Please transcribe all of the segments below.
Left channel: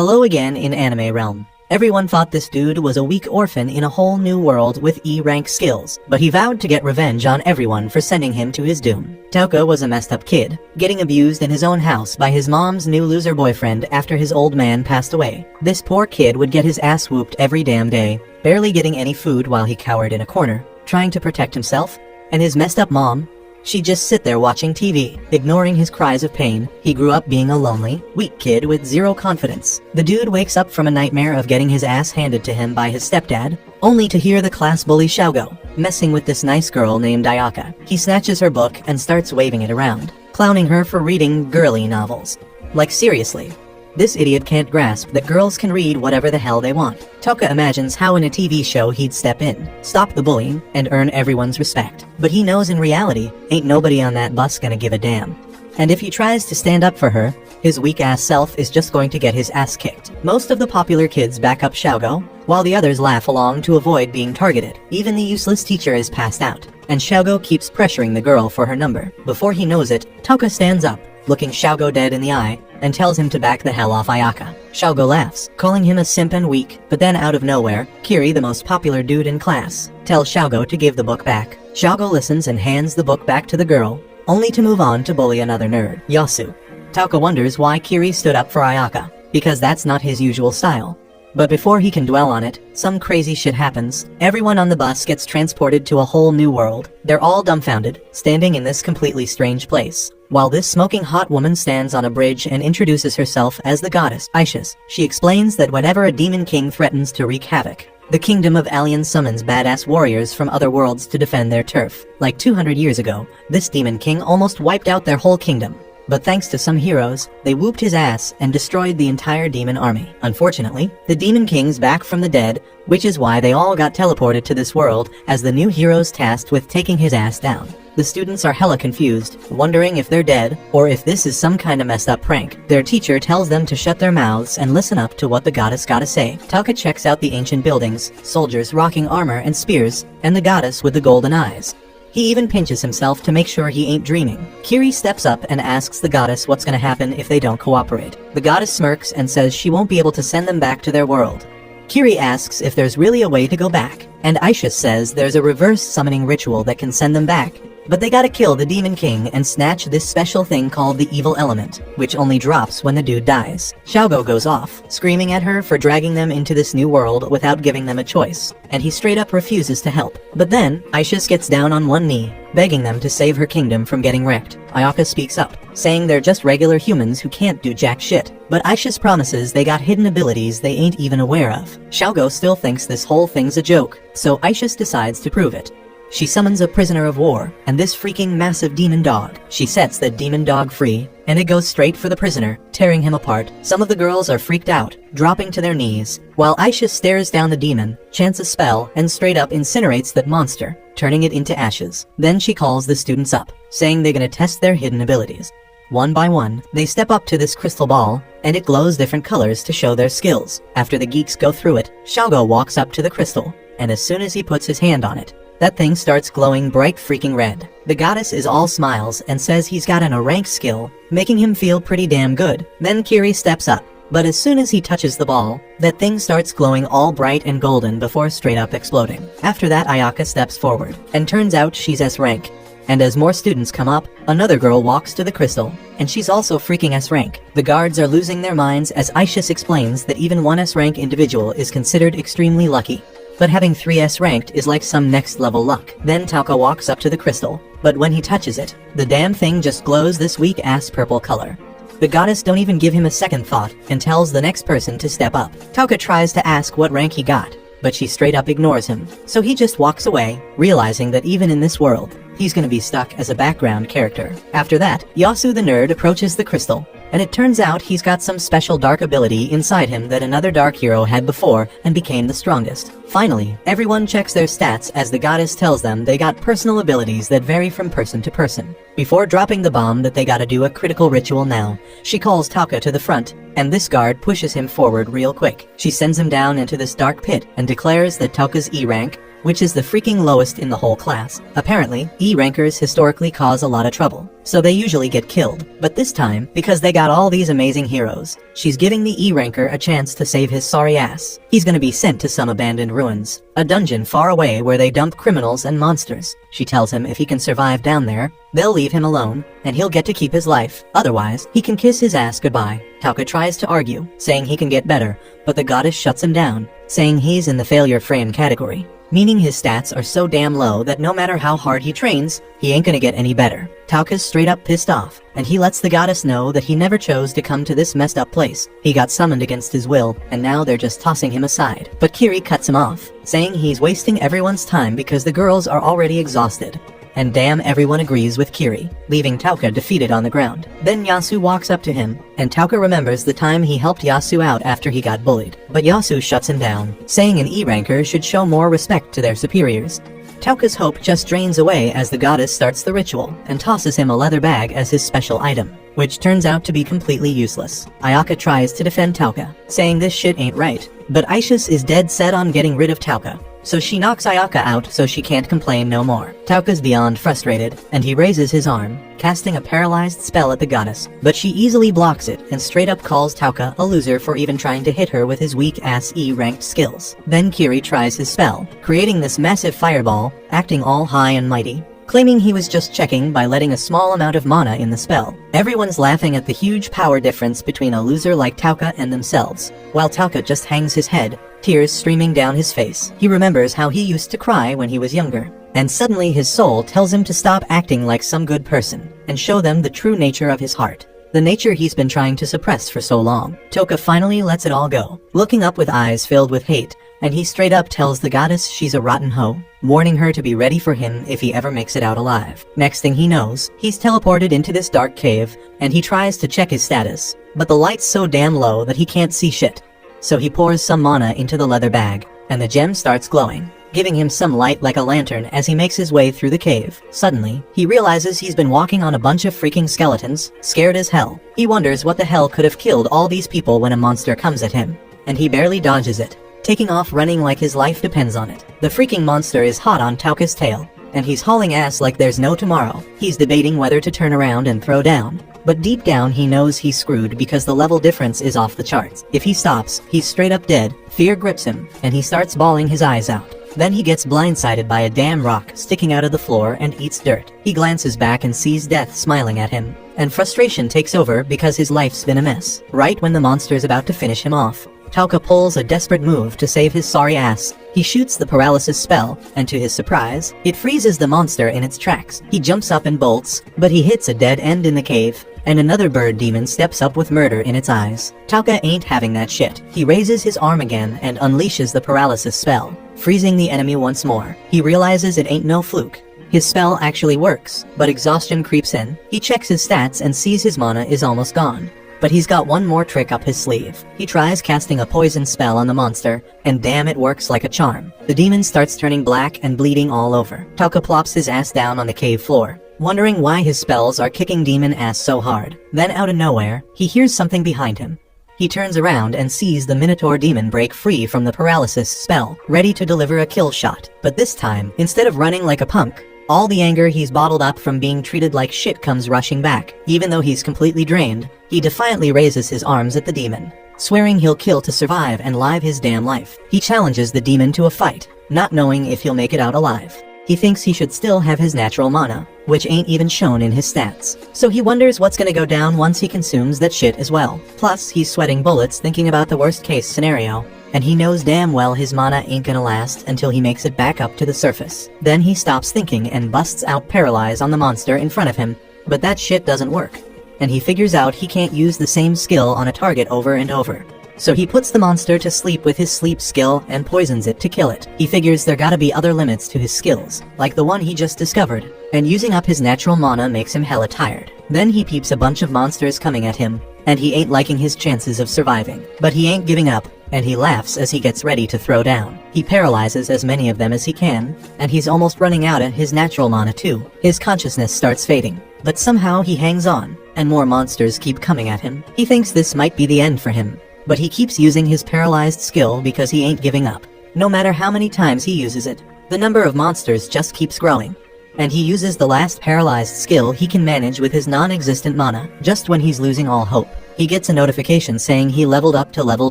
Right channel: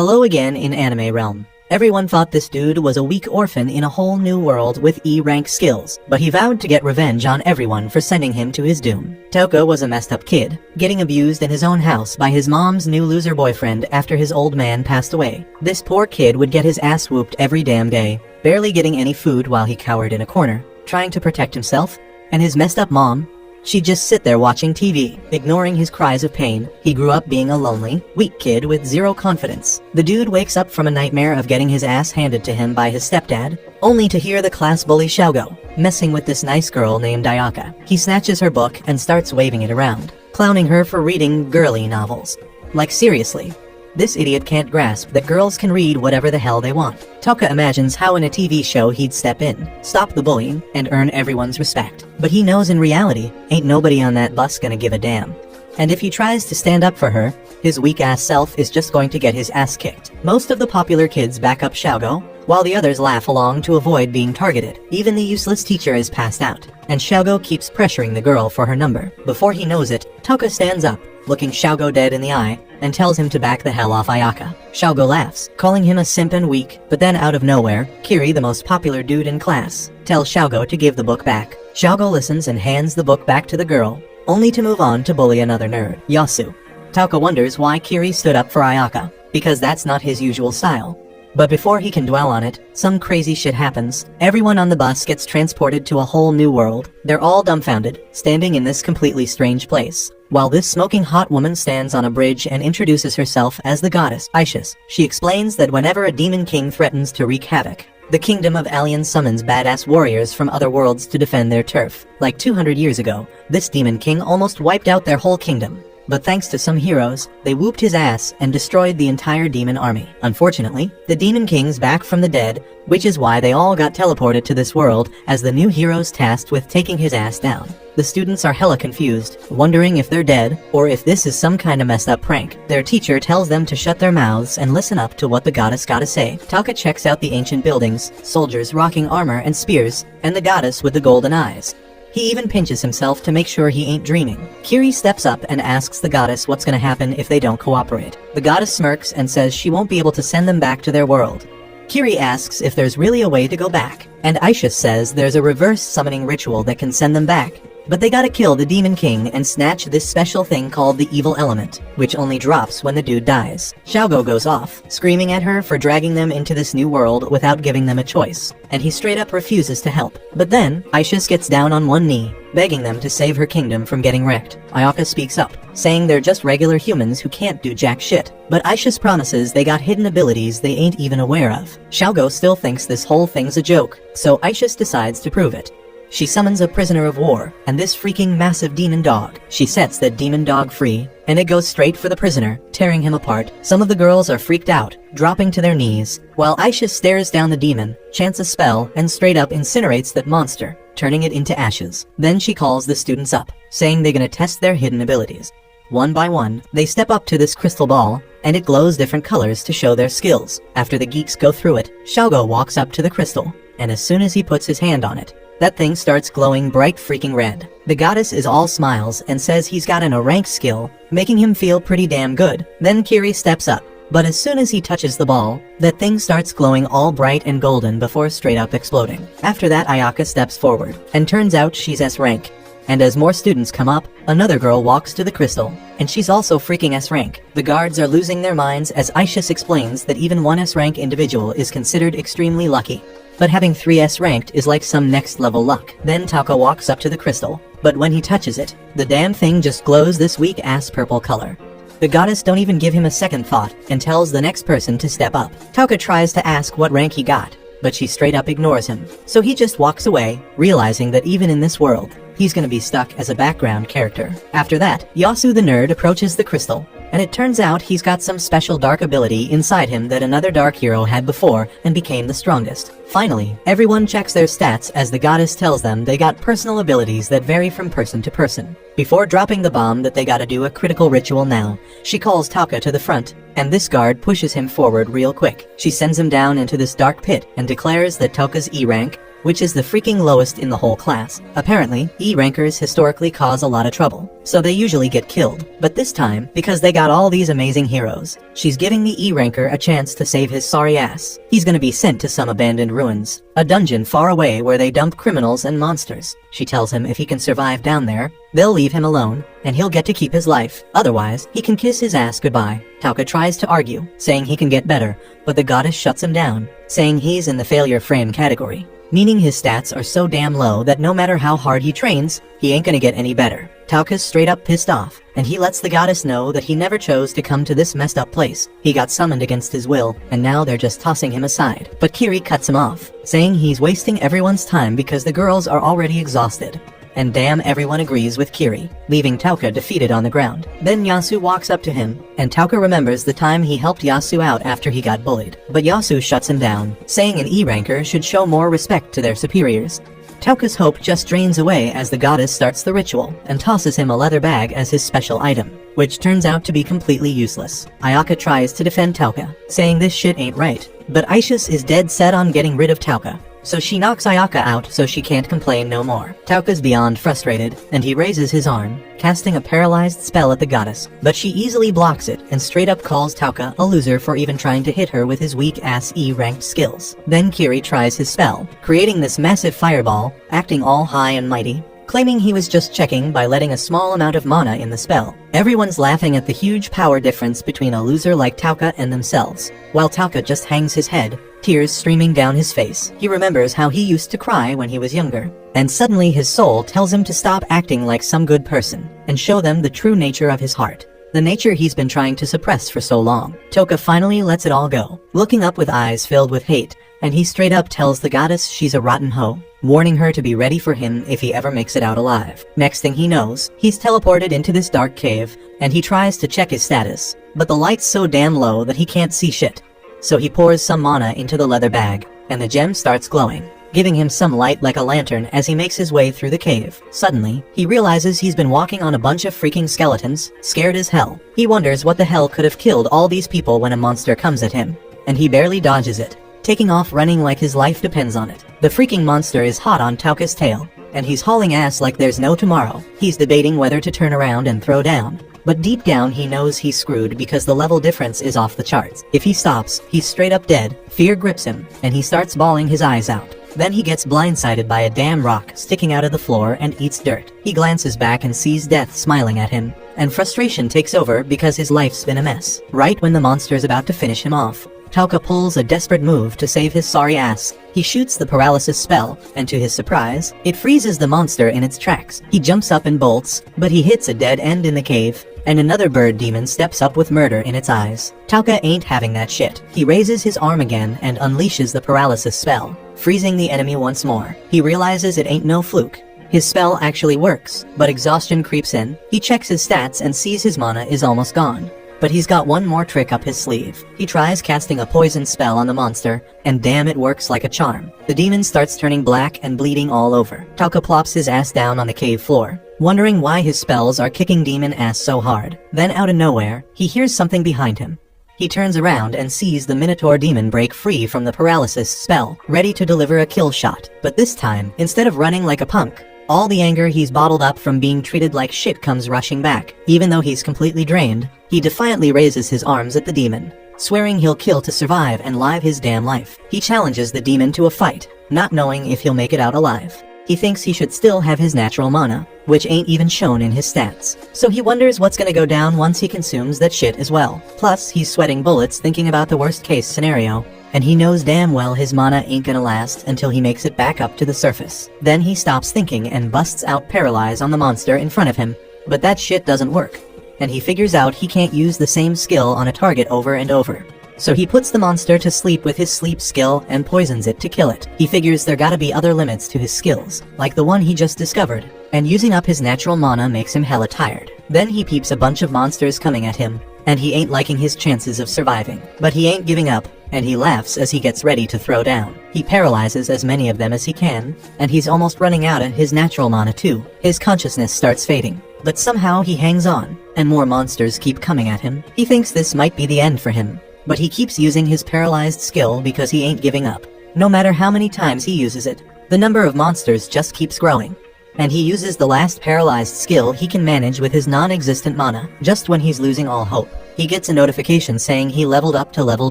Hello again in anime realm. Everyone thought this dude was a weak orphan in a whole new world with E-rank skills, but he vowed to get revenge on everyone for sending him to his doom. Tauka was a messed up kid, getting abused in his own house by his mom's new loser boyfriend after his old man passed away. This poor kid would get his ass whooped every damn day, barely getting any food while he cowered in a corner, trying to protect himself, and his messed up mom, she'd just sit there watching TV, ignoring his cries of pain. He grew up being a lonely, weak kid with zero confidence. The dude wakes up from a nightmare of getting his ass handed to him by his stepdad, only to hear the class bully Xiaogo messing with this nice girl named Ayaka. He snatches her book and starts waving it around, clowning her for reading girly novels. Like seriously. This idiot can't grasp that girls can read whatever the hell they want. Tauka imagines how in a TV show he'd step in, stop the bullying, and earn everyone's respect. But he knows in reality, ain't nobody on that bus gonna give a damn. And if he tries to stand up for her, his weak-ass self is just going to get his ass kicked. Most of the popular kids back up Xiaogo, while the others laugh along to avoid being targeted. Even the useless teacher is passed out, and Xiaogo keeps pressuring the girl for her number. Before he knows it, Tauka stands up, looking Xiaogo dead in the eye, and tells him to back the hell off Ayaka. Xiaogo laughs, calling him a simp and weak, but then out of nowhere, Kiri, the most popular dude in class, tells Xiaogo to give the book back. Xiaogo listens and hands the book back to the girl, only to move on to bully another nerd, Yasu. Tauka wonders why Kiri stood up for Ayaka, because that's not his usual style. But before he can dwell on it, some crazy shit happens. Everyone on the bus gets transported to a whole new world. They're all dumbfounded, standing in this completely strange place, while this smoking hot woman stands on a bridge and introduces herself as the goddess, Isis. She explains that whenever a demon king threatens to wreak havoc, the kingdom of Alien summons badass warriors from other worlds to defend their turf. Like 200 years ago, this demon king almost wiped out their whole kingdom. But thanks to some heroes, they whooped his ass and destroyed the entire demon army. Unfortunately, the demon king's back from the dead, which is why they all got teleported to this world as the new heroes tasked with taking his ass down. The students are hella confused, wondering if they're dead, or if this is some kind of messed up prank. Their teacher tells them to shut their mouths and listen up to what the goddess gotta say. Tauka checks out the ancient buildings, soldiers rocking armor and spears, and the goddess with the golden eyes. He even pinches himself to make sure he ain't dreaming. Kiri steps up and asks the goddess what's gonna happen if they don't cooperate. The goddess smirks and says she won't be able to send them back to their world. Kiri asks if there's really a way to go back, and Aisha says there's a reverse summoning ritual that can send them back. But they gotta kill the Demon King and snatch this special thing called the evil element, which only drops when the dude dies. Xiaogo goes off, screaming at her for dragging them into this new world without giving them a choice, and he straight up refuses to help. But then, Aisha gets down on one knee, begging them to save her kingdom from getting wrecked. Ayaka speaks up, saying they're just regular humans who can't do jack shit. But Aisha promises they got hidden abilities they ain't even aware of. Xiaogo still thinks this whole thing's a joke, so Aisha decides to prove it. She summons a prisoner of war, and this freaking massive demon dog. She sets the demon dog free, and it goes straight for the prisoner, tearing him apart. Some of the girls are freaked out, dropping to their knees, while Aisha stares down the demon, chants a spell, and straight up incinerates that monster, turning it into ashes. Then she calls the students up, saying they're gonna test their hidden abilities. One by one, they step up to this crystal ball, and it glows different colors to show their skills. After the geeks go through it, Xiaogo walks up to the crystal, and as soon as he puts his hand on it, that thing starts glowing bright freaking red. The goddess is all smiles and says he's got an rank skill, making him feel pretty damn good. Then Kiri steps up, but as soon as he touches the ball, that thing starts glowing all bright and golden before straight up exploding. After that, Ayaka steps forward, and turns out she's S rank. And as more students come up, another girl walks to the crystal, and she's also freaking S rank. The guards are losing their minds as Aisha explains that even one S rank individual is considered extremely lucky. But having 3S ranked is like some next level luck. Then Tauka walks up to the crystal, but when he touches it, the damn thing just glows this weak ass purple color. The goddess don't even give him a second thought and tells the next person to step up. Tauka tries to ask what rank he got, but she straight up ignores him. So he just walks away, realizing that even in this world, he's gonna be stuck as a background character. After that, Yasu the nerd approaches the crystal, and it turns out he's got some special dark ability inside him that another dark hero had before and became the strongest. Finally, everyone checks their stats as the goddess tells them they got personal abilities that vary from person to person. Before dropping the bomb that they gotta do a critical ritual now, she calls Tauka to the front, and this guard pushes him forward real quick. She sends him down into this dark pit and declares that Tauka's E rank, which is the freaking lowest in the whole class. Apparently, E rankers historically cause a lot of trouble, so they usually get killed. But this time, because they got all these amazing heroes, she's giving the E ranker a chance to save his sorry ass. He's gonna be sent to some abandoned ruins, a dungeon far away where they dump criminals and monsters. She tells him if he can survive down there, they'll leave him alone, and he'll get to keep his life. Otherwise, he can kiss his ass goodbye. Tauka tries to argue, saying he can get better, but the goddess shuts him down, saying he's in the failure frame category, meaning his stats are so damn low that no matter how hard he trains, he ain't gonna get any better. Tauka's straight up pissed off, and he lets the goddess know that he never chose to come to this messed up place. He got summoned against his will, and now they're just tossing him aside. But Kiri cuts him off, saying he's wasting everyone's time because the girls are already exhausted. And damn, everyone agrees with Kiri, leaving Tauka defeated on the ground. Then Yasu walks up to him, and Tauka remembers the time he helped Yasu out after he got bullied. But Yasu shuts him down, saying an E ranker should show more respect to their superiors. Tauka's hope just drains away as the goddess starts the ritual and tosses him a leather bag as his special item, which turns out to be completely useless. Ayaka tries to defend Tauka, saying this shit ain't right, but Aishus is dead set on getting rid of Tauka, so she knocks Ayaka out so she can't complain no more. Tauka's beyond frustrated, and he raises his arm, casting a paralyzed spell at the goddess, but she easily blocks it and straight up calls Tauka a loser for even trying to hit her with his weak-ass E-ranked skills. Then Kiri tries his spell, creating this massive fireball, acting all high and mighty, claiming he was just checking by letting a small amount of mana in the spell. Everyone's laughing at the huge power difference between a loser like Tauka and themselves, while Tauka just hangs his head, tears streaming down his face. He remembers how he used to cry when he was younger, and suddenly his soul tells him to stop acting like some good person, and show them the true nature of his heart. The nature he's been trying to suppress for so long. Tauka finally lets it all go, looking up with eyes filled with hate, and he straight up tells the goddess she's a rotten hoe, warning her to be ready for him if he ever makes it out alive. Next thing he knows, he's teleported into this dark cave, and he tries to check his status, but the light's so damn low that he can't see shit. So he pours some mana into the leather bag, and the gem starts glowing, giving him some light like a lantern as he makes his way through the cave. Suddenly, he realizes he's been walking on a bunch of freaking skeletons, scared as hell. He wonders what the hell could have killed all these people when a monster comes at him, and he barely dodges it, taking off running like his life depends on it. The freaking monster is hot on Tauka's tail, and he's hauling ass like there's no tomorrow. He's debating whether to turn around and throw down, but deep down he knows he's screwed because the level difference is off the charts. If he stops, he's straight up dead. Fear grips him, and he starts bawling his eyes out. Then he gets blindsided by a damn rock sticking out of the floor and eats dirt. He glances back and sees death smiling at him, and frustration takes over because his life's been a mess. Right when the monster is about to finish him off, Tauka pulls a desperate move to save his sorry ass. He shoots the paralysis spell, and to his surprise, it freezes the monster in its tracks. He jumps up and bolts, but he hits a dead end in the cave, and another bird demon steps up with murder in its eyes. Tauka ain't having that shit. He raises his arm again and unleashes the paralysis spell, freezing the enemy once more. He realizes it ain't no fluke. His spell actually works, but exhaustion creeps in. He checks his stats and sees his mana is almost gone. But he's got one more trick up his sleeve. He tries casting a poison spell on the monster, and damn, it works like a charm. The demon starts turning black and bleeding all over. Tauka plops his ass down on the cave floor, wondering why his spells are kicking demon ass so hard. Then out of nowhere, he hears something behind him. He turns around and sees the Minotaur demon break free from the paralysis spell, ready to deliver a kill shot. But this time, instead of running like a punk, all the anger he's bottled up from being treated like shit comes rushing back. Even though he's completely drained, he defiantly raises his arms at the demon, swearing he'll kill to survive and live his damn life. He challenges the demon to a fight, not knowing if he'll make it out alive. He thinks he should still have his natural mana, which ain't even shown in his stats. So he wonders what's gonna go down once he consumes that shit as well. Plus, he's sweating bullets thinking about the worst case scenario, and he knows damn well his mana ain't gonna last until he makes it back up to the surface. Then he stops thinking and busts out Paralyze on the monster in front of him, but that shit doesn't work, and he figures out he can't use the same skill on a target over and over. So he puts the monster to sleep with his sleep skill and poisons it to kill it. He figures there gotta be other limits to his skills, like the one he just discovered, and using up his natural mana makes him hella tired. Then he peeps a bunch of monsters coming at him, and he ain't liking his chances of surviving. But he ain't giving up, and he laughs as he gets ready to throw down. He paralyzes as many of them as he can, and he's almost running out of his natural mana too. His consciousness starts fading, but somehow he hangs on, and more monsters keep coming at him. He thinks this might be the end for him, but he keeps using his paralyzed skill because he ain't giving up, no matter how many times he uses it. the number of monsters just keeps growing. And he uses the last paralyzed skill he can manage with his non-existent mana, just when he's losing all hope. He gets a notification saying he leveled up to level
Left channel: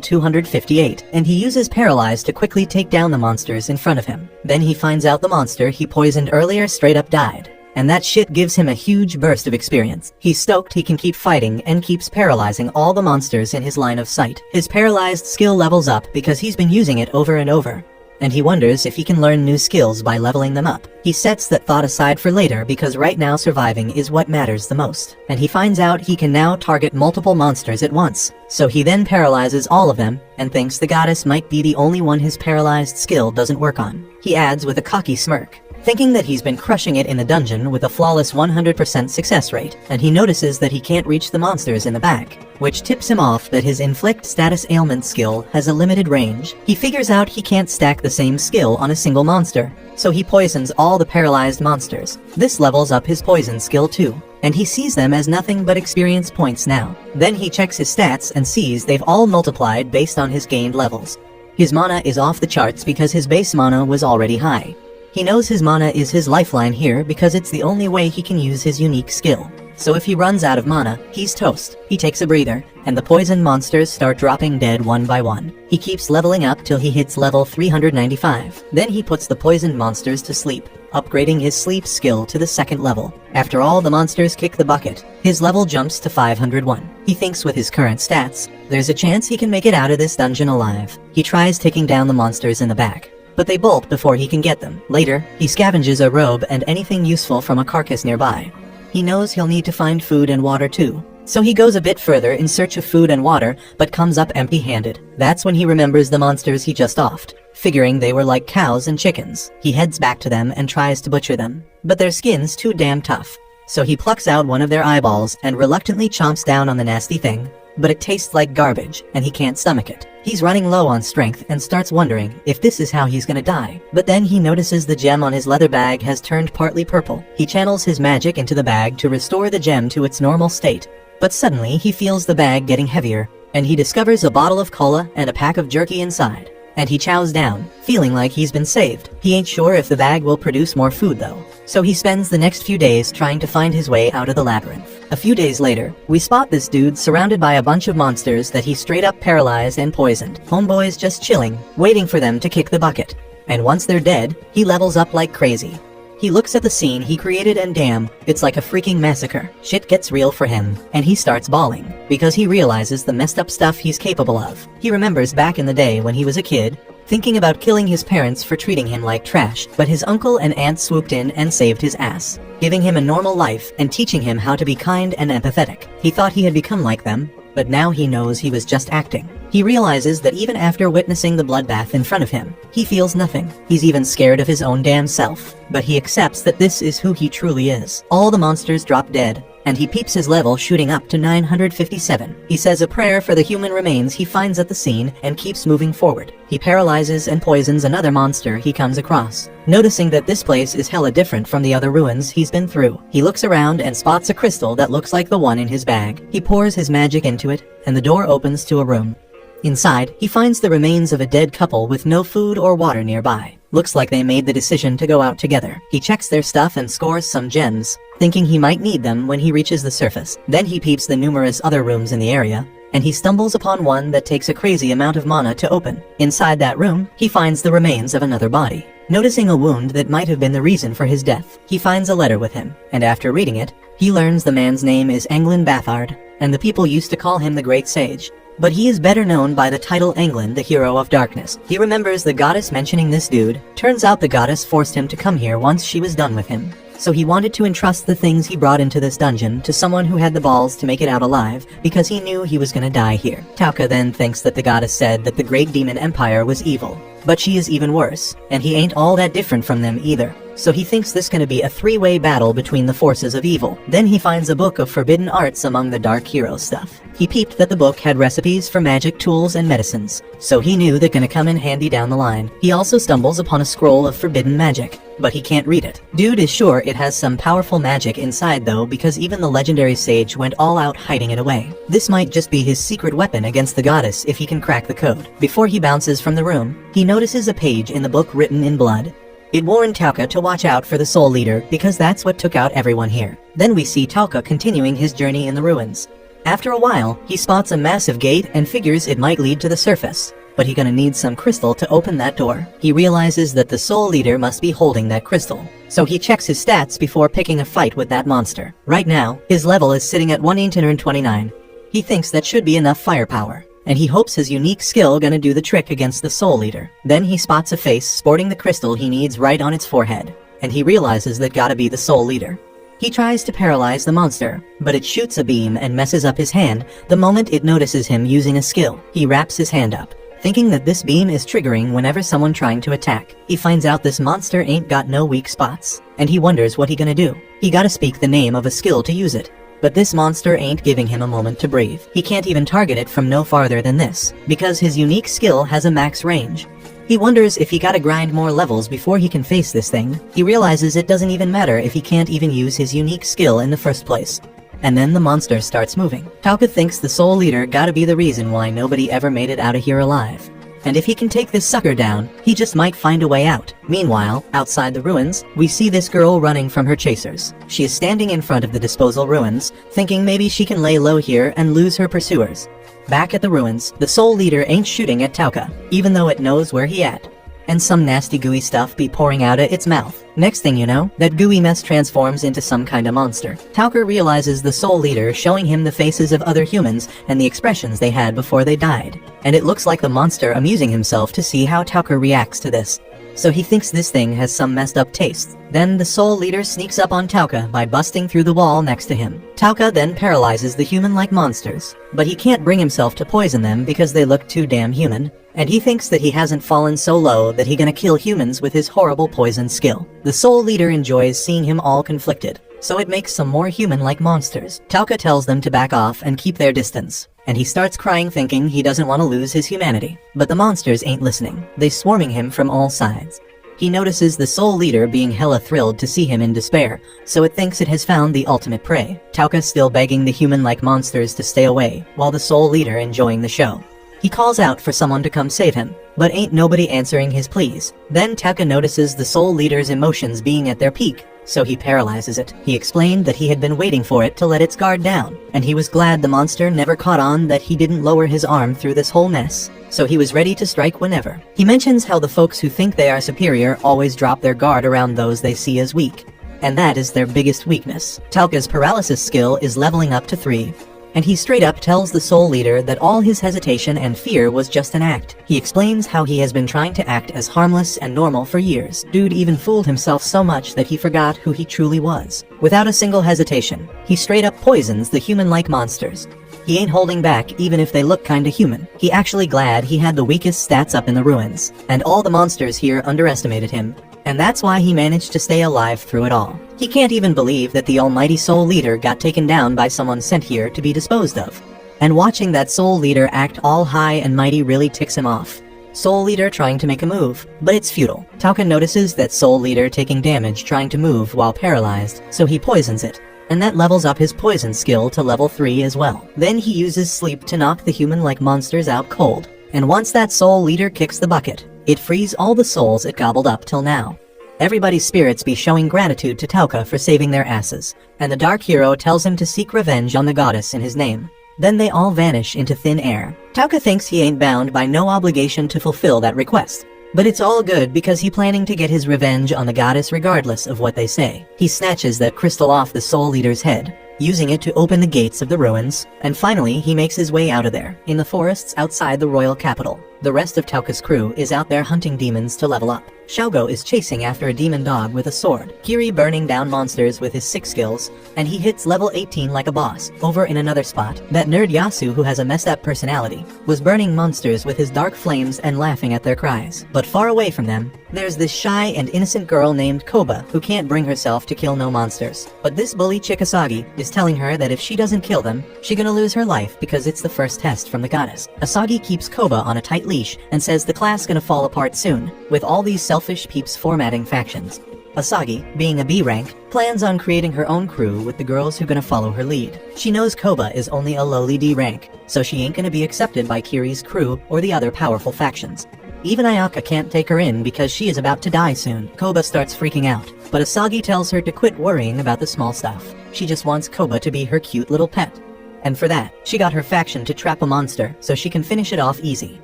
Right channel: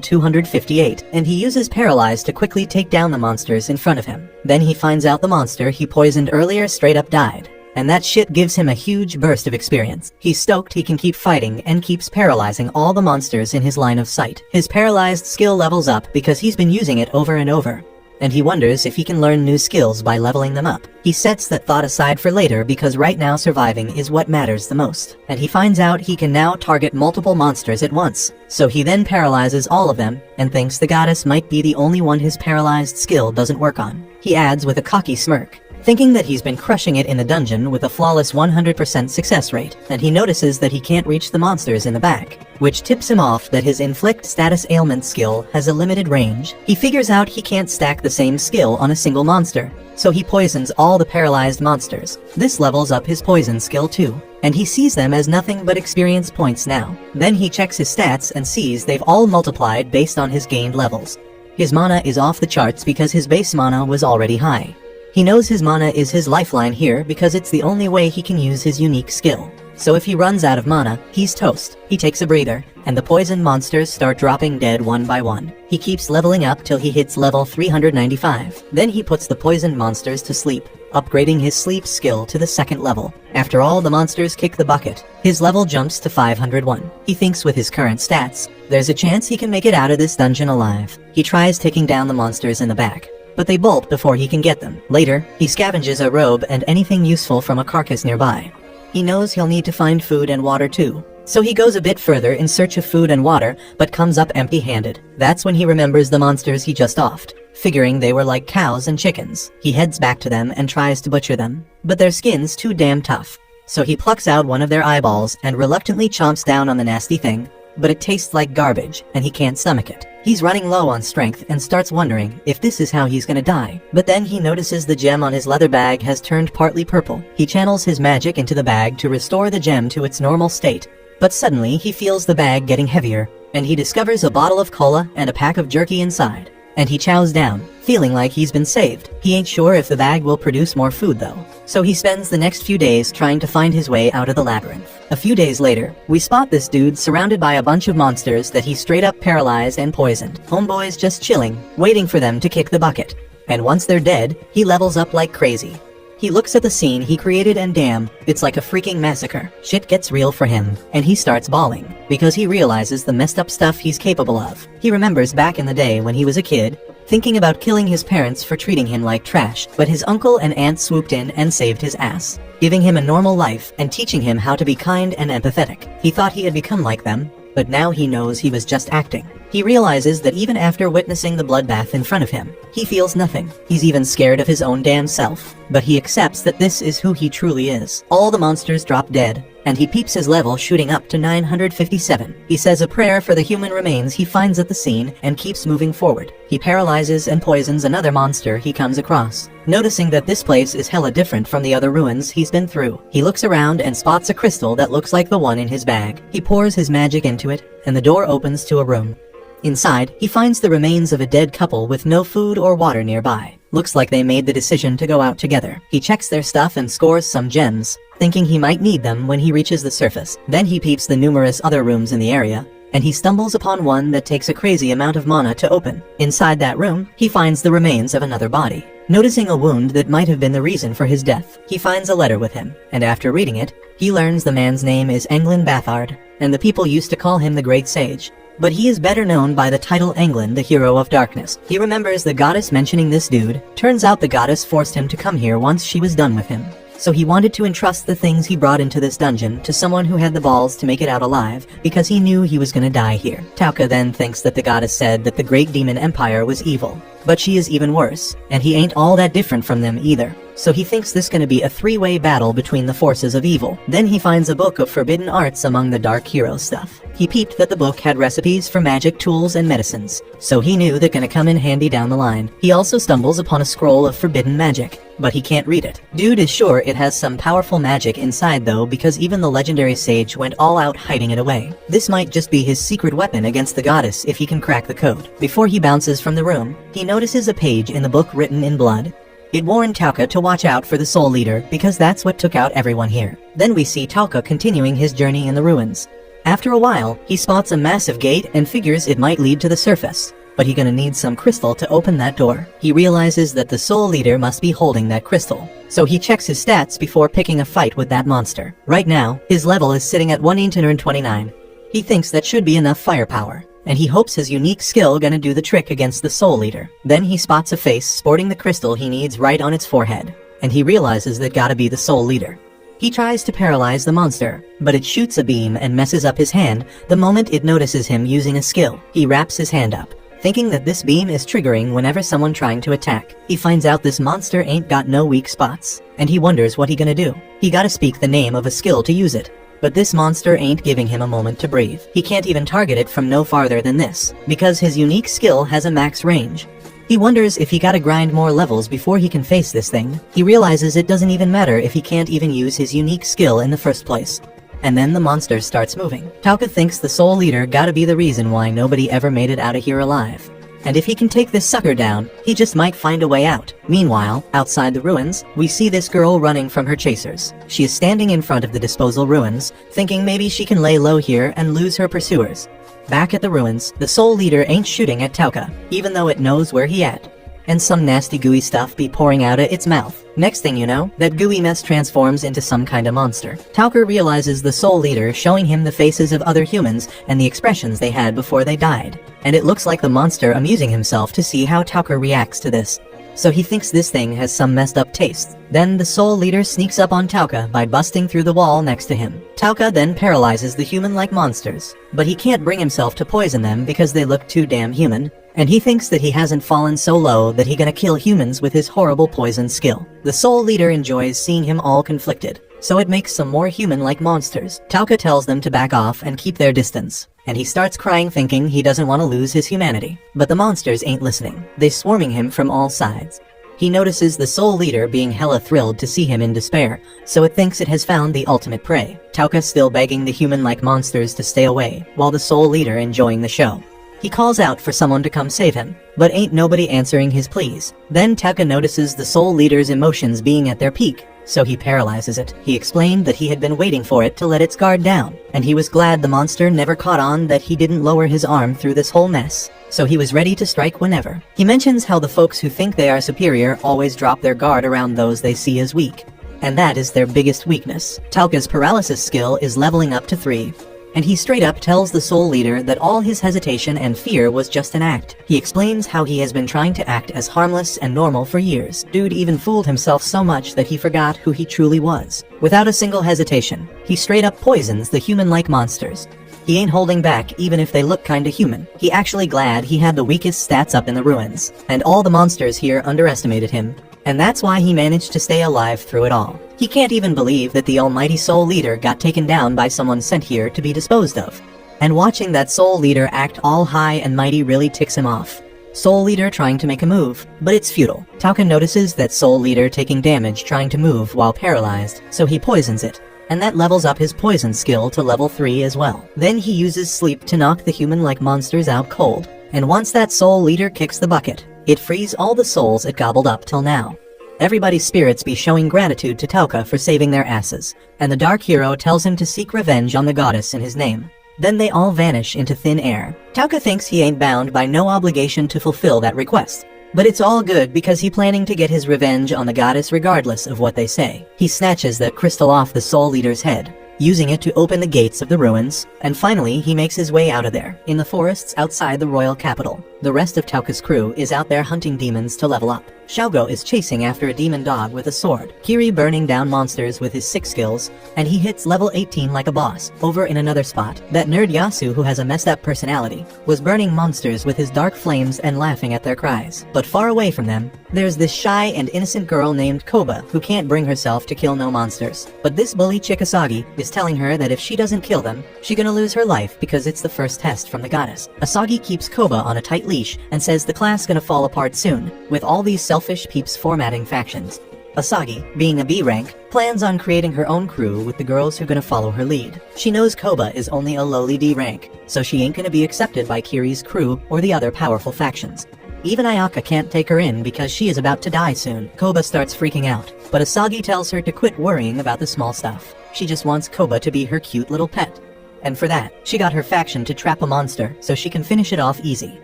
258, and he uses Paralyze to quickly take down the monsters in front of him. Then he finds out the monster he poisoned earlier straight up died. And that shit gives him a huge burst of experience. He's stoked he can keep fighting and keeps paralyzing all the monsters in his line of sight. His paralyzed skill levels up because he's been using it over and over, and he wonders if he can learn new skills by leveling them up. He sets that thought aside for later because right now surviving is what matters the most. And he finds out he can now target multiple monsters at once. So he then paralyzes all of them and thinks the goddess might be the only one his paralyzed skill doesn't work on. He adds with a cocky smirk, thinking that he's been crushing it in the dungeon with a flawless 100% success rate, and he notices that he can't reach the monsters in the back, which tips him off that his inflict status ailment skill has a limited range. He figures out he can't stack the same skill on a single monster, so he poisons all the paralyzed monsters. This levels up his poison skill too, and he sees them as nothing but experience points now. Then he checks his stats and sees they've all multiplied based on his gained levels. His mana is off the charts because his base mana was already high. He knows his mana is his lifeline here because it's the only way he can use his unique skill. So if he runs out of mana, he's toast. He takes a breather, and the poison monsters start dropping dead one by one. He keeps leveling up till he hits level 395. Then he puts the poisoned monsters to sleep, upgrading his sleep skill to the 2nd level. After all the monsters kick the bucket, his level jumps to 501. He thinks with his current stats, there's a chance he can make it out of this dungeon alive. He tries taking down the monsters in the back, but they bolt before he can get them. Later, he scavenges a robe and anything useful from a carcass nearby. He knows he'll need to find food and water too, so he goes a bit further in search of food and water, but comes up empty-handed. That's when he remembers the monsters he just offed, figuring they were like cows and chickens. He heads back to them and tries to butcher them, but their skin's too damn tough. So he plucks out one of their eyeballs and reluctantly chomps down on the nasty thing, but it tastes like garbage, and he can't stomach it. He's running low on strength and starts wondering if this is how he's gonna die. But then he notices the gem on his leather bag has turned partly purple. He channels his magic into the bag to restore the gem to its normal state. But suddenly he feels the bag getting heavier, and he discovers a bottle of cola and a pack of jerky inside. And he chows down, feeling like he's been saved. He ain't sure if the bag will produce more food though. So he spends the next few days trying to find his way out of the labyrinth. A few days later, we spot this dude surrounded by a bunch of monsters that he straight up paralyzed and poisoned. Homeboy's just chilling, waiting for them to kick the bucket. And once they're dead, he levels up like crazy. He looks at the scene he created and damn, it's like a freaking massacre. Shit gets real for him, and he starts bawling, because he realizes the messed up stuff he's capable of. He remembers back in the day when he was a kid, thinking about killing his parents for treating him like trash, but his uncle and aunt swooped in and saved his ass, giving him a normal life and teaching him how to be kind and empathetic. He thought he had become like them, but now he knows he was just acting. He realizes that even after witnessing the bloodbath in front of him, he feels nothing. He's even scared of his own damn self. But he accepts that this is who he truly is. All the monsters drop dead, and he peeps his level shooting up to 957. He says a prayer for the human remains he finds at the scene and keeps moving forward. He paralyzes and poisons another monster he comes across, noticing that this place is hella different from the other ruins he's been through. He looks around and spots a crystal that looks like the one in his bag. He pours his magic into it, and the door opens to a room. Inside, he finds the remains of a dead couple with no food or water nearby. Looks like they made the decision to go out together. He checks their stuff and scores some gems, thinking he might need them when he reaches the surface. Then he peeps the numerous other rooms in the area, and he stumbles upon one that takes a crazy amount of mana to open. Inside that room, he finds the remains of another body. Noticing a wound that might have been the reason for his death, he finds a letter with him, and after reading it, he learns the man's name is Anglin Bathard, and the people used to call him the Great Sage. But he is better known by the title Anglin, the Hero of Darkness. He remembers the goddess mentioning this dude. Turns out the goddess forced him to come here once she was done with him. So he wanted to entrust the things he brought into this dungeon to someone who had the balls to make it out alive, because he knew he was gonna die here. Tauka then thinks that the goddess said that the Great Demon Empire was evil, but she is even worse, and he ain't all that different from them either. So he thinks this gonna be a three-way battle between the forces of evil. Then he finds a book of forbidden arts among the Dark Hero stuff. He peeped that the book had recipes for magic tools and medicines, so he knew they're gonna come in handy down the line. He also stumbles upon a scroll of forbidden magic, but he can't read it. Dude is sure it has some powerful magic inside though, because even the legendary sage went all out hiding it away. This might just be his secret weapon against the goddess if he can crack the code. Before he bounces from the room, he notices a page in the book written in blood. It warned Tauka to watch out for the Soul Leader because that's what took out everyone here. Then we see Tauka continuing his journey in the ruins. After a while, he spots a massive gate and figures it might lead to the surface. But he's gonna need some crystal to open that door. He realizes that the Soul Leader must be holding that crystal. So he checks his stats before picking a fight with that monster. Right now, his level is sitting at 129. He thinks that should be enough firepower, and he hopes his unique skill gonna do the trick against the Soul Leader. Then he spots a face sporting the crystal he needs right on its forehead, and he realizes that gotta be the Soul Leader. He tries to paralyze the monster, but it shoots a beam and messes up his hand the moment it notices him using a skill. He wraps his hand up, thinking that this beam is triggering whenever someone trying to attack. He finds out this monster ain't got no weak spots, and he wonders what he gonna do. He gotta speak the name of a skill to use it. But this monster ain't giving him a moment to breathe. He can't even target it from no farther than this, because his unique skill has a max range. He wonders if he gotta grind more levels before he can face this thing. He realizes it doesn't even matter if he can't even use his unique skill in the first place. And then the monster starts moving. Tauka thinks the Soul Leader gotta be the reason why nobody ever made it out of here alive. And if he can take this sucker down, he just might find a way out. Meanwhile, outside the ruins, we see this girl running from her chasers. She is standing in front of the disposal ruins, thinking maybe she can lay low here and lose her pursuers. Back at the ruins, the Soul Leader ain't shooting at Tauka, even though it knows where he at. And some nasty gooey stuff be pouring out of its mouth. Next thing you know, that gooey mess transforms into some kind of monster. Tauka realizes the Soul Leader showing him the faces of other humans and the expressions they had before they died. And it looks like the monster amusing himself to see how Tauka reacts to this. So he thinks this thing has some messed up taste. Then the Soul Leader sneaks up on Tauka by busting through the wall next to him. Tauka then paralyzes the human-like monsters, but he can't bring himself to poison them because they look too damn human. And he thinks that he hasn't fallen so low that he gonna kill humans with his horrible poison skill. The Soul Leader enjoys seeing him all conflicted, so it makes some more human-like monsters. Tauka tells them to back off and keep their distance, and he starts crying thinking he doesn't want to lose his humanity. But the monsters ain't listening. They swarming him from all sides. He notices the Soul Leader being hella thrilled to see him in despair, so it thinks it has found the ultimate prey. Tauka still begging the human-like monsters to stay away, while the Soul Leader enjoying the show. He calls out for someone to come save him, but ain't nobody answering his pleas. Then Tauka notices the Soul Leader's emotions being at their peak, so he paralyzes it. He explained that he had been waiting for it to let its guard down, and he was glad the monster never caught on that he didn't lower his arm through this whole mess, so he was ready to strike whenever. He mentions how the folks who think they are superior always drop their guard around those they see as weak, and that is their biggest weakness. Tauka's paralysis skill is leveling up to 3. And he straight up tells the Soul Leader that all his hesitation and fear was just an act. He explains how he has been trying to act as harmless and normal for years. Dude even fooled himself so much that he forgot who he truly was. Without a single hesitation, he straight up poisons the human-like monsters. He ain't holding back even if they look kinda human. He actually glad he had the weakest stats up in the ruins, and all the monsters here underestimated him. And that's why he managed to stay alive through it all. He can't even believe that the almighty Soul Leader got taken down by someone sent here to be disposed of. And watching that Soul Leader act all high and mighty really ticks him off. Soul Leader trying to make a move, but it's futile. Tauka notices that Soul Leader taking damage trying to move while paralyzed, so he poisons it. And that levels up his poison skill to level 3 as well. Then he uses sleep to knock the human-like monsters out cold. And once that Soul Leader kicks the bucket, it frees all the souls it gobbled up till now. Everybody's spirits be showing gratitude to Tauka for saving their asses, and the Dark Hero tells him to seek revenge on the goddess in his name. Then they all vanish into thin air. Tauka thinks he ain't bound by no obligation to fulfill that request. But it's all good because he planning to get his revenge on the goddess regardless of what they say. He snatches that crystal off the Soul Leader's head, using it to open the gates of the ruins, and finally he makes his way out of there, in the forests outside the royal capital. The rest of Tauka's crew is out there hunting demons to level up. Xiaogo is chasing after a demon dog with a sword, Kiri burning down monsters with his 6 skills, and he hits level 18 like a boss. Over in another spot, that nerd Yasu, who has a messed up personality, was burning monsters with his dark flames and laughing at their cries. But far away from them, there's this shy and innocent girl named Koba who can't bring herself to kill no monsters. But this bully chick Asagi is telling her that if she doesn't kill them, she gonna lose her life because it's the first test from the goddess. Asagi keeps Koba on a tight leash and says the class gonna fall apart soon, with all these selfish peeps formatting factions. Asagi, being a B rank, plans on creating her own crew with the girls who gonna follow her lead. She knows Koba is only a lowly D rank, so she ain't gonna be accepted by Kiri's crew or the other powerful factions. Even Ayaka can't take her in because she is about to die soon. Koba starts freaking out, but Asagi tells her to quit worrying about the small stuff. She just wants Koba to be her cute little pet. And for that, she got her faction to trap a monster, so she can finish it off easy.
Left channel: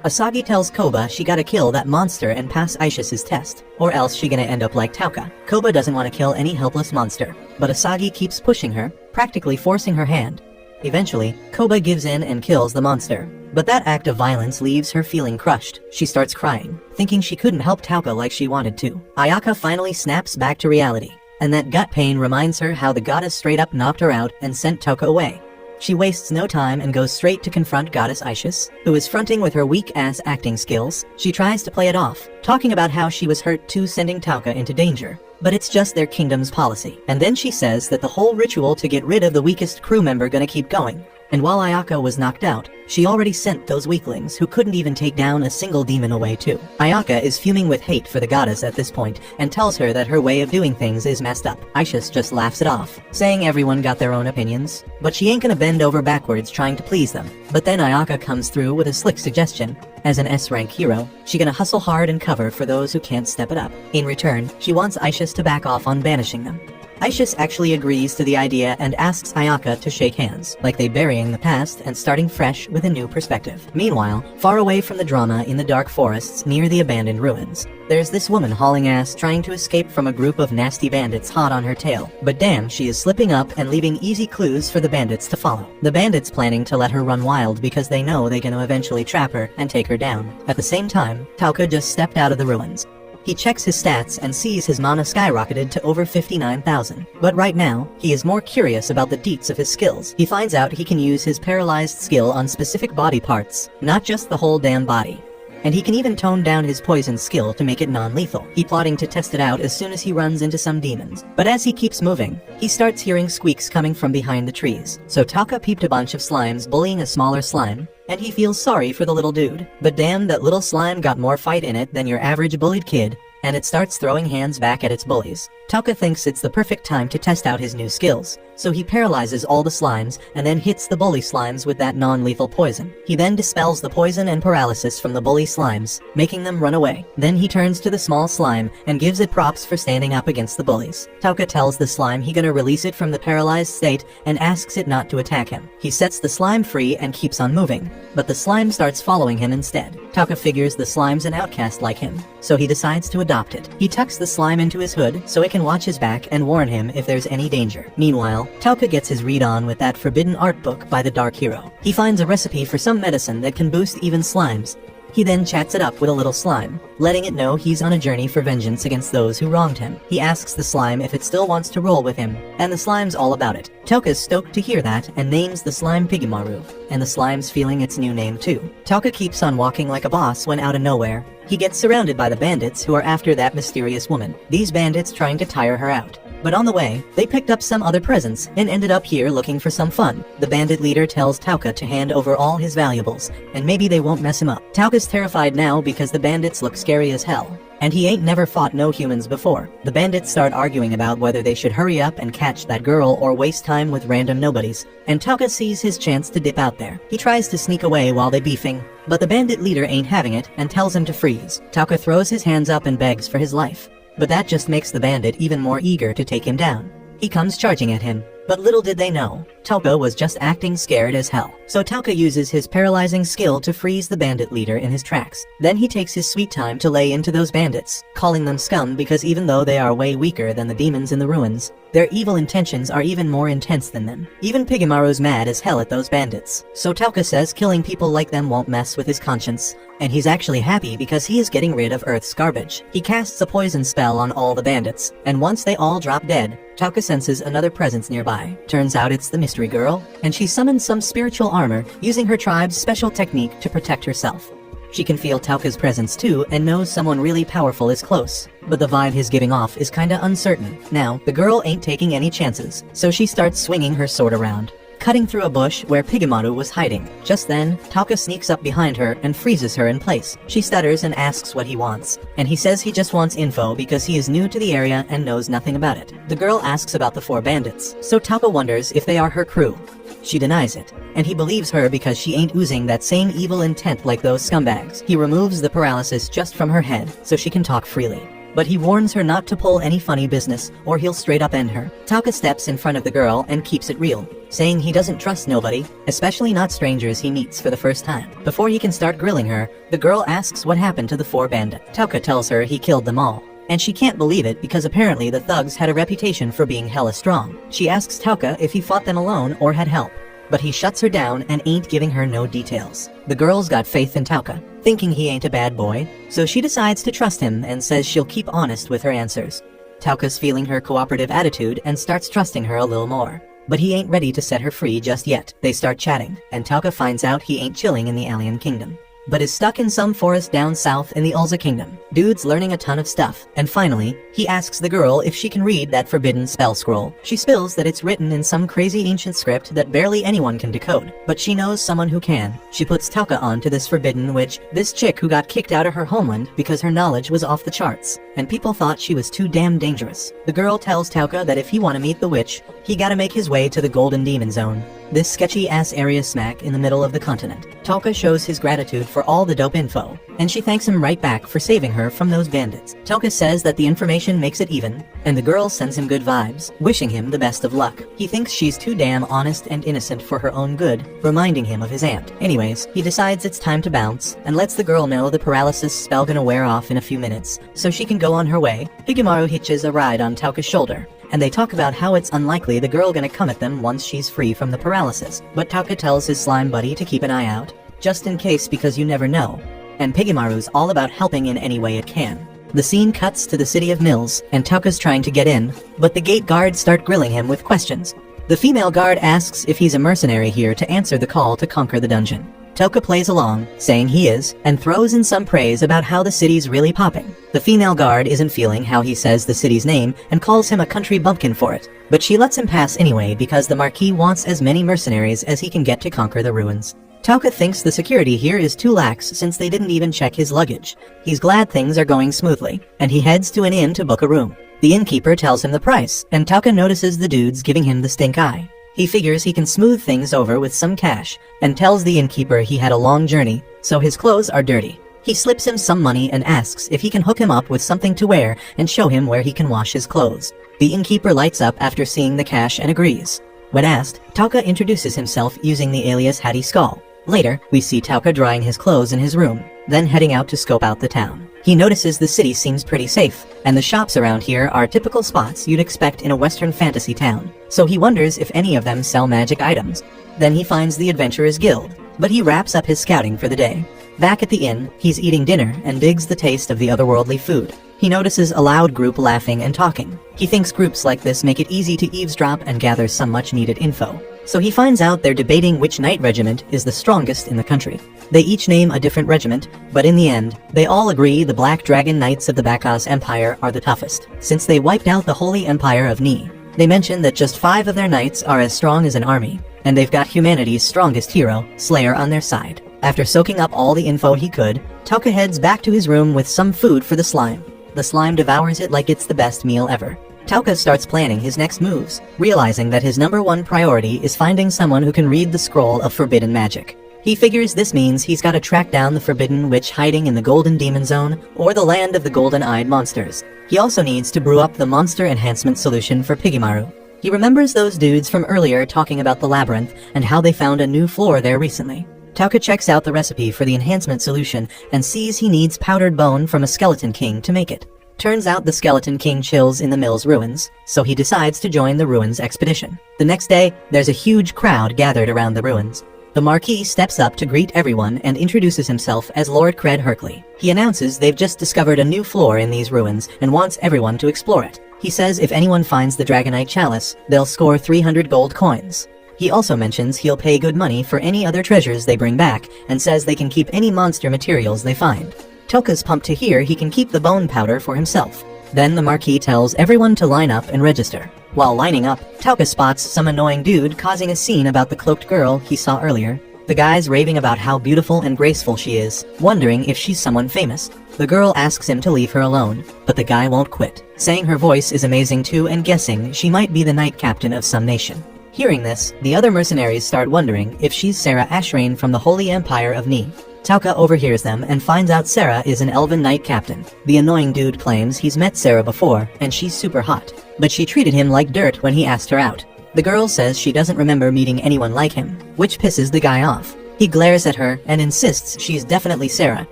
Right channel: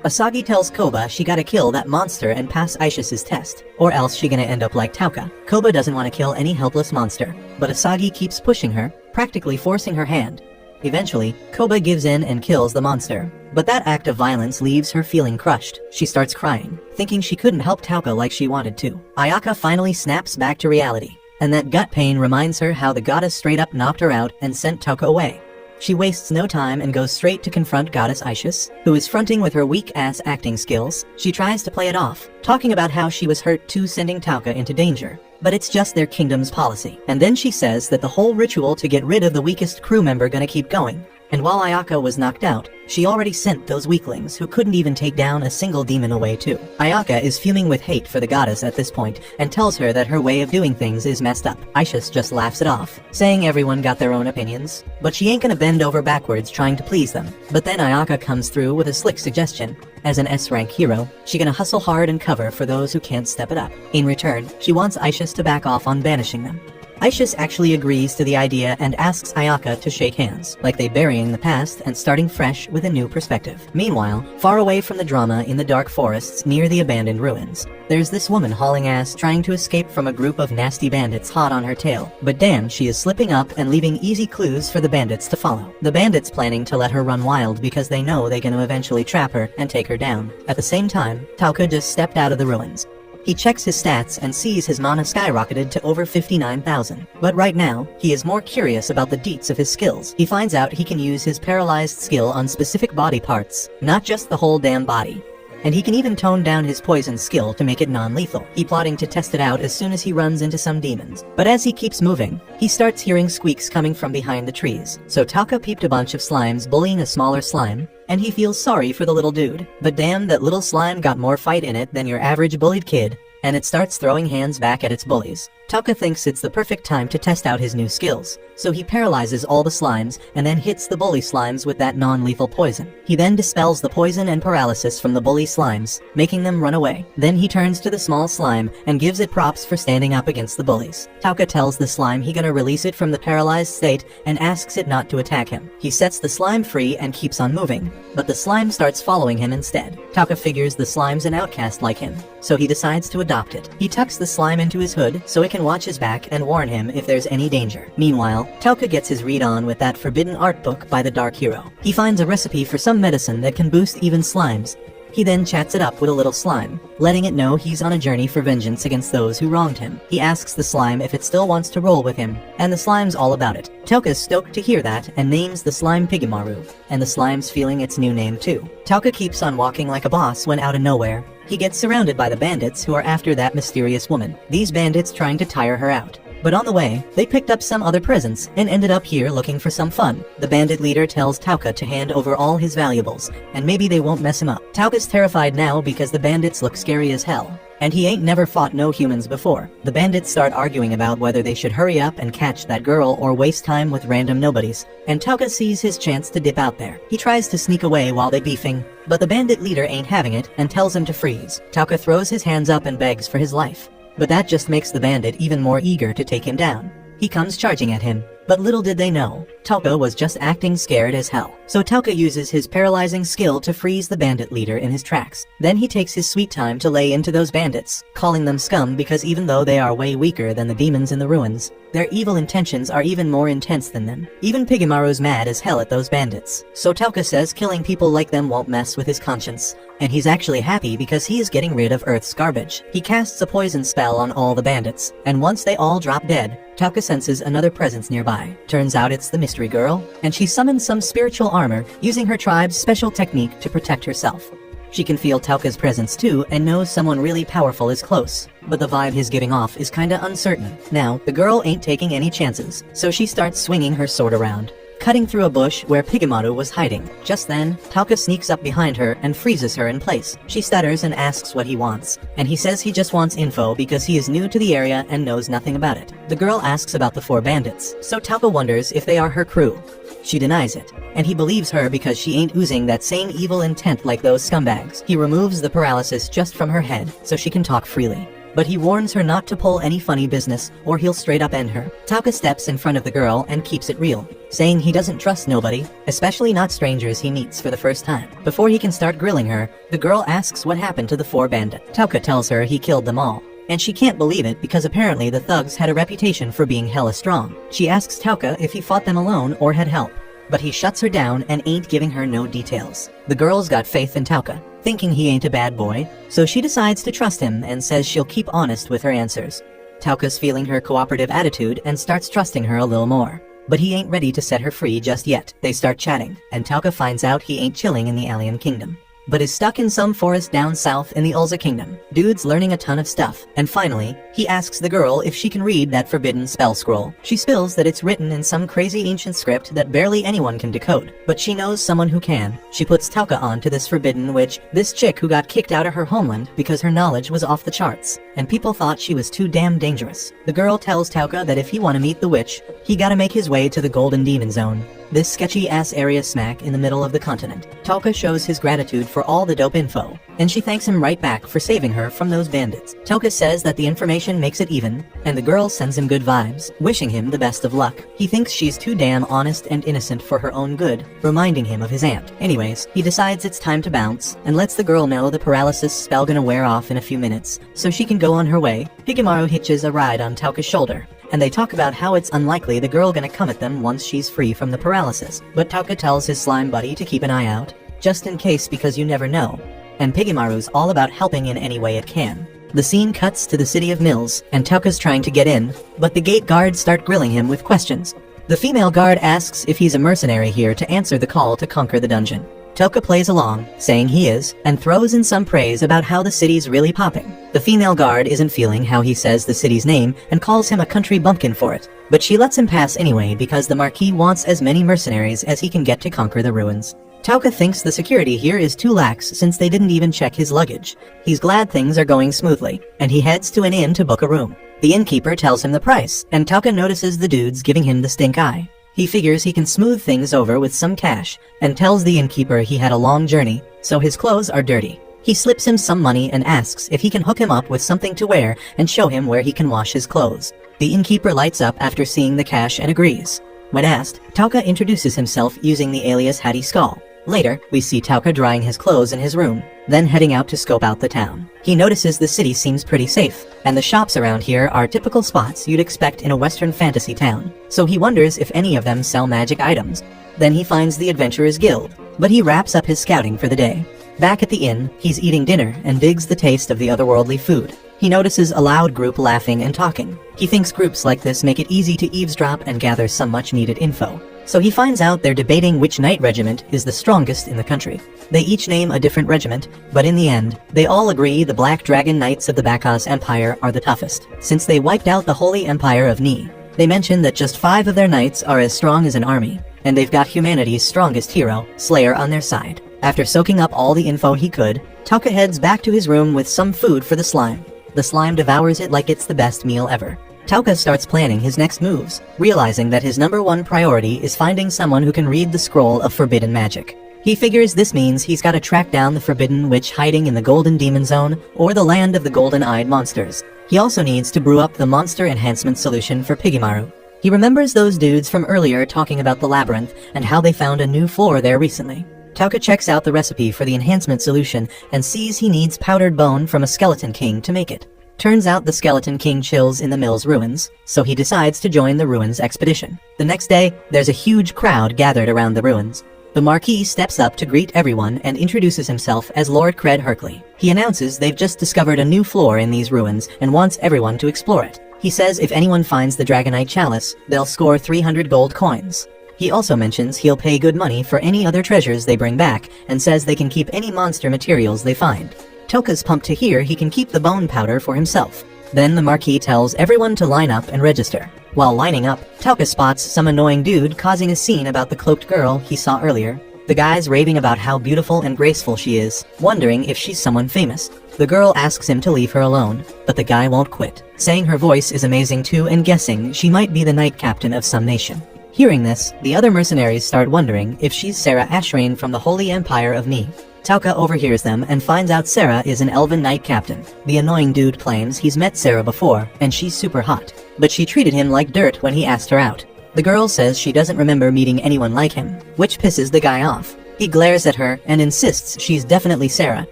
Asagi tells Koba she gotta kill that monster and pass Aish's test, or else she gonna end up like Tauka. Koba doesn't want to kill any helpless monster, but Asagi keeps pushing her, practically forcing her hand. Eventually, Koba gives in and kills the monster. But that act of violence leaves her feeling crushed. She starts crying, thinking she couldn't help Tauka like she wanted to. Ayaka finally snaps back to reality, and that gut pain reminds her how the goddess straight up knocked her out and sent Tauka away. She wastes no time and goes straight to confront Goddess Aishis, who is fronting with her weak-ass acting skills. She tries to play it off, talking about how she was hurt too sending Tauka into danger. But it's just their kingdom's policy. And then she says that the whole ritual to get rid of the weakest crew member gonna keep going. And while Ayaka was knocked out, she already sent those weaklings who couldn't even take down a single demon away too. Ayaka is fuming with hate for the goddess at this point and tells her that her way of doing things is messed up. Aishis just laughs it off, saying everyone got their own opinions, but she ain't gonna bend over backwards trying to please them. But then Ayaka comes through with a slick suggestion. As an S-rank hero, she gonna hustle hard and cover for those who can't step it up. In return, she wants Aishis to back off on banishing them. Aishis actually agrees to the idea and asks Ayaka to shake hands, like they burying the past and starting fresh with a new perspective. Meanwhile, far away from the drama in the dark forests near the abandoned ruins, there's this woman hauling ass trying to escape from a group of nasty bandits hot on her tail. But damn, she is slipping up and leaving easy clues for the bandits to follow. The bandits planning to let her run wild because they know they're gonna eventually trap her and take her down. At the same time, Tauka just stepped out of the ruins. He checks his stats and sees his mana skyrocketed to over 59,000. But right now, he is more curious about the deets of his skills. He finds out he can use his paralyzed skill on specific body parts, not just the whole damn body. And he can even tone down his poison skill to make it non-lethal. He plotting to test it out as soon as he runs into some demons. But as he keeps moving, he starts hearing squeaks coming from behind the trees. So Taka peeped a bunch of slimes bullying a smaller slime, and he feels sorry for the little dude. But damn, that little slime got more fight in it than your average bullied kid, and it starts throwing hands back at its bullies. Taka thinks it's the perfect time to test out his new skills, so he paralyzes all the slimes and then hits the bully slimes with that non-lethal poison. He then dispels the poison and paralysis from the bully slimes, making them run away. Then he turns to the small slime and gives it props for standing up against the bullies. Taka tells the slime he gonna release it from the paralyzed state and asks it not to attack him. He sets the slime free and keeps on moving, but the slime starts following him instead. Taka figures the slime's an outcast like him, so he decides to adopt it. He tucks the slime into his hood so it can watch his back and warn him if there's any danger. Meanwhile, Tauka gets his read on with that forbidden art book by the Dark Hero. He finds a recipe for some medicine that can boost even slimes. He then chats it up with a little slime, letting it know he's on a journey for vengeance against those who wronged him. He asks the slime if it still wants to roll with him, and the slime's all about it. Tauka's stoked to hear that and names the slime Pigimaru, and the slime's feeling its new name too. Tauka keeps on walking like a boss when out of nowhere, he gets surrounded by the bandits who are after that mysterious woman. These bandits trying to tire her out. But on the way, they picked up some other presents and ended up here looking for some fun. The bandit leader tells Tauka to hand over all his valuables, and maybe they won't mess him up. Tauka's terrified now because the bandits look scary as hell, and he ain't never fought no humans before. The bandits start arguing about whether they should hurry up and catch that girl or waste time with random nobodies, and Tauka sees his chance to dip out there. He tries to sneak away while they beefing, but the bandit leader ain't having it and tells him to freeze. Tauka throws his hands up and begs for his life, but that just makes the bandit even more eager to take him down. He comes charging at him, but little did they know, Tauka was just acting scared as hell. So Tauka uses his paralyzing skill to freeze the bandit leader in his tracks. Then he takes his sweet time to lay into those bandits, calling them scum because even though they are way weaker than the demons in the ruins, their evil intentions are even more intense than them. Even Pigimaru's mad as hell at those bandits. So Tauka says killing people like them won't mess with his conscience, and he's actually happy because he is getting rid of Earth's garbage. He casts a poison spell on all the bandits, and once they all drop dead, Tauka senses another presence nearby. Turns out it's the mystery girl, and she summons some spiritual armor using her tribe's special technique to protect herself. She can feel Tauka's presence too and knows someone really powerful is close, but the vibe he's giving off is kinda uncertain. Now, the girl ain't taking any chances, so she starts swinging her sword around, cutting through a bush where Pigimaru was hiding. Just then, Tauka sneaks up behind her and freezes her in place. She stutters and asks what he wants, and he says he just wants info because he is new to the area and knows nothing about it. The girl asks about the 4 bandits, so Tauka wonders if they are her crew. She denies it, and he believes her because she ain't oozing that same evil intent like those scumbags. He removes the paralysis just from her head so she can talk freely. But he warns her not to pull any funny business or he'll straight up end her. Tauka steps in front of the girl and keeps it real, saying he doesn't trust nobody, especially not strangers he meets for the first time. Before he can start grilling her, the girl asks what happened to the 4 bandits. Tauka tells her he killed them all, and she can't believe it because apparently the thugs had a reputation for being hella strong. She asks Tauka if he fought them alone or had help, but he shuts her down and ain't giving her no details. The girl's got faith in Tauka, thinking he ain't a bad boy, so she decides to trust him and says she'll keep honest with her answers. Tauka's feeling her cooperative attitude and starts trusting her a little more. But he ain't ready to set her free just yet. They start chatting, and Tauka finds out he ain't chilling in the alien kingdom, but is stuck in some forest down south in the Ulza kingdom. Dude's learning a ton of stuff, and finally, he asks the girl if she can read that forbidden spell scroll. She spills that it's written in some crazy ancient script that barely anyone can decode, but she knows someone who can. She puts Tauka on to this forbidden witch, this chick who got kicked out of her homeland because her knowledge was off the charts, and people thought she was too damn dangerous. The girl tells Tauka that if he want to meet the witch, he gotta make his way to the Golden Demon Zone, this sketchy-ass area smack in the middle of the continent. Tauka shows his gratitude for all the dope info, and she thanks him right back for saving her from those bandits. Tauka says that the information makes it even, and the girl sends him good vibes, wishing him the best of luck. He thinks she's too damn honest and innocent for her own good, reminding him of his aunt. Anyways, he decides it's time to bounce, and lets the girl know the paralysis spell gonna wear off in a few minutes, so she can go on her way. Higemaru hitches a ride on Tauka's shoulder, and they talk about how it's unlikely the girl gonna come at them once she's free from the paralysis. But Tauka tells his slime buddy to keep an eye out, just in case because you never know. And Higemaru's all about helping in any way it can. The scene cuts to the city of Mills, and Tauka's trying to get in, but the gate guards start grilling him with questions. The female guard asks if he's a mercenary here to answer the call to conquer the dungeon. Tauka plays along, saying he is, and throws in some praise about how the city's really popping. The female guard isn't feeling how he says the city's name and calls him a country bumpkin for it, but she lets him pass anyway because the Marquis wants as many mercenaries as he can get to conquer the ruins. Tauka thinks the security here is too lax since they didn't even check his luggage. He's glad things are going smoothly, and he heads to an inn to book a room. The innkeeper tells him the price, and Tauka notices the dudes giving him the stink eye. He figures he can smooth things over with some cash, and tells the innkeeper he had a long journey, so his clothes are dirty. He slips him some money and asks if he can hook him up with something to wear and show him where he can wash his clothes. The innkeeper lights up after seeing the cash and agrees. When asked, Tauka introduces himself using the alias Hattie Skull. Later, we see Tauka drying his clothes in his room, then heading out to scope out the town. He notices the city seems pretty safe, and the shops around here are typical spots you'd expect in a Western fantasy town, so he wonders if any of them sell magic items. Then he finds the Adventurers Guild, but he wraps up his scouting for the day. Back at the inn, he's eating dinner and digs the taste of the otherworldly food. He notices a loud group laughing and talking. He thinks groups like this make it easy to eavesdrop and gather some much-needed info. So he finds out they're debating which knight regiment is the strongest in the country. They each name a different regiment, but in the end, they all agree the Black Dragon Knights of the Bacchus Empire are the toughest, since they wiped out the Holy Empire of Ni. They mention that just 5 of their knights are as strong as an army, and they've got humanity's strongest hero, Slayer, on their side. After soaking up all the info he could, Tauka heads back to his room with some food for the slime. The slime devours it like it's the best meal ever. Tauka starts planning his next moves, realizing that his #1 priority is finding someone who can read the scroll of forbidden magic. He figures this means he's got to track down the forbidden witch hiding in the Golden Demon Zone or the land of the golden-eyed monsters. He also needs to brew up the monster enhancement solution for Higemaru. He remembers those dudes from earlier talking about the labyrinth and how they found a new floor there recently. Tauka checks out the recipe for the enhancement solution and sees he needs powdered bone from a skeleton king to make it. Turns out the Skeleton King chills in the Mills ruins, so he decides to join the ruins expedition. The next day, there's a huge crowd gathered around the ruins. The Marquis steps up to greet everyone and introduces himself as Lord Cred Hercley. He announces they've just discovered a new floor in these ruins and wants everyone to explore it. He says if anyone finds the Dragonite Chalice, they'll score 300 gold coins. He also mentions he'll pay good money for any other treasures they bring back, and says they can keep any monster materials they find. Tauka's pumped to hear he can keep the bone powder for himself. Then the Marquis tells everyone to line up and register. While lining up, Tauka spots some annoying dude causing a scene about the cloaked girl he saw earlier. The guy's raving about how beautiful and graceful she is, wondering if she's someone famous. The girl asks him to leave her alone, but the guy won't quit, saying her voice is amazing too and guessing she might be the knight captain of some nation. Hearing this, the other mercenaries start wondering if she's Sarah Ashrain from the Holy Empire of Ni. Tauka overhears them and finds out Sarah is an elven knight captain. The annoying dude claims he's met Sarah before, and she's super hot, but she treated him like dirt when he asked her out. The girl says she doesn't remember meeting anyone like him, which pisses the guy off. He glares at her and insists she's definitely Sarah.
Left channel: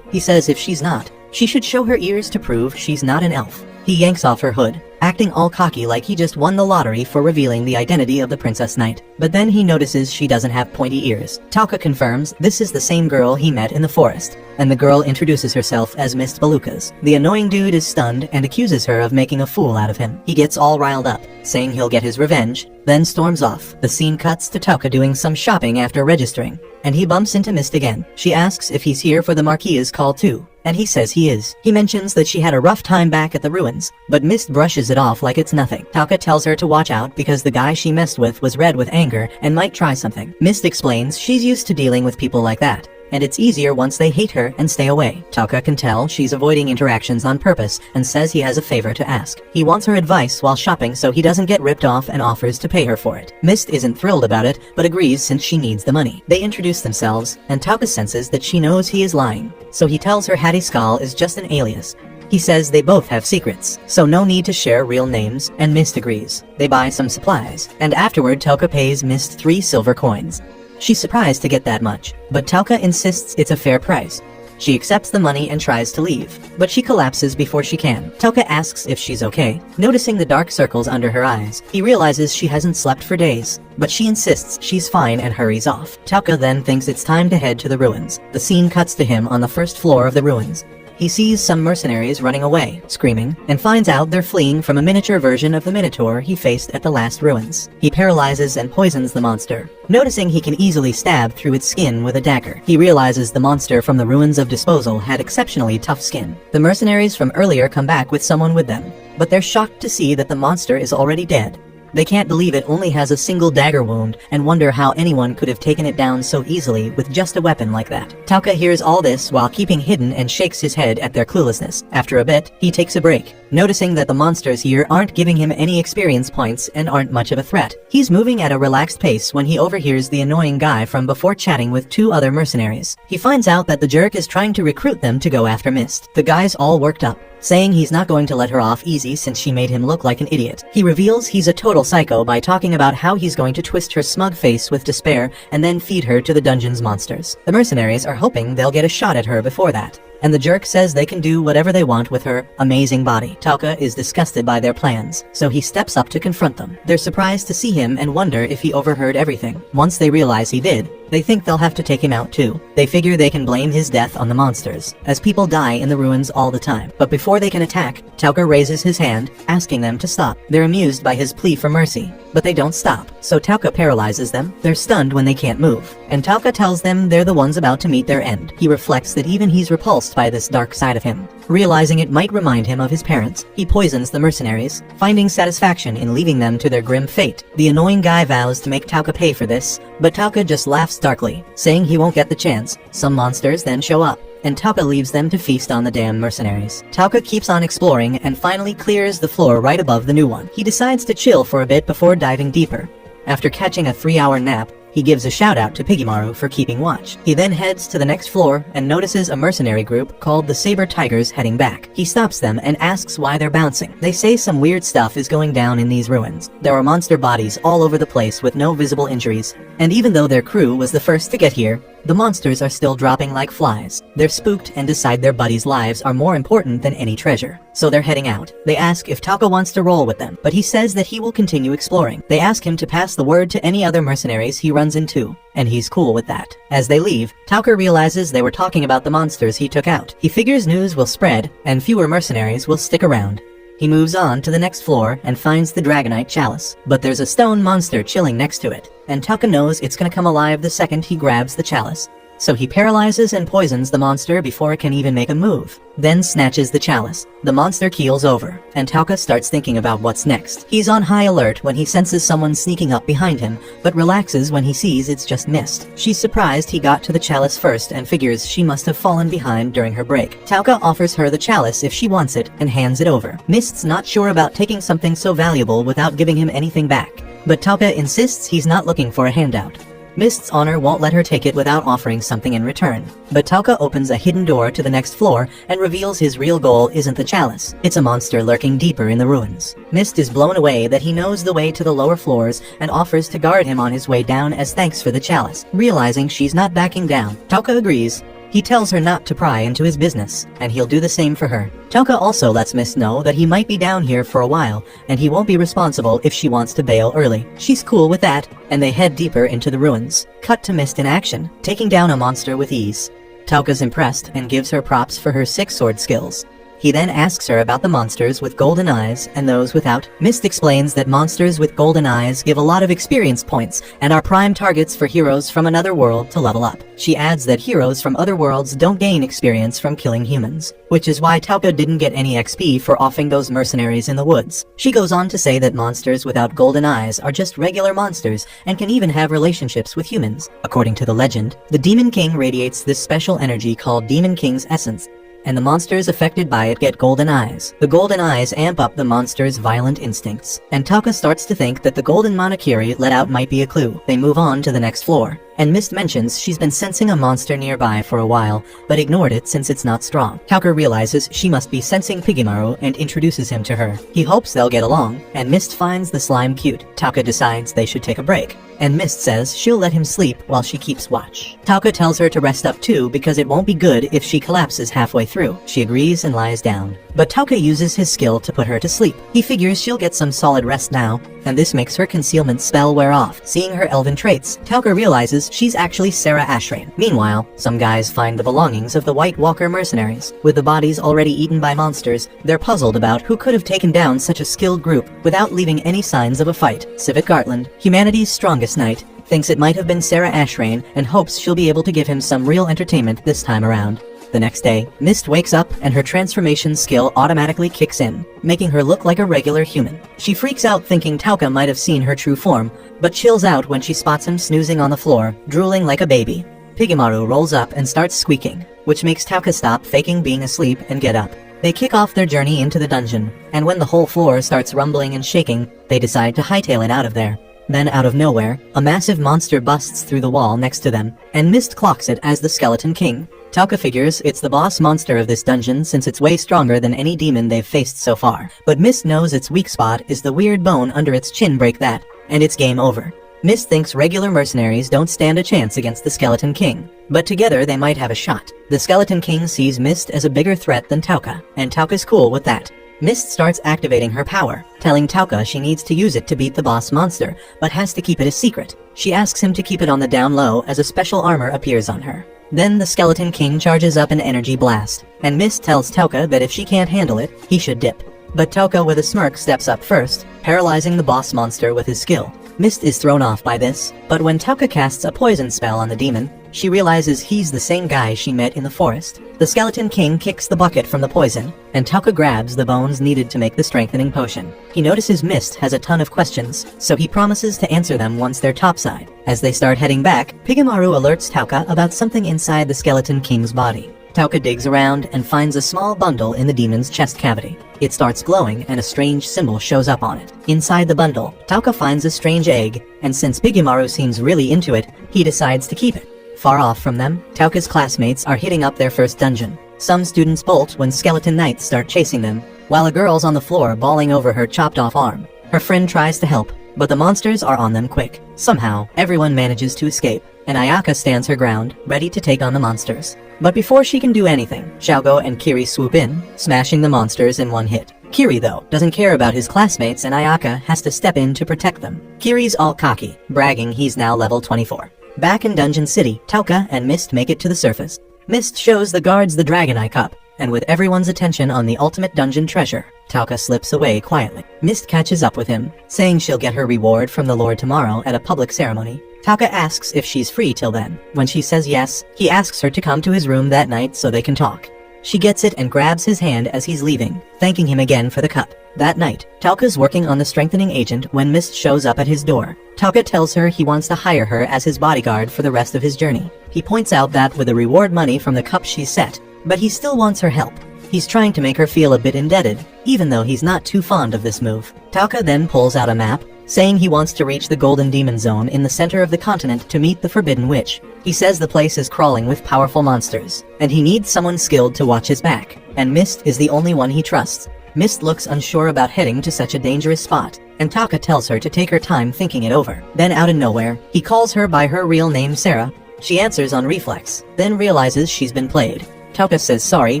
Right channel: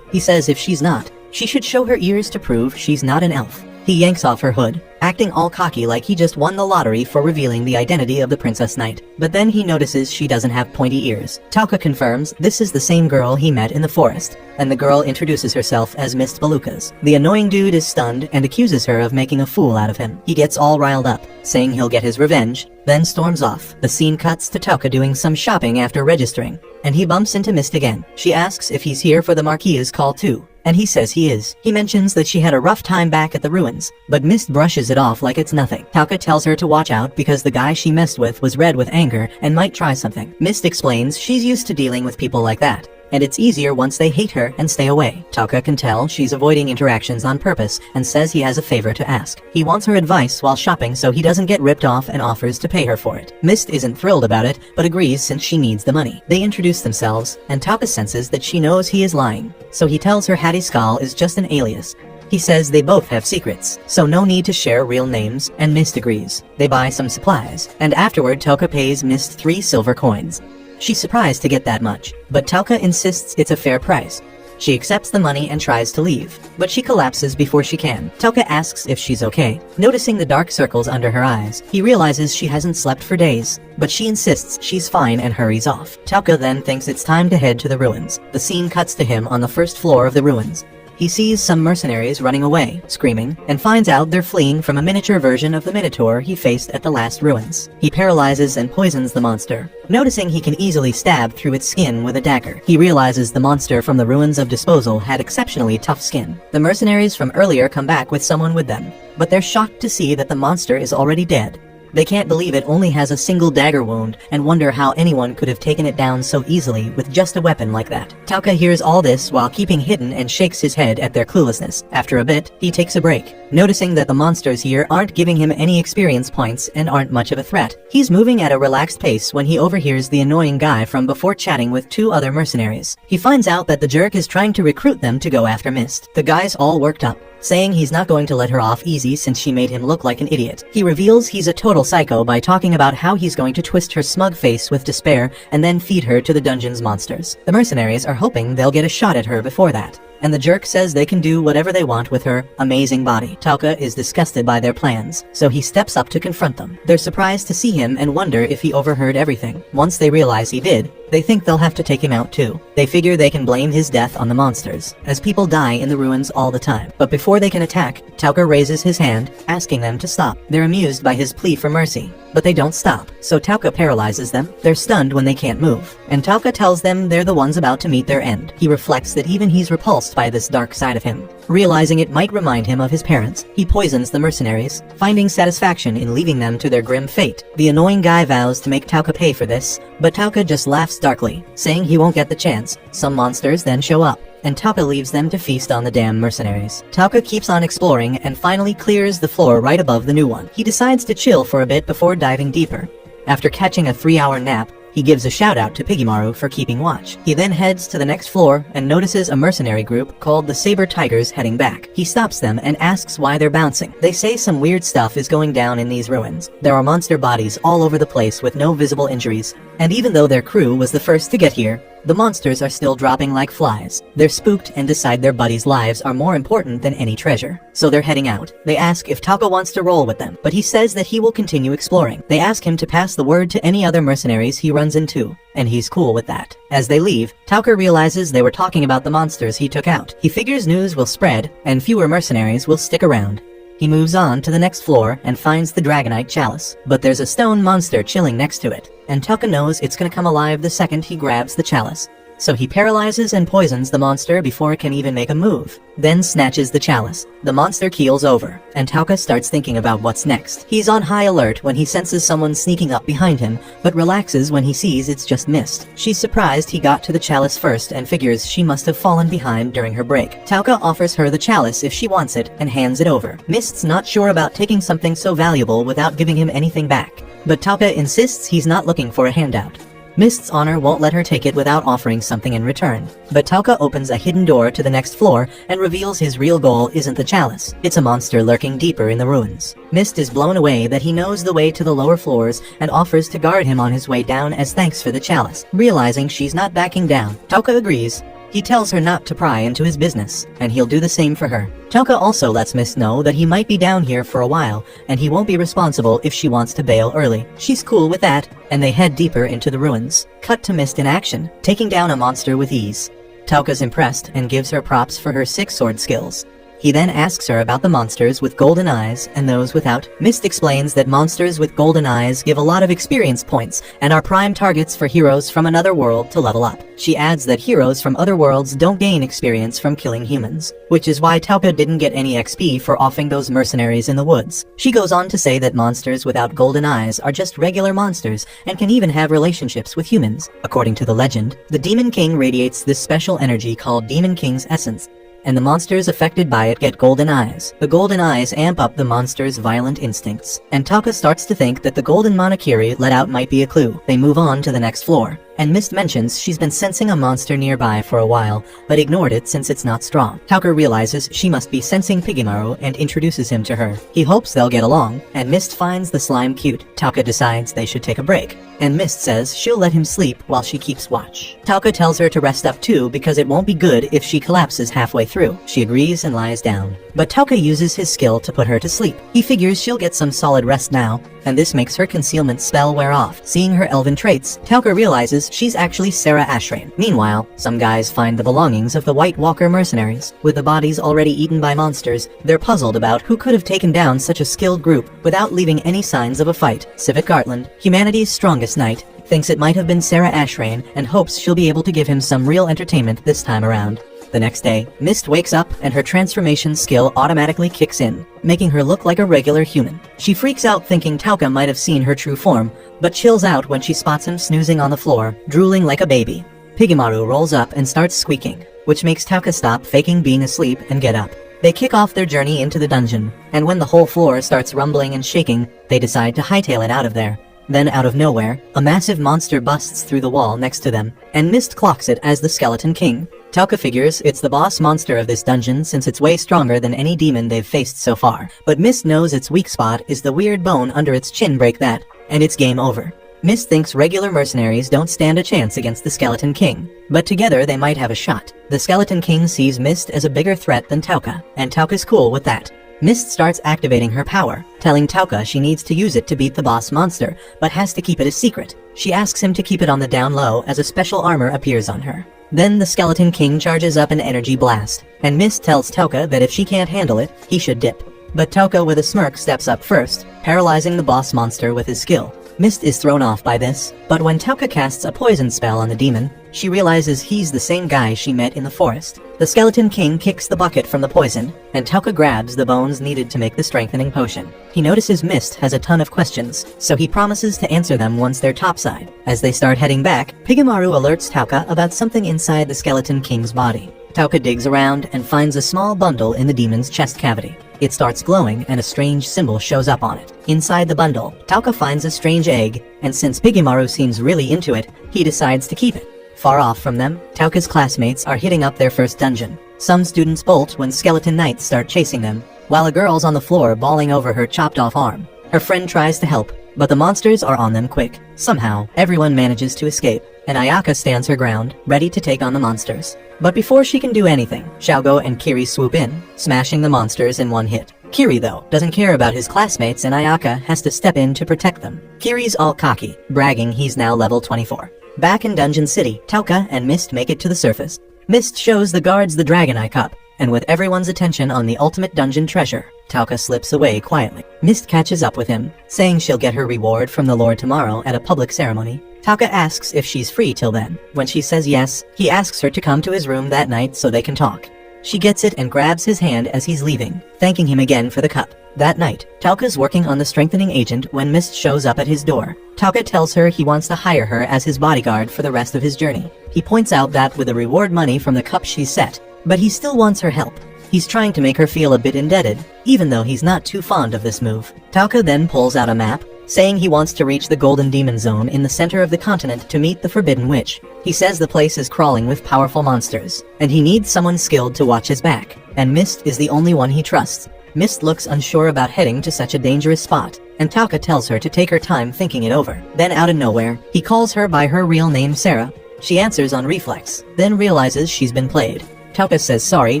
He says if she's not, she should show her ears to prove she's not an elf. He yanks off her hood, acting all cocky like he just won the lottery for revealing the identity of the Princess Knight. But then he notices she doesn't have pointy ears. Tauka confirms this is the same girl he met in the forest, and the girl introduces herself as Miss Balukas. The annoying dude is stunned and accuses her of making a fool out of him. He gets all riled up, saying he'll get his revenge, then storms off. The scene cuts to Tauka doing some shopping after registering, and he bumps into Mist again. She asks if he's here for the Marquis's call too, and he says he is. He mentions that she had a rough time back at the ruins, but Mist brushes it off like it's nothing. Tauka tells her to watch out because the guy she messed with was red with anger and might try something. Mist explains she's used to dealing with people like that, and it's easier once they hate her and stay away. Tauka can tell she's avoiding interactions on purpose and says he has a favor to ask. He wants her advice while shopping so he doesn't get ripped off and offers to pay her for it. Mist isn't thrilled about it, but agrees since she needs the money. They introduce themselves, and Tauka senses that she knows he is lying, so he tells her Hattie Skull is just an alias. He says they both have secrets, so no need to share real names, and Mist agrees. They buy some supplies, and afterward Tauka pays Mist 3 silver coins. She's surprised to get that much, but Tauka insists it's a fair price. She accepts the money and tries to leave, but she collapses before she can. Tauka asks if she's okay. Noticing the dark circles under her eyes, he realizes she hasn't slept for days, but she insists she's fine and hurries off. Tauka then thinks it's time to head to the ruins. The scene cuts to him on the first floor of the ruins. He sees some mercenaries running away, screaming, and finds out they're fleeing from a miniature version of the Minotaur he faced at the last ruins. He paralyzes and poisons the monster. Noticing he can easily stab through its skin with a dagger, he realizes the monster from the ruins of Disposal had exceptionally tough skin. The mercenaries from earlier come back with someone with them, but they're shocked to see that the monster is already dead. They can't believe it only has a single dagger wound and wonder how anyone could have taken it down so easily with just a weapon like that. Tauka hears all this while keeping hidden and shakes his head at their cluelessness. After a bit, he takes a break, noticing that the monsters here aren't giving him any experience points and aren't much of a threat. He's moving at a relaxed pace when he overhears the annoying guy from before chatting with 2 other mercenaries. He finds out that the jerk is trying to recruit them to go after Mist. The guy's all worked up, saying he's not going to let her off easy since she made him look like an idiot. He reveals he's a total psycho by talking about how he's going to twist her smug face with despair and then feed her to the dungeon's monsters. The mercenaries are hoping they'll get a shot at her before that, and the jerk says they can do whatever they want with her amazing body. Tauka is disgusted by their plans, so he steps up to confront them. They're surprised to see him and wonder if he overheard everything. Once they realize he did, they think they'll have to take him out too. They figure they can blame his death on the monsters, as people die in the ruins all the time. But before they can attack, Tauka raises his hand, asking them to stop. They're amused by his plea for mercy, but they don't stop, so Tauka paralyzes them. They're stunned when they can't move, and Tauka tells them they're the ones about to meet their end. He reflects that even he's repulsed by this dark side of him. Realizing it might remind him of his parents, he poisons the mercenaries, finding satisfaction in leaving them to their grim fate. The annoying guy vows to make Tauka pay for this, but Tauka just laughs darkly, saying he won't get the chance. Some monsters then show up, and Tauka leaves them to feast on the damn mercenaries. Tauka keeps on exploring and finally clears the floor right above the new one. He decides to chill for a bit before diving deeper. After catching a 3-hour nap, he gives a shout out to Piggymaru for keeping watch. He then heads to the next floor and notices a mercenary group called the Saber Tigers heading back. He stops them and asks why they're bouncing. They say some weird stuff is going down in these ruins. There are monster bodies all over the place with no visible injuries, and even though their crew was the first to get here, the monsters are still dropping like flies. They're spooked and decide their buddies' lives are more important than any treasure, so they're heading out. They ask if Tauka wants to roll with them, but he says that he will continue exploring. They ask him to pass the word to any other mercenaries he runs into, and he's cool with that. As they leave, Tauka realizes they were talking about the monsters he took out. He figures news will spread, and fewer mercenaries will stick around. He moves on to the next floor and finds the Dragonite Chalice, but there's a stone monster chilling next to it, and Tauka knows it's gonna come alive the second he grabs the chalice. so he paralyzes and poisons the monster before it can even make a move, then snatches the chalice. The monster keels over, and Tauka starts thinking about what's next. He's on high alert when he senses someone sneaking up behind him, but relaxes when he sees it's just Mist. She's surprised he got to the chalice first and figures she must have fallen behind during her break. Tauka offers her the chalice if she wants it and hands it over. Mist's not sure about taking something so valuable without giving him anything back, but Tauka insists he's not looking for a handout. Mist's honor won't let her take it without offering something in return, but Tauka opens a hidden door to the next floor and reveals his real goal isn't the chalice. It's a monster lurking deeper in the ruins. Mist is blown away that he knows the way to the lower floors and offers to guard him on his way down as thanks for the chalice. Realizing she's not backing down, Tauka agrees. He tells her not to pry into his business, and he'll do the same for her. Tauka also lets Mist know that he might be down here for a while, and he won't be responsible if she wants to bail early. She's cool with that, and they head deeper into the ruins. Cut to Mist in action, taking down a monster with ease. Tauka's impressed and gives her props for her 6-sword skills. He then asks her about the monsters with golden eyes and those without. Mist explains that monsters with golden eyes give a lot of experience points and are prime targets for heroes from another world to level up. She adds that heroes from other worlds don't gain experience from killing humans, which is why Tauka didn't get any XP for offing those mercenaries in the woods. She goes on to say that monsters without golden eyes are just regular monsters and can even have relationships with humans. According to the legend, the Demon King radiates this special energy called Demon King's Essence, and the monsters affected by it get golden eyes. The golden eyes amp up the monster's violent instincts, and Tauka starts to think that the golden monokiri let out might be a clue. They move on to the next floor, and Mist mentions she's been sensing a monster nearby for a while, but ignored it since it's not strong. Tauka realizes she must be sensing Pigimaru and introduces him to her. He hopes they'll get along, and Mist finds the slime cute. Tauka decides they should take a break, and Mist says she'll let him sleep while she keeps watch. Tauka tells her to rest up too because it won't be good if she collapses halfway through. She agrees and lies down, but Tauka uses his skill to put her to sleep. He figures she'll get some solid rest now, and this makes her concealment spell wear off. Seeing her elven traits, Tauka realizes she's actually Sarah Ashrain. Meanwhile, some guys find the belongings of the White Walker mercenaries. With the bodies already eaten by monsters, they're puzzled about who could have taken down such a skilled group without leaving any signs of a fight. Civic Gartland, humanity's strongest knight, thinks it might have been Sarah Ashrain and hopes she'll be able to give him some real entertainment this time around. The next day, Mist wakes up and her transformation skill automatically kicks in, making her look like a regular human. She freaks out thinking Tauka might have seen her true form, but chills out when she spots him snoozing on the floor, drooling like a baby. Pigimaru rolls up and starts squeaking, which makes Tauka stop faking being asleep and get up. They kick off their journey into the dungeon, and when the whole floor starts rumbling and shaking, they decide to hightail it out of there. Then out of nowhere, a massive monster busts through the wall next to them, and Mist clocks it as the Skeleton King. Tauka figures it's the boss monster of this dungeon since it's way stronger than any demon they've faced so far. But Mist knows its weak spot is the weird bone under its chin. Break that, and it's game over. Mist thinks regular mercenaries don't stand a chance against the Skeleton King, but together they might have a shot. The Skeleton King sees Mist as a bigger threat than Tauka, and Tauka's cool with that. Mist starts activating her power, telling Tauka she needs to use it to beat the boss monster, but has to keep it a secret. She asks him to keep it on the down low as a special armor appears on her. Then the Skeleton King charges up an energy blast, and Mist tells Tauka that if she can't handle it, he should dip. But Tauka with a smirk steps up first, paralyzing the boss monster with his skill. Mist is thrown off by this, but when Tauka casts a poison spell on the demon, she realizes he's the same guy she met in the forest. The Skeleton King kicks the bucket from the poison, and Tauka grabs the bones needed to make the strengthening potion. He notices Mist has a ton of questions, so he promises to answer them once they're topside. As they start heading back, Pigimaru alerts Tauka about something inside the Skeleton King's body. Tauka digs around and finds a small bundle in the demon's chest cavity. It starts glowing and a strange symbol shows up on it. Inside the bundle, Tauka finds a strange egg, and since Pigimaru seems really into it, he decides to keep it. Far off from them, Tauka's classmates are hitting up their first dungeon. Some students bolt when skeleton knights start chasing them, while a girl's on the floor bawling over her chopped off arm. Her friend tries to help, but the monsters are on them quick. Somehow, everyone manages to escape, and Ayaka stands her ground, ready to take on the monsters. But before she can do anything, Xiaogo and Kiri swoop in, smashing the monsters in one hit. Kiri, though, doesn't care about his classmates and Ayaka has to step in to protect them. Kiri's all cocky, bragging he's now level 24. Back in Dungeon City, Tauka and Mist make it to the surface. Mist shows the guards the Dragon Eye Cup, and with everyone's attention on the ultimate dungeon treasure, Tauka slips away quietly. Mist catches up with him, saying she'll get her reward from the Lord tomorrow at a public ceremony. Tauka asks if she's free till then. When she says yes, he asks her to come to his room that night so they can talk. She gets it and grabs his hand as he's leaving, thanking him again for the cup. That night, Tauka's working on the strengthening agent when Mist shows up at his door. Tauka tells her he wants to hire her as his bodyguard for the rest of his journey. He points out that with the reward money from the cup she's set, but he still wants her help. He's trying to make her feel a bit indebted, even though he's not too fond of this move. Tauka then pulls out a map, saying he wants to reach the Golden Demon Zone in the center of the continent to meet the Forbidden Witch. He says the place is crawling with powerful monsters, and he needs someone skilled to watch his back, and Mist is the only one he trusts. Mist looks unsure about heading to such a dangerous spot, and Tauka tells her to take her time thinking it over. Then out of nowhere, he calls her by her real name Sarah. She answers on reflex, then realizes she's been played. Tauka says sorry,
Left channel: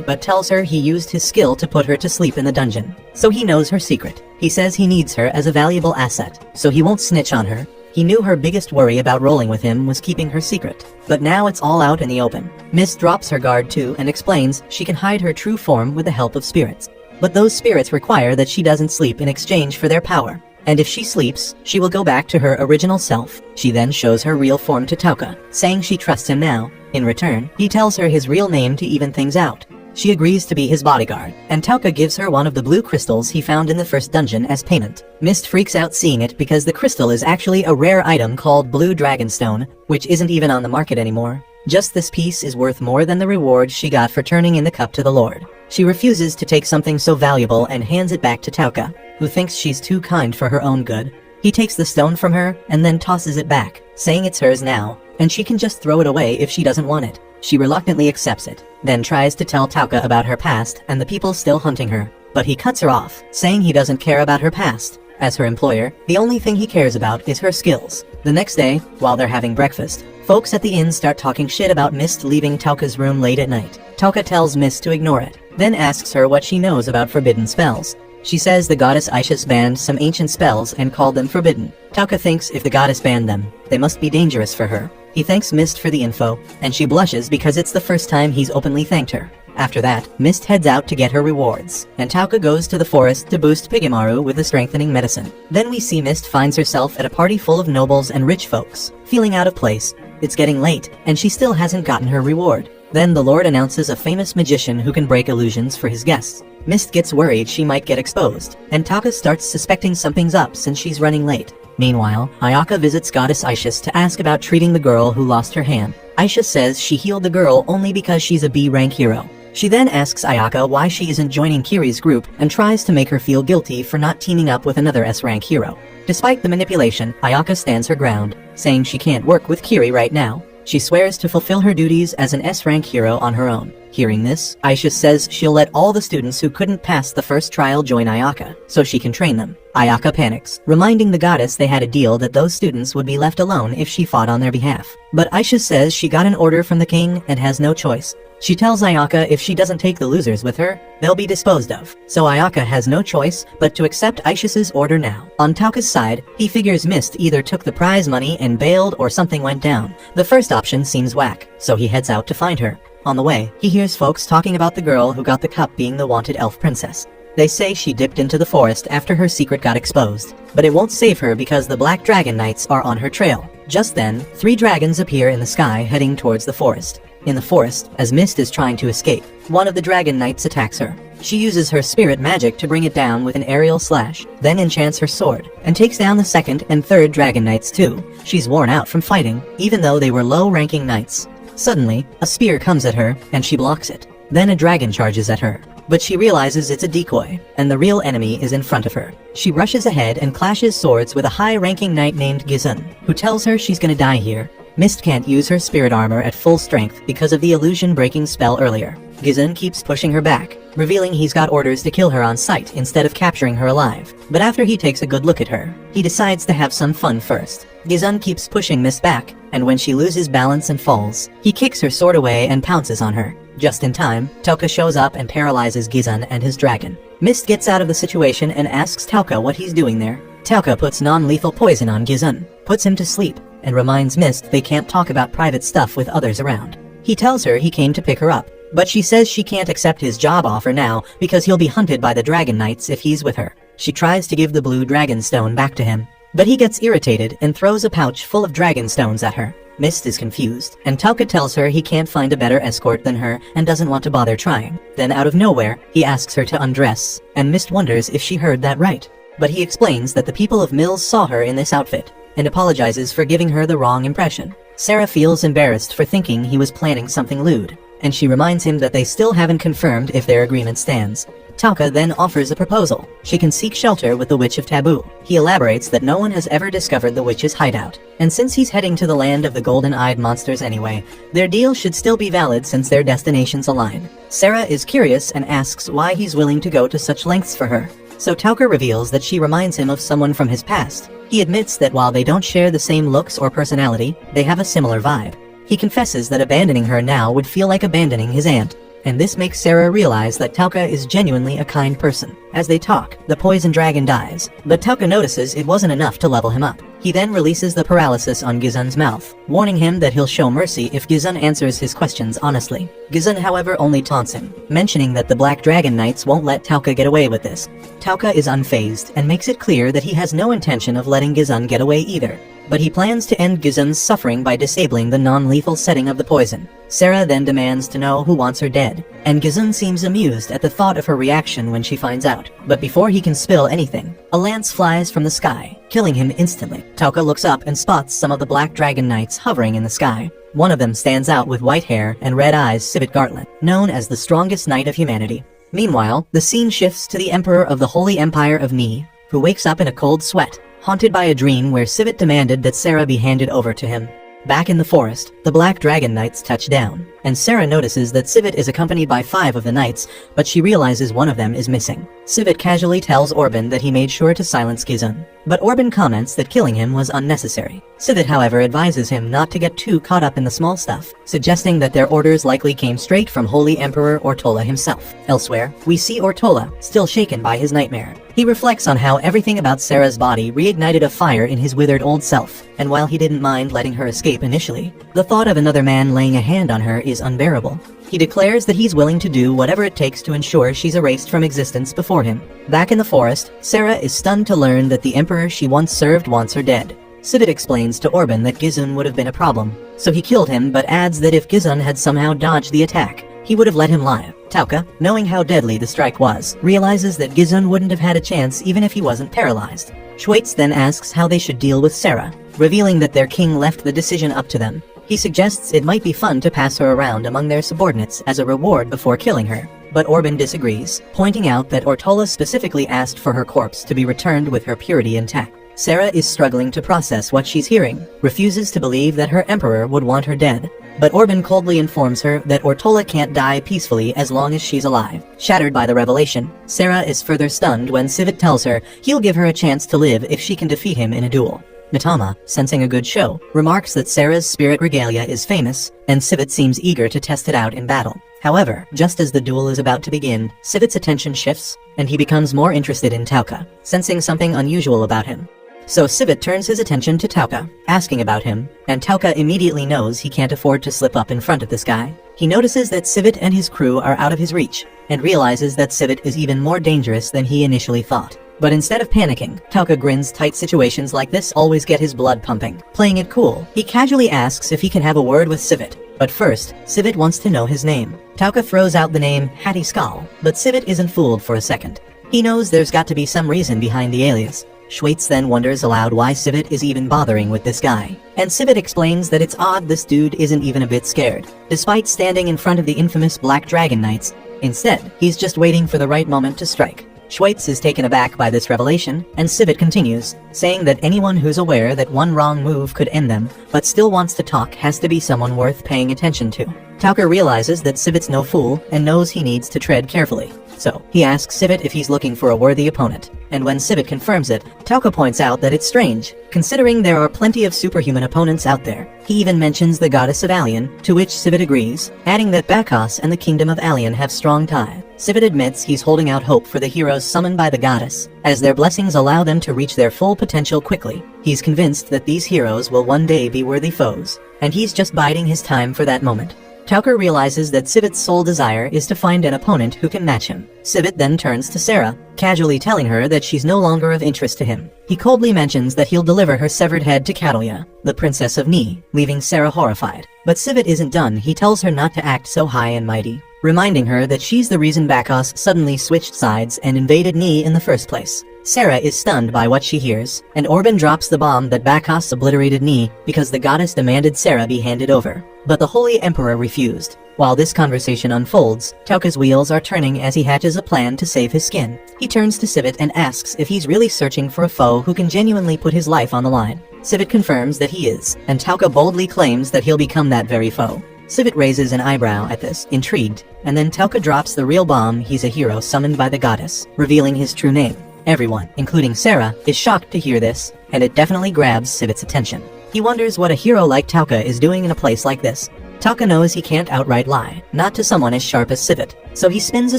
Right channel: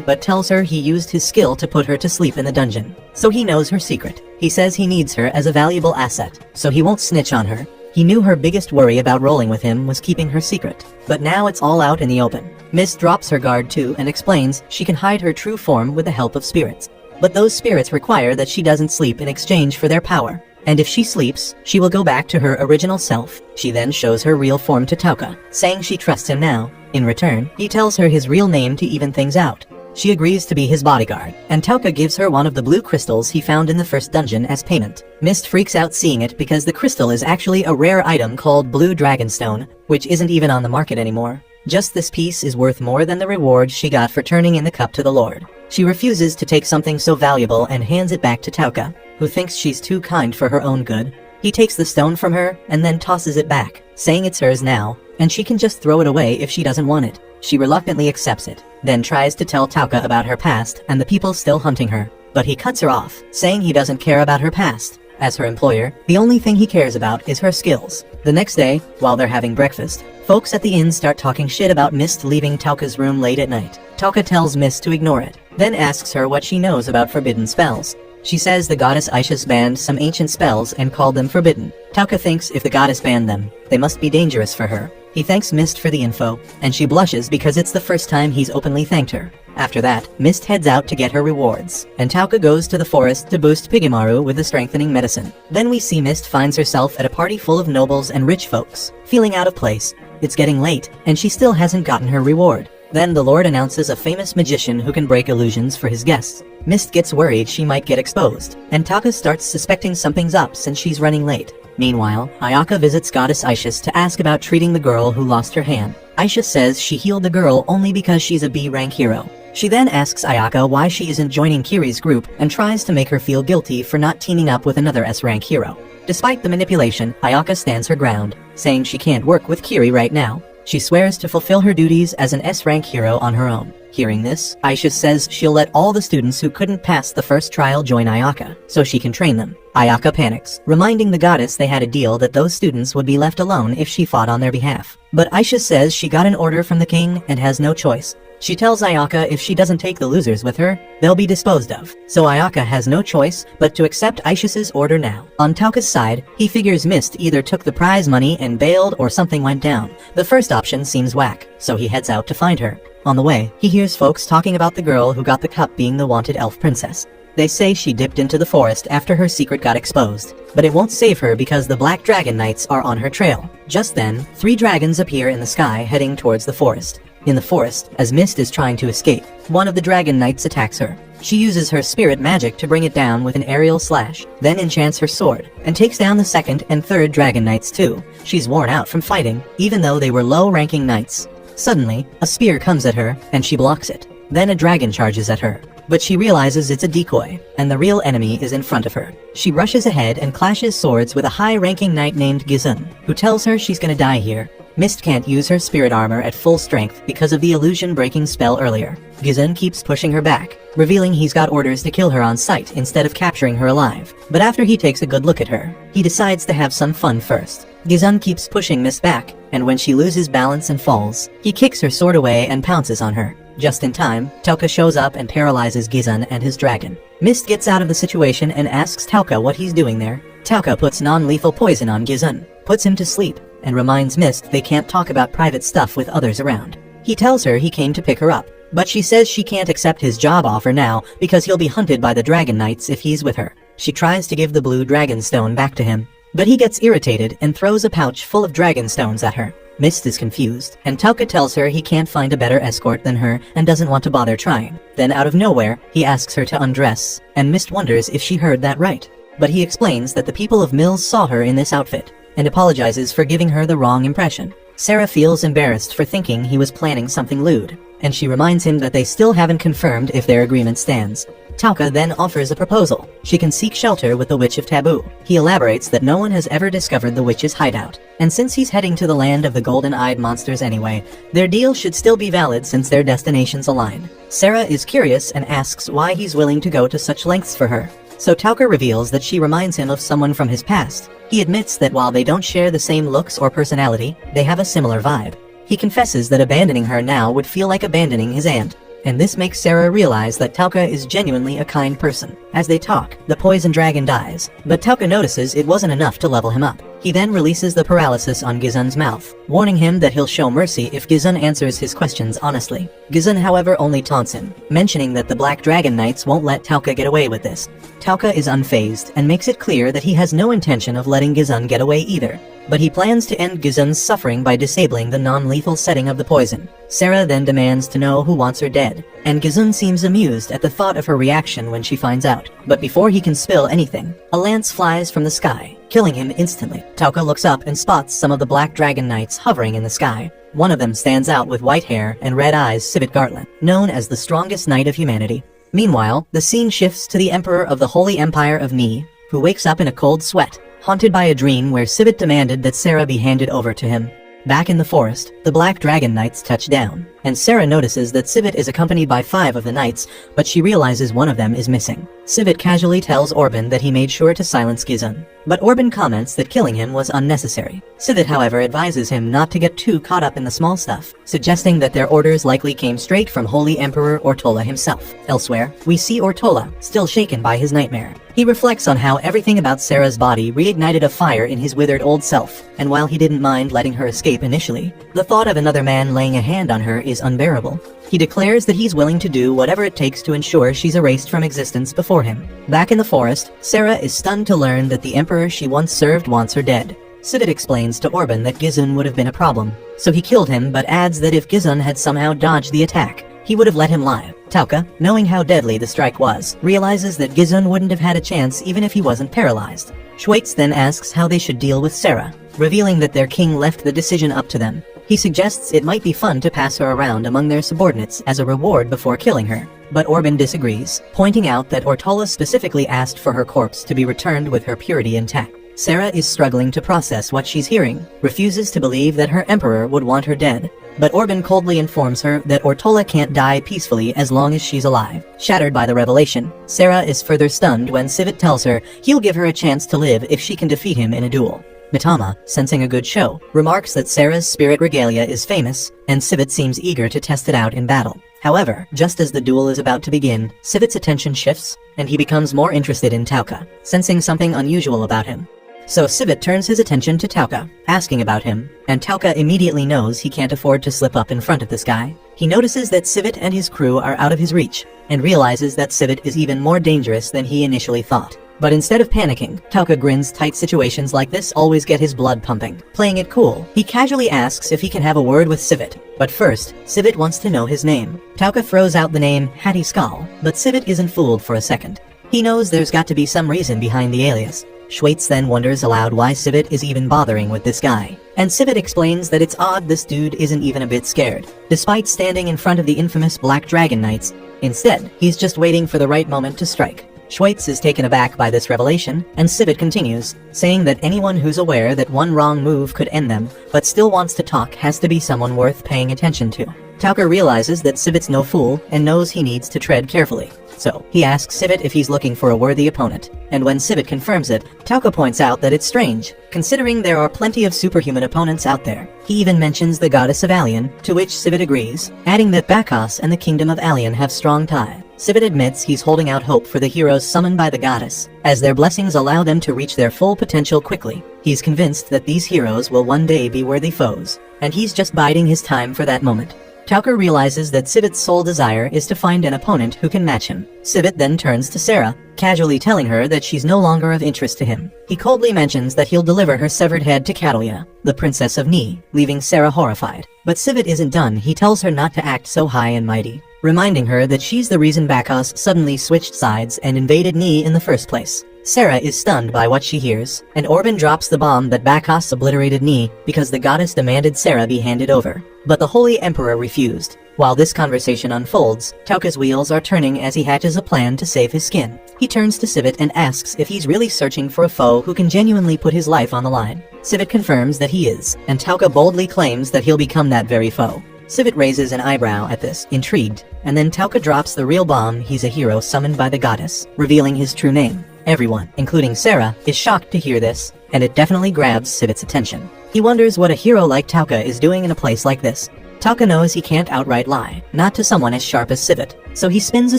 but tells her he used his skill to put her to sleep in the dungeon, so he knows her secret. He says he needs her as a valuable asset, so he won't snitch on her. He knew her biggest worry about rolling with him was keeping her secret, but now it's all out in the open. Mist drops her guard too and explains she can hide her true form with the help of spirits. But those spirits require that she doesn't sleep in exchange for their power. And if she sleeps, she will go back to her original self. She then shows her real form to Tauka, saying she trusts him now. In return, he tells her his real name to even things out. She agrees to be his bodyguard, and Tauka gives her one of the blue crystals he found in the first dungeon as payment. Mist freaks out seeing it because the crystal is actually a rare item called Blue Dragonstone, which isn't even on the market anymore. Just this piece is worth more than the reward she got for turning in the cup to the Lord. She refuses to take something so valuable and hands it back to Tauka, who thinks she's too kind for her own good. He takes the stone from her and then tosses it back, saying it's hers now, and she can just throw it away if she doesn't want it. She reluctantly accepts it, then tries to tell Tauka about her past and the people still hunting her, but he cuts her off, saying he doesn't care about her past. As her employer, the only thing he cares about is her skills. The next day, while they're having breakfast, folks at the inn start talking shit about Mist leaving Tauka's room late at night. Tauka tells Mist to ignore it, then asks her what she knows about forbidden spells. She says the goddess Ishis banned some ancient spells and called them forbidden. Tauka thinks if the goddess banned them, they must be dangerous for her. He thanks Mist for the info, and she blushes because it's the first time he's openly thanked her. After that, Mist heads out to get her rewards, and Tauka goes to the forest to boost Pigemaru with a strengthening medicine. Then we see Mist finds herself at a party full of nobles and rich folks, feeling out of place. It's getting late, and she still hasn't gotten her reward. Then the Lord announces a famous magician who can break illusions for his guests. Mist gets worried she might get exposed, and Tauka starts suspecting something's up since she's running late. Meanwhile, Ayaka visits Goddess Ishis to ask about treating the girl who lost her hand. Ishis says she healed the girl only because she's a B-rank hero. She then asks Ayaka why she isn't joining Kiri's group and tries to make her feel guilty for not teaming up with another S-rank hero. Despite the manipulation, Ayaka stands her ground, saying she can't work with Kiri right now. She swears to fulfill her duties as an S-rank hero on her own. Hearing this, Ishis says she'll let all the students who couldn't pass the first trial join Ayaka, so she can train them. Ayaka panics, reminding the goddess they had a deal that those students would be left alone if she fought on their behalf. But Ishis says she got an order from the king and has no choice. She tells Ayaka if she doesn't take the losers with her, they'll be disposed of. So Ayaka has no choice but to accept Ishis's order now. On Tauka's side, he figures Mist either took the prize money and bailed or something went down. The first option seems whack, so he heads out to find her. On the way, he hears folks talking about the girl who got the cup being the wanted elf princess. They say she dipped into the forest after her secret got exposed, but it won't save her because the Black Dragon Knights are on her trail. Just then, 3 dragons appear in the sky heading towards the forest. In the forest, as Mist is trying to escape, one of the Dragon Knights attacks her. She uses her spirit magic to bring it down with an aerial slash, then enchants her sword, and takes down the 2nd and 3rd Dragon Knights too. She's worn out from fighting, even though they were low-ranking knights. Suddenly, a spear comes at her, and she blocks it. Then a dragon charges at her, but she realizes it's a decoy, and the real enemy is in front of her. She rushes ahead and clashes swords with a high-ranking knight named Gizun, who tells her she's gonna die here. Mist can't use her spirit armor at full strength because of the illusion-breaking spell earlier. Gizun keeps pushing her back, revealing he's got orders to kill her on sight instead of capturing her alive. But after he takes a good look at her, he decides to have some fun first. Gizun keeps pushing Mist back, and when she loses balance and falls, he kicks her sword away and pounces on her. Just in time, Tauka shows up and paralyzes Gizun and his dragon. Mist gets out of the situation and asks Tauka what he's doing there. Tauka puts non-lethal poison on Gizun, puts him to sleep, and reminds Mist they can't talk about private stuff with others around. He tells her he came to pick her up, but she says she can't accept his job offer now because he'll be hunted by the Dragon Knights if he's with her. She tries to give the blue dragon stone back to him, but he gets irritated and throws a pouch full of dragon stones at her. Mist is confused, and Tauka tells her he can't find a better escort than her and doesn't want to bother trying. Then out of nowhere, he asks her to undress, and Mist wonders if she heard that right. But he explains that the people of Mills saw her in this outfit, and apologizes for giving her the wrong impression. Sarah feels embarrassed for thinking he was planning something lewd, and she reminds him that they still haven't confirmed if their agreement stands. Tauka then offers a proposal. She can seek shelter with the Witch of Taboo. He elaborates that no one has ever discovered the witch's hideout, and since he's heading to the land of the golden-eyed monsters anyway, their deal should still be valid since their destinations align. Sarah is curious and asks why he's willing to go to such lengths for her. So Tauka reveals that she reminds him of someone from his past. He admits that while they don't share the same looks or personality, they have a similar vibe. He confesses that abandoning her now would feel like abandoning his aunt, and this makes Sarah realize that Tauka is genuinely a kind person. As they talk, the poison dragon dies, but Tauka notices it wasn't enough to level him up. He then releases the paralysis on Gizun's mouth, warning him that he'll show mercy if Gizun answers his questions honestly. Gizun, however, only taunts him, mentioning that the Black Dragon Knights won't let Tauka get away with this. Tauka is unfazed and makes it clear that he has no intention of letting Gizun get away either, but he plans to end Gizun's suffering by disabling the non-lethal setting of the poison. Sarah then demands to know who wants her dead, and Gizun seems amused at the thought of her reaction when she finds out. But before he can spill anything, a lance flies from the sky, killing him instantly. Tauka looks up and spots some of the Black Dragon Knights hovering in the sky. One of them stands out with white hair and red eyes, Sivit Gartland, known as the strongest knight of humanity. Meanwhile, the scene shifts to the Emperor of the Holy Empire of Me, who wakes up in a cold sweat, haunted by a dream where Sivit demanded that Sarah be handed over to him. Back in the forest, the Black Dragon Knights touch down, and Sarah notices that Sivit is accompanied by 5 of the knights, but she realizes one of them is missing. Sivit casually tells Orban that he made sure to silence Gizun, but Orban comments that killing him was unnecessary. Sivit, however, advises him not to get too caught up in the small stuff, suggesting that their orders likely came straight from Holy Emperor Ortola himself. Elsewhere, we see Ortola, still shaken by his nightmare. He reflects on how everything about Sarah's body reignited a fire in his withered old self, and while he didn't mind letting her escape initially, the thought of another man laying a hand on her is unbearable. He declares that he's willing to do whatever it takes to ensure she's erased from existence before him. Back in the forest, Sarah is stunned to learn that the emperor she once served wants her dead. Sivit explains to Orban that Gizun would have been a problem, so he killed him, but adds that if Gizun had somehow dodged the attack, he would have let him live. Tauka, knowing how deadly the strike was, realizes that Gizun wouldn't have had a chance even if he wasn't paralyzed. Schweitz then asks how they should deal with Sarah, revealing that their king left the decision up to them. He suggests it might be fun to pass her around among their subordinates as a reward before killing her, but Orban disagrees, pointing out that Ortola specifically asked for her corpse to be returned with her purity intact. Sarah is struggling to process what she's hearing, refuses to believe that her emperor would want her dead, but Orban coldly informs her that Ortola can't die peacefully as long as she's alive. Shattered by the revelation, Sarah is further stunned when Sivit tells her he'll give her a chance to live if she can defeat him in a duel. Mitama, sensing a good show, remarks that Sarah's spirit regalia is famous, and Sivit seems eager to test it out in battle. However, just as the duel is about to begin, Sivit's attention shifts, and he becomes more interested in Tauka, sensing something unusual about him. So Sivit turns his attention to Tauka, asking about him, and Tauka immediately knows he can't afford to slip up in front of this guy. He notices that Sivit and his crew are out of his reach, and realizes that Sivit is even more dangerous than he initially thought. But instead of panicking, Tauka grins. Tight situations like this always get his blood pumping. Playing it cool, he casually asks if he can have a word with Sivit. But first, Sivit wants to know his name. Tauka throws out the name Hattie Skull, but Sivit isn't fooled for a second. He knows there's got to be some reason behind the alias. Schweitz then wonders aloud why Sivit is even bothering with this guy. And Sivit explains that it's odd this dude isn't even a bit scared, despite standing in front of the infamous Black Dragon Knights. Instead, he's just waiting for the right moment to strike. Schweitz is taken aback by this revelation, and Sivit continues, saying that anyone who's aware that one wrong move could end them, but still wants to talk has to be someone worth paying attention to. Tauka realizes that Sivit's no fool, and knows he needs to tread carefully. So, he asks Sivit if he's looking for a worthy opponent, and when Sivit confirms it, Tauka points out that it's strange, considering there are plenty of superhuman opponents out there. He even mentions the goddess of Alien, to which Sivit agrees, adding that Bacchus and the kingdom of Alien have strong ties. Sivit admits he's holding out hope for the heroes summoned by the goddess, as their blessings allow them to reach their full potential quickly. He's convinced that these heroes will one day be worthy foes, and he's just biding his time for that moment. Tauka realizes that Sivit's sole desire is to find an opponent who can match him. Sivit then turns to Sarah, casually telling her that she's no longer of interest to him. He coldly mentions that he'll deliver her severed head to Catalia, the Princess of Ni, leaving Sarah horrified. But Sivit isn't done. He tells her not to act so high and mighty, reminding her that she's the reason Bacchus suddenly switched sides and invaded Ni in the first place. Sarah is stunned by what she hears, and Orban drops the bomb that Bacchus obliterated Ni because the goddess demanded Sarah be handed over. But the Holy Emperor refused. While this conversation unfolds, Tauka's wheels are turning as he hatches a plan to save his skin. He turns to Sivit and asks if he's really searching for a foe who can genuinely put his life on the line. Sivit confirms that he is, and Tauka boldly claims that he'll become that very foe. Sivit raises an eyebrow at this, intrigued, and then Tauka drops the real bomb: he's a hero summoned by the goddess, revealing his true name. Everyone, including Sarah, is shocked to hear this, and it definitely grabs Sivit's attention. He wonders what a hero like Tauka is doing in a place like this. Tauka knows he can't outright lie, not to someone as sharp as Sivit, so he spins a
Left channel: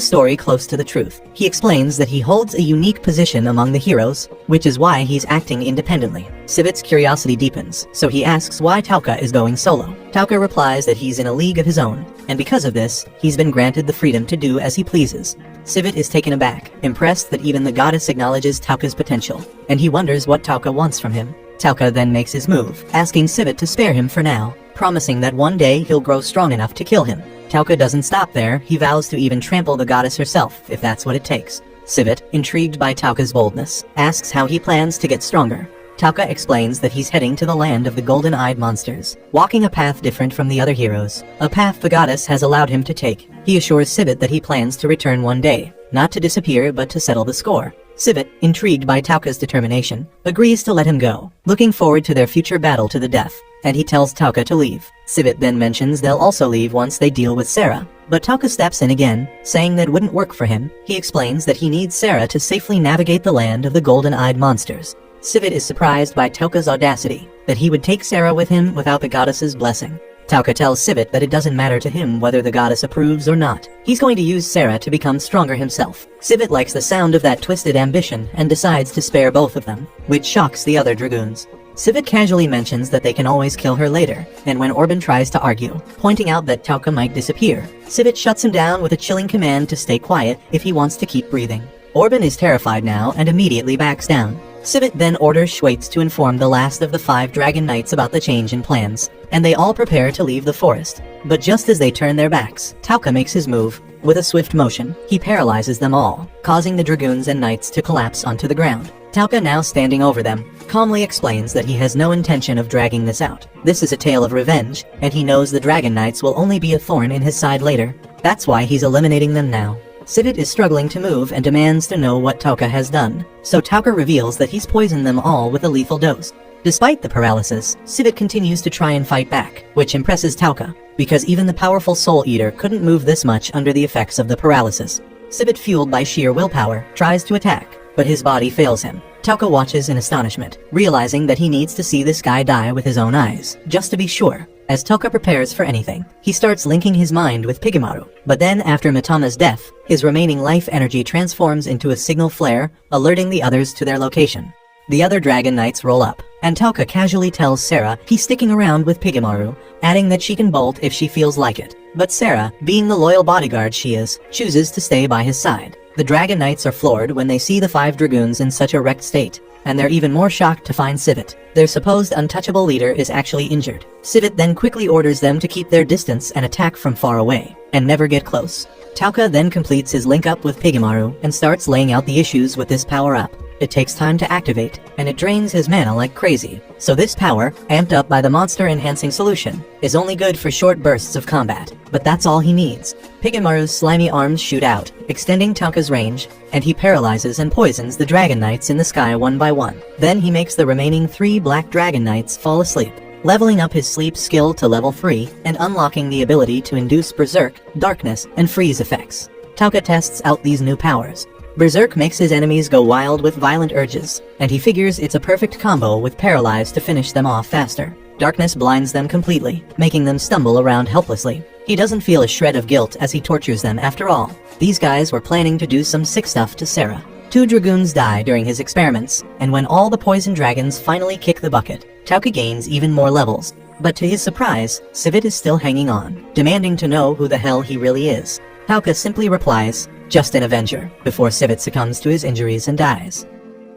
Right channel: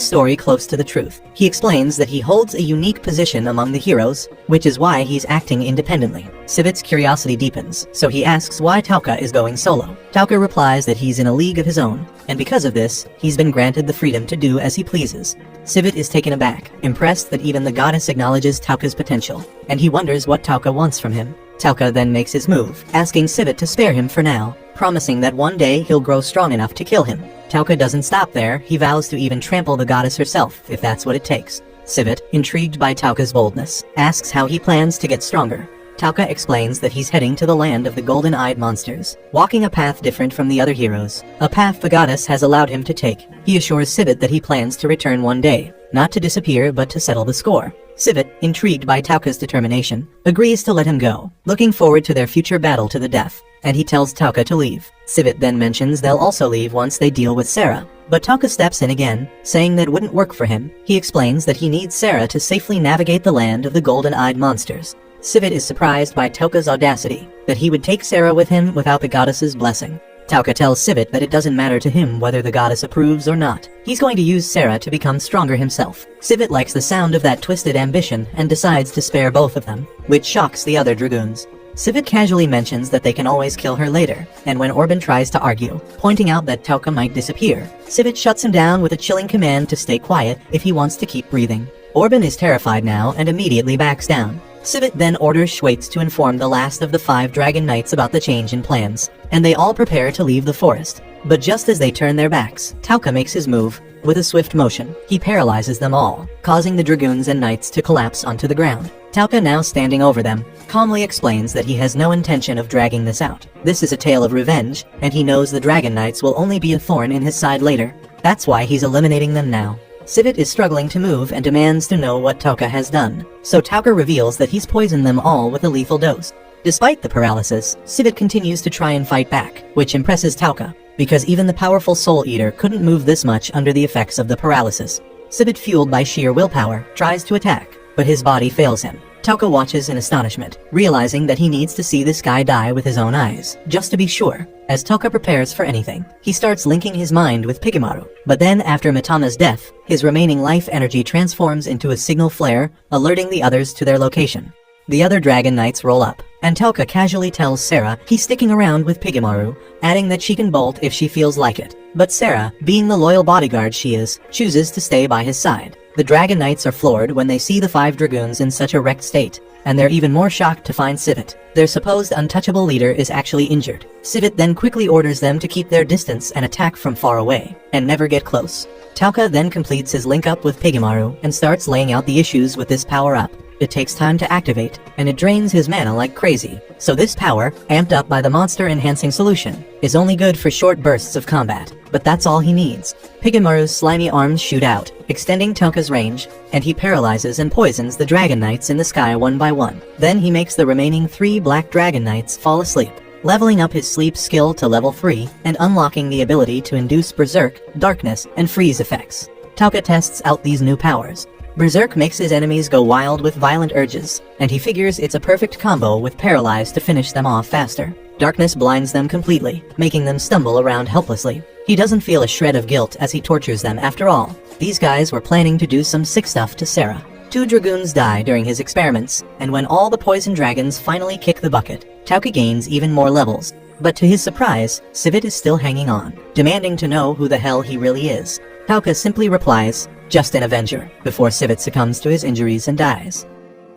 story close to the truth. He explains that he holds a unique position among the heroes, which is why he's acting independently. Sivit's curiosity deepens, so he asks why Tauka is going solo. Tauka replies that he's in a league of his own, and because of this, he's been granted the freedom to do as he pleases. Sivit is taken aback, impressed that even the goddess acknowledges Tauka's potential, and he wonders what Tauka wants from him. Tauka then makes his move, asking Sivit to spare him for now, promising that one day he'll grow strong enough to kill him. Tauka doesn't stop there. He vows to even trample the goddess herself, if that's what it takes. Sivit, intrigued by Tauka's boldness, asks how he plans to get stronger. Tauka explains that he's heading to the land of the golden-eyed monsters, walking a path different from the other heroes, a path the goddess has allowed him to take. He assures Sivit that he plans to return one day, not to disappear but to settle the score. Sivit, intrigued by Tauka's determination, agrees to let him go, looking forward to their future battle to the death, and he tells Tauka to leave. Sivit then mentions they'll also leave once they deal with Sarah, but Tauka steps in again, saying that wouldn't work for him. He explains that he needs Sarah to safely navigate the land of the golden-eyed monsters. Sivit is surprised by Tauka's audacity, that he would take Sarah with him without the goddess's blessing. Tauka tells Sivit that it doesn't matter to him whether the goddess approves or not. He's going to use Sarah to become stronger himself. Sivit likes the sound of that twisted ambition and decides to spare both of them, which shocks the other dragoons. Sivit casually mentions that they can always kill her later, and when Orban tries to argue, pointing out that Tauka might disappear, Sivit shuts him down with a chilling command to stay quiet if he wants to keep breathing. Orban is terrified now and immediately backs down. Sivit then orders Schweitz to inform the last of the 5 Dragon Knights about the change in plans, and they all prepare to leave the forest. But just as they turn their backs, Tauka makes his move. With a swift motion, he paralyzes them all, causing the dragoons and knights to collapse onto the ground. Tauka, now standing over them, calmly explains that he has no intention of dragging this out. This is a tale of revenge, and he knows the Dragon Knights will only be a thorn in his side later. That's why he's eliminating them now. Sivit is struggling to move and demands to know what Tauka has done, so Tauka reveals that he's poisoned them all with a lethal dose. Despite the paralysis, Sivit continues to try and fight back, which impresses Tauka, because even the powerful Soul Eater couldn't move this much under the effects of the paralysis. Sivit, fueled by sheer willpower, tries to attack, but his body fails him. Tauka watches in astonishment, realizing that he needs to see this guy die with his own eyes, just to be sure. As Tauka prepares for anything, he starts linking his mind with Pigemaru, but then after Mitama's death, his remaining life energy transforms into a signal flare, alerting the others to their location. The other Dragon Knights roll up, and Tauka casually tells Sarah he's sticking around with Pigemaru, adding that she can bolt if she feels like it. But Sarah, being the loyal bodyguard she is, chooses to stay by his side. The Dragon Knights are floored when they see the 5 dragoons in such a wrecked state, and they're even more shocked to find Sivit. Their supposed untouchable leader is actually injured. Sivit then quickly orders them to keep their distance and attack from far away, and never get close. Tauka then completes his link-up with Pigemaru and starts laying out the issues with this power-up. It takes time to activate, and it drains his mana like crazy. So this power, amped up by the monster-enhancing solution, is only good for short bursts of combat, but that's all he needs. Pigemaru's slimy arms shoot out, extending Tauka's range, and he paralyzes and poisons the Dragon Knights in the sky one by one. Then he makes the remaining 3 Black Dragon Knights fall asleep, leveling up his sleep skill to level 3 and unlocking the ability to induce Berserk, Darkness, and Freeze effects. Tauka tests out these new powers. Berserk makes his enemies go wild with violent urges, and he figures it's a perfect combo with Paralyze to finish them off faster. Darkness blinds them completely, making them stumble around helplessly. He doesn't feel a shred of guilt as he tortures them after all. These guys were planning to do some sick stuff to Sarah. 2 dragoons die during his experiments, and when all the poison dragons finally kick the bucket, Tauka gains even more levels. But to his surprise, Sivit is still hanging on, demanding to know who the hell he really is. Tauka simply replies, "Just an Avenger," before Sivit succumbs to his injuries and dies.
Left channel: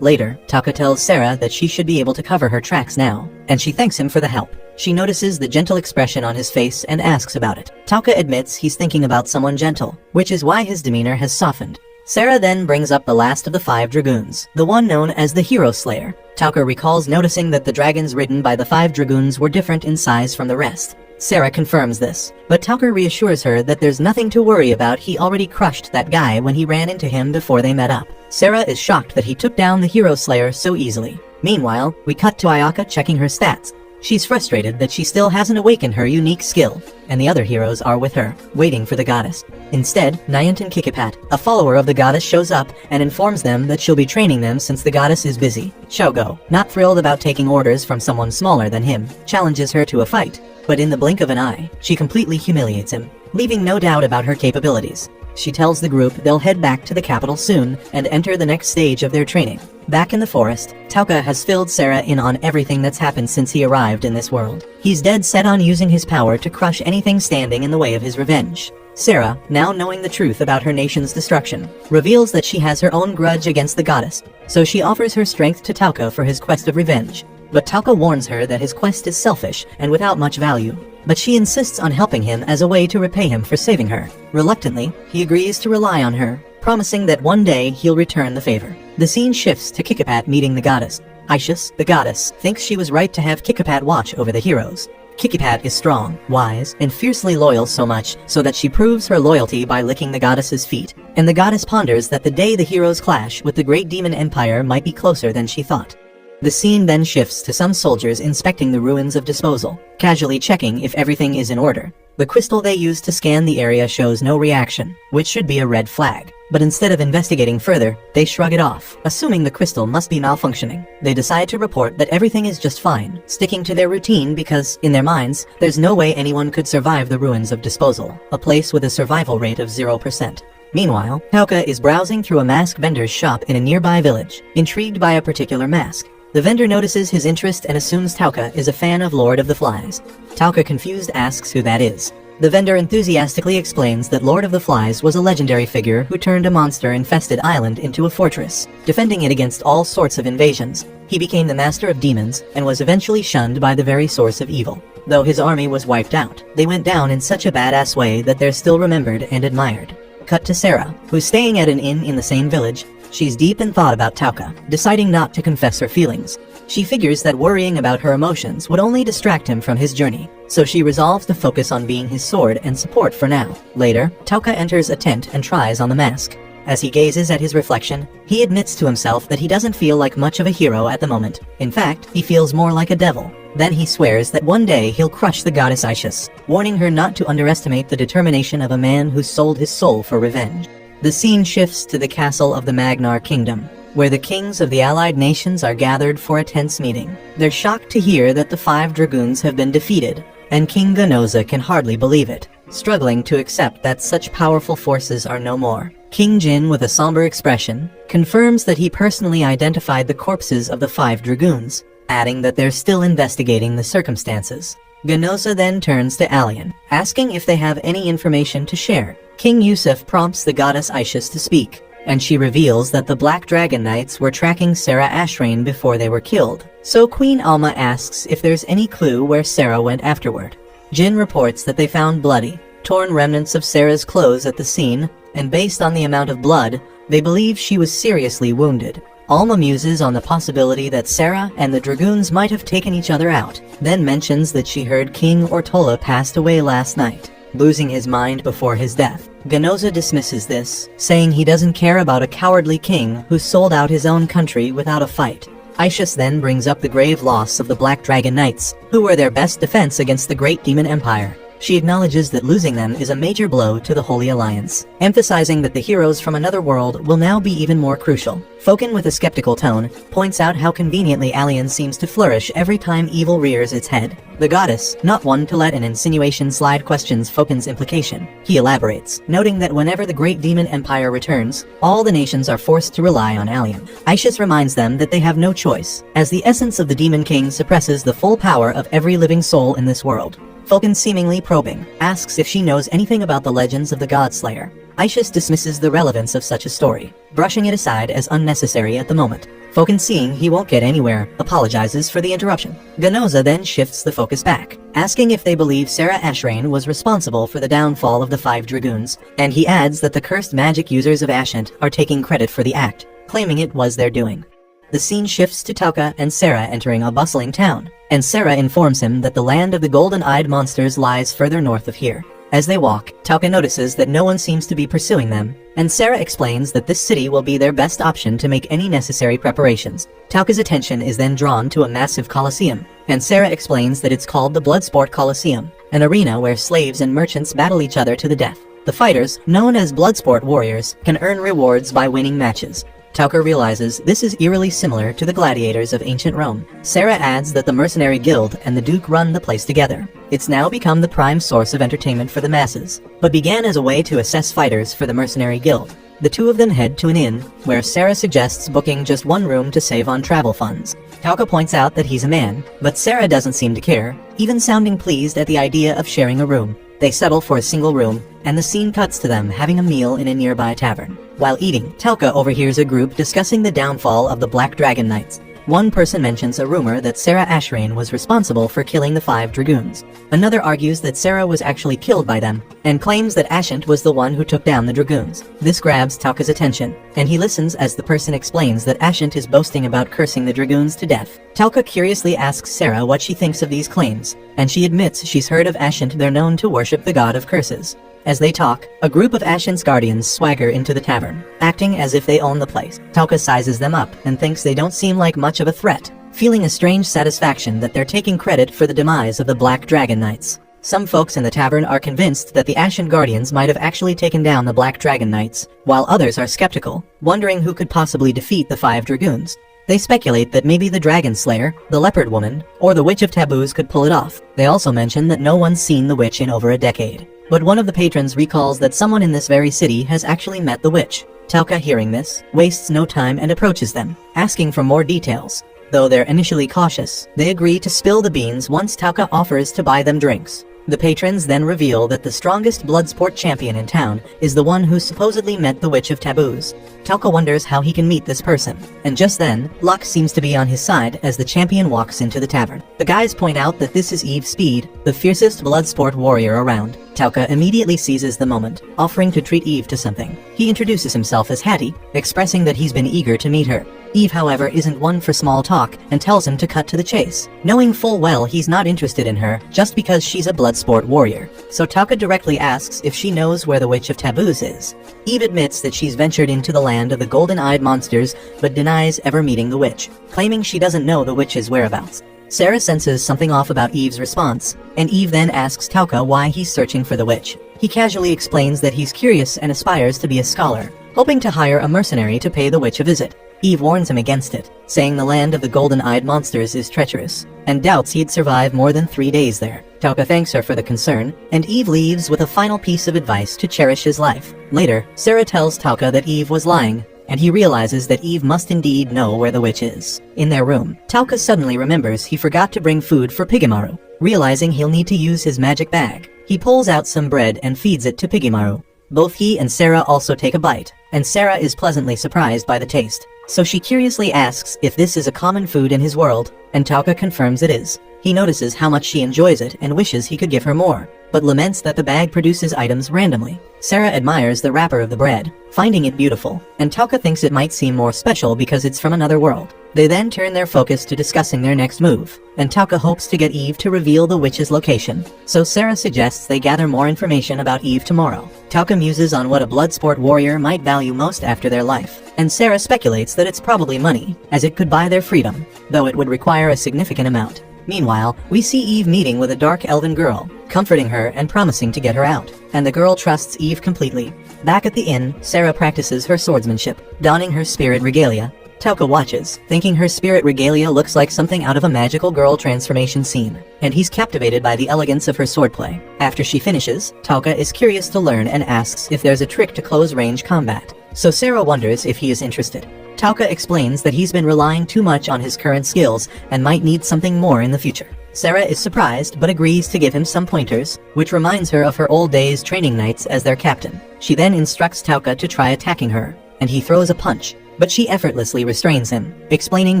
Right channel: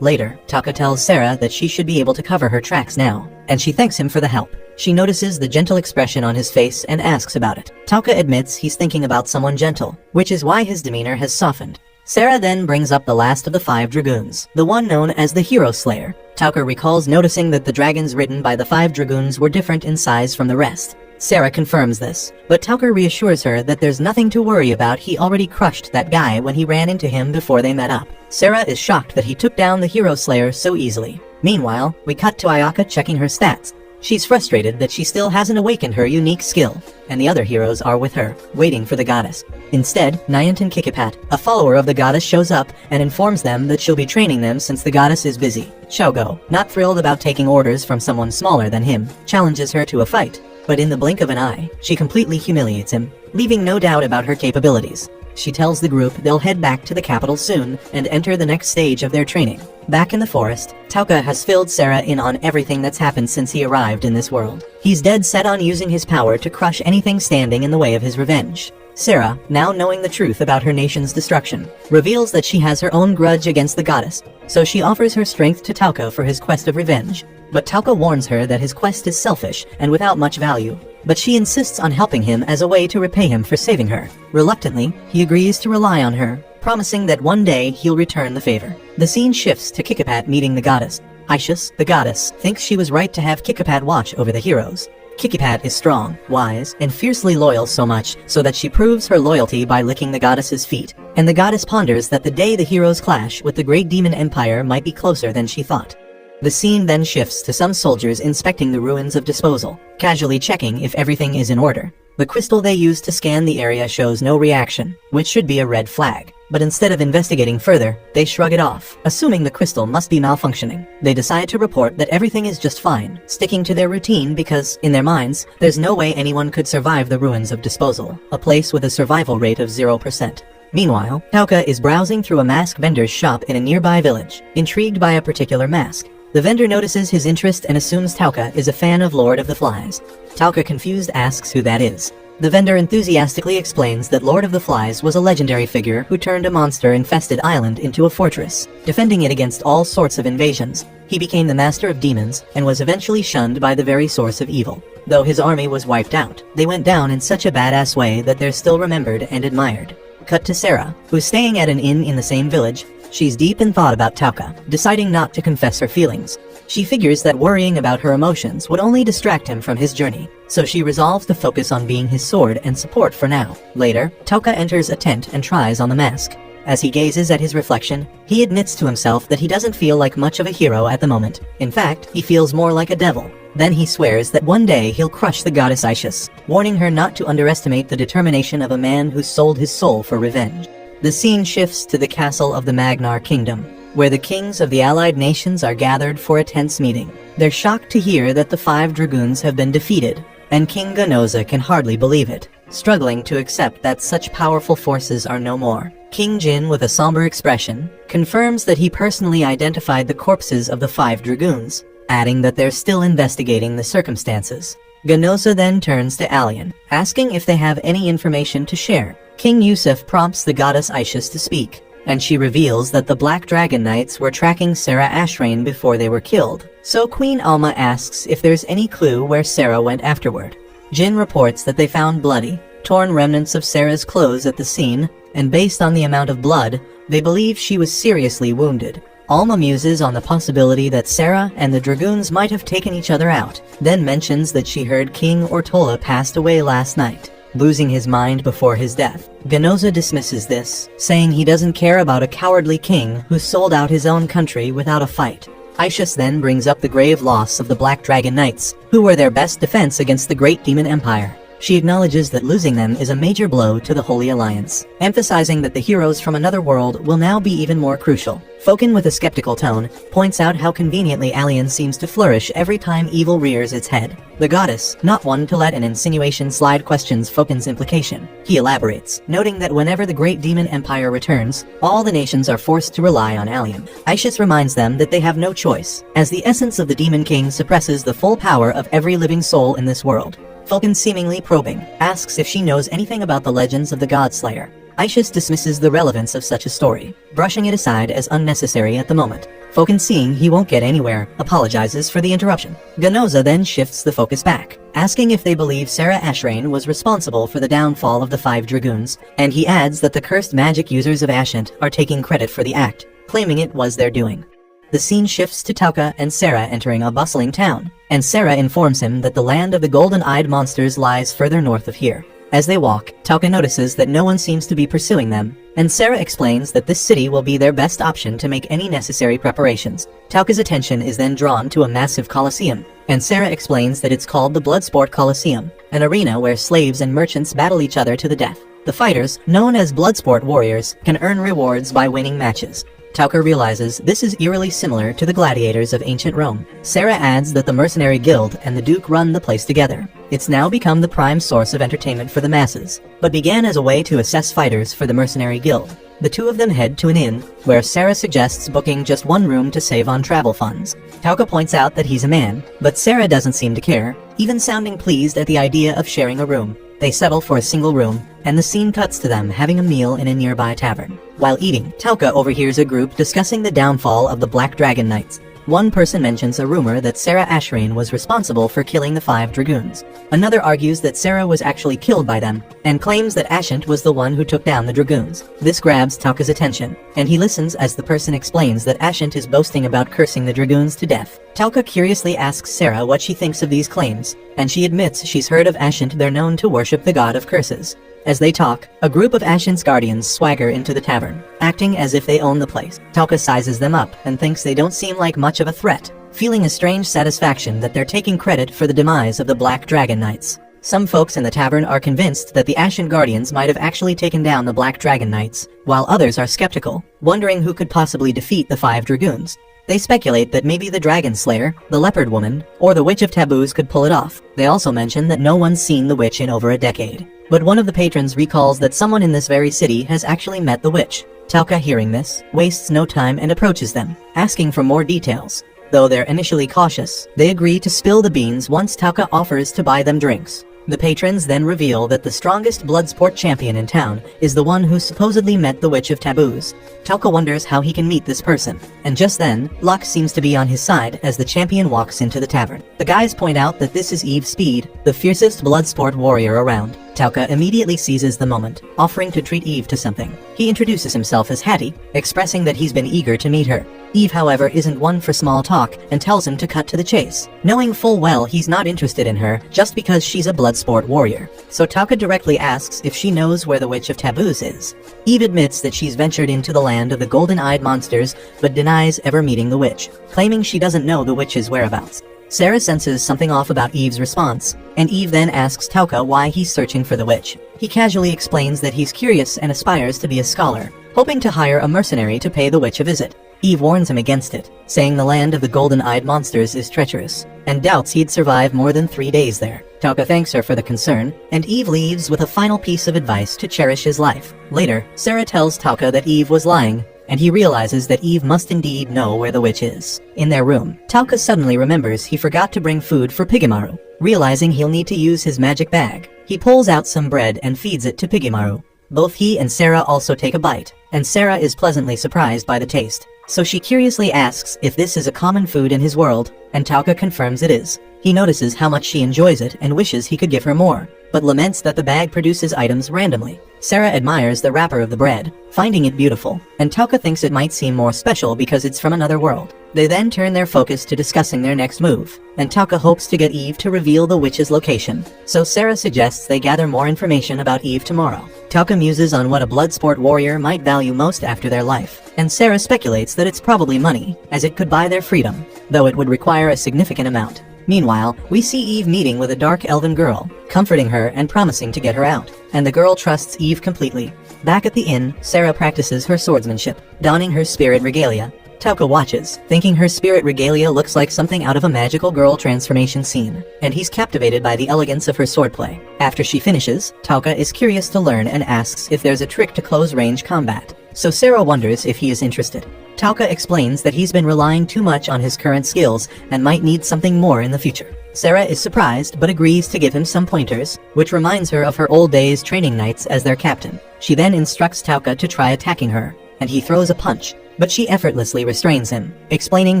Later, Tauka tells Sarah that she should be able to cover her tracks now, and she thanks him for the help. She notices the gentle expression on his face and asks about it. Tauka admits he's thinking about someone gentle, which is why his demeanor has softened. Sarah then brings up the last of the 5 dragoons, the one known as the Hero Slayer. Tauka recalls noticing that the dragons ridden by the 5 dragoons were different in size from the rest. Sarah confirms this, but Tauka reassures her that there's nothing to worry about. He already crushed that guy when he ran into him before they met up. Sarah is shocked that he took down the Hero Slayer so easily. Meanwhile, we cut to Ayaka checking her stats. She's frustrated that she still hasn't awakened her unique skill, and the other heroes are with her, waiting for the goddess. Instead, Nyantan Kikipat, a follower of the goddess, shows up and informs them that she'll be training them since the goddess is busy. Shogo, not thrilled about taking orders from someone smaller than him, challenges her to a fight, but in the blink of an eye, she completely humiliates him, leaving no doubt about her capabilities. She tells the group they'll head back to the capital soon and enter the next stage of their training. Back in the forest, Tauka has filled Sarah in on everything that's happened since he arrived in this world. He's dead set on using his power to crush anything standing in the way of his revenge. Sarah, now knowing the truth about her nation's destruction, reveals that she has her own grudge against the goddess, so she offers her strength to Tauka for his quest of revenge. But Tauka warns her that his quest is selfish and without much value. But she insists on helping him as a way to repay him for saving her. Reluctantly, he agrees to rely on her, promising that one day he'll return the favor. The scene shifts to Kikipat meeting the goddess. Ishus, the goddess, thinks she was right to have Kikipat watch over the heroes. Kikipat is strong, wise, and fiercely loyal, so much so that she proves her loyalty by licking the goddess's feet. And the goddess ponders that the day the heroes clash with the great demon empire might be closer than she thought. The scene then shifts to some soldiers inspecting the ruins of disposal, casually checking if everything is in order. The crystal they use to scan the area shows no reaction, which should be a red flag. But instead of investigating further, they shrug it off, assuming the crystal must be malfunctioning. They decide to report that everything is just fine, sticking to their routine because, in their minds, there's no way anyone could survive the ruins of disposal, a place with a survival rate of 0%. Meanwhile, Tauka is browsing through a mask vendor's shop in a nearby village, intrigued by a particular mask. The vendor notices his interest and assumes Tauka is a fan of Lord of the Flies. Tauka, confused, asks who that is. The vendor enthusiastically explains that Lord of the Flies was a legendary figure who turned a monster-infested island into a fortress, defending it against all sorts of invasions. He became the master of demons and was eventually shunned by the very source of evil. Though his army was wiped out, they went down in such a badass way that they're still remembered and admired. Cut to Sarah, who's staying at an inn in the same village. She's deep in thought about Tauka, deciding not to confess her feelings. She figures that worrying about her emotions would only distract him from his journey, so she resolves to focus on being his sword and support for now. Later, Tauka enters a tent and tries on the mask. As he gazes at his reflection, he admits to himself that he doesn't feel like much of a hero at the moment. In fact, he feels more like a devil. Then he swears that one day he'll crush the goddess Ishus, warning her not to underestimate the determination of a man who sold his soul for revenge. The scene shifts to the castle of the Magnar Kingdom, where the kings of the allied nations are gathered for a tense meeting. They're shocked to hear that the 5 dragoons have been defeated, and King Ganoza can hardly believe it, struggling to accept that such powerful forces are no more. King Jin, with a somber expression, confirms that he personally identified the corpses of the 5 dragoons, adding that they're still investigating the circumstances. Ganoza then turns to Alien, asking if they have any information to share. King Yusuf prompts the goddess Ishus to speak, and she reveals that the Black Dragon Knights were tracking Sarah Ashrain before they were killed. So Queen Alma asks if there's any clue where Sarah went afterward. Jin reports that they found bloody, torn remnants of Sarah's clothes at the scene, and based on the amount of blood, they believe she was seriously wounded. Alma muses on the possibility that Sarah and the dragoons might have taken each other out, then mentions that she heard King Ortola passed away last night, losing his mind before his death. Ganoza dismisses this, saying he doesn't care about a cowardly king who sold out his own country without a fight. Ishus then brings up the grave loss of the Black Dragon Knights, who were their best defense against the Great Demon Empire. She acknowledges that losing them is a major blow to the Holy Alliance, emphasizing that the heroes from another world will now be even more crucial. Foken, with a skeptical tone, points out how conveniently Alien seems to flourish every time evil rears its head. The goddess, not one to let an insinuation slide, questions Foken's implication. He elaborates, noting that whenever the Great Demon Empire returns, all the nations are forced to rely on Alien. Aishus reminds them that they have no choice, as the essence of the Demon King suppresses the full power of every living soul in this world. Foken, seemingly probing, asks if she knows anything about the legends of the Godslayer. Aishus dismisses the relevance of such a story, brushing it aside as unnecessary at the moment. Foken, seeing he won't get anywhere, apologizes for the interruption. Ganoza then shifts the focus back, asking if they believe Sarah Ashrain was responsible for the downfall of the 5 Dragoons, and he adds that the cursed magic users of Ashant are taking credit for the act, claiming it was their doing. The scene shifts to Tauka and Sarah entering a bustling town, and Sarah informs him that the land of the golden-eyed monsters lies further north of here. As they walk, Tauka notices that no one seems to be pursuing them, and Sarah explains that this city will be their best option to make any necessary preparations. Tauka's attention is then drawn to a massive coliseum, and Sarah explains that it's called the Bloodsport Coliseum, an arena where slaves and merchants battle each other to the death. The fighters, known as Bloodsport warriors, can earn rewards by winning matches. Tauka realizes this is eerily similar to the gladiators of ancient Rome. Sarah adds that the Mercenary Guild and the Duke run the place together. It's now become the prime source of entertainment for the masses, but began as a way to assess fighters for the Mercenary Guild. The two of them head to an inn, where Sarah suggests booking just one room to save on travel funds. Tauka points out that he's a man, but Sarah doesn't seem to care, even sounding pleased at the idea of sharing a room. They settle for a single room, and the scene cuts to them having a meal in a nearby tavern. While eating, Tauka overhears a group discussing the downfall of the Black Dragon Knights. One person mentions a rumor that Sarah Ashrain was responsible for killing the 5 Dragoons. Another argues that Sarah was actually killed by them, and claims that Ashant was the one who took down the Dragoons. This grabs Tauka's attention, and he listens as the person explains that Ashant is boasting about cursing the Dragoons to death. Tauka curiously asks Sarah what she thinks of these claims, and she admits she's heard of Ashant. They're known to worship the god of curses. As they talk, a group of Ashant's guardians swagger into the tavern, acting as if they own the place. Tauka sizes them up and thinks they don't seem like much of a threat, feeling a strange satisfaction that they're taking credit for the demise of the Black Dragon Knights. Some folks in the tavern are convinced that the Ashen Guardians might have actually taken down the Black Dragon Knights, while others are skeptical, wondering who could possibly defeat the 5 Dragoons. They speculate that maybe the Dragon Slayer, the Leopard Woman, or the Witch of Taboos could pull it off. They also mention that no one's seen the witch in over a decade. But one of the patrons recalls that someone in this very city has actually met the witch. Tauka, hearing this, wastes no time and approaches them, asking for more details. Though they're initially cautious, they agree to spill the beans once Tauka offers to buy them drinks. The patrons then reveal that the strongest Bloodsport champion in town is the one who supposedly met the Witch of Taboos. Tauka wonders how he can meet this person, and just then, luck seems to be on his side as the champion walks into the tavern. The guys point out that this is Eve Speed, the fiercest Bloodsport warrior around. Tauka immediately seizes the moment, offering to treat Eve to something. He introduces himself as Hattie, expressing that he's been eager to meet her. Eve, however, isn't one for small talk and tells him to cut to the chase, knowing full well he's not interested in her just because she's a Bloodsport warrior. So Tauka directly asks if she knows where the Witch of Taboos is. Eve admits that she's ventured into the land of the golden-eyed monsters, but denies ever meeting the witch, claiming she doesn't know the witch's whereabouts. Sarah senses something off about Eve's response, and Eve then asks Tauka why he's searching for the witch. He casually explains that he's curious and aspires to be a scholar, hoping to hire a mercenary to pay the witch a visit. Eve warns him against it, saying the land of the golden-eyed monsters is treacherous, and doubts he'd survive more than 3 days there. Tauka thanks her for the concern, and Eve leaves with a final piece of advice to cherish his life. Later, Sarah tells Tauka that Eve was lying, and he realizes that Eve must indeed know where the witch is. In their room, Tauka suddenly remembers he forgot to bring food for Pigemaru. Realizing he'll need to use his magic bag, he pulls out some bread and feeds it to Pigemaru. Both he and Sarah also take a bite, and Sarah is pleasantly surprised by the taste. So she curiously asks if this is a common food in his world, and Tauka confirms it is. He notices how much she enjoys it and wishes he could give her more, but laments that the bag produces items randomly. Sarah admires the wrapper of the bread, finding it beautiful, and Tauka thinks it might seem more special because it's from another world. They then turn their focus to discussing their next move, and Tauka hopes to get Eve to reveal the witch's location. So Sarah suggests they gather more information about Eve tomorrow. Tauka muses on what a Bloodsport warrior might value most after their life, and Sarah speculates that it's probably money, as it could buy their freedom, though it would require a significant amount. Meanwhile, we see Eve meeting with a dark elven girl, comforting her and promising to get her out. And the girl trusts Eve completely. Back at the inn, Sarah practices her swordsmanship, donning her spirit regalia. Tauka watches, thinking her spirit regalia looks like something out of a magical girl transformation scene, and he's captivated by the elegance of her swordplay. After she finishes, Tauka is curious to learn and asks if there's a trick to close-range combat. So Sarah wonders if he is interested. Tauka explains that he's been relying too much on his current skills and might need something more in the future. Sarah is surprised but agrees to give him some pointers, which reminds her of her old days training nights as their captain. She then instructs Tauka to try attacking her, and he throws a punch, but she effortlessly restrains him, explaining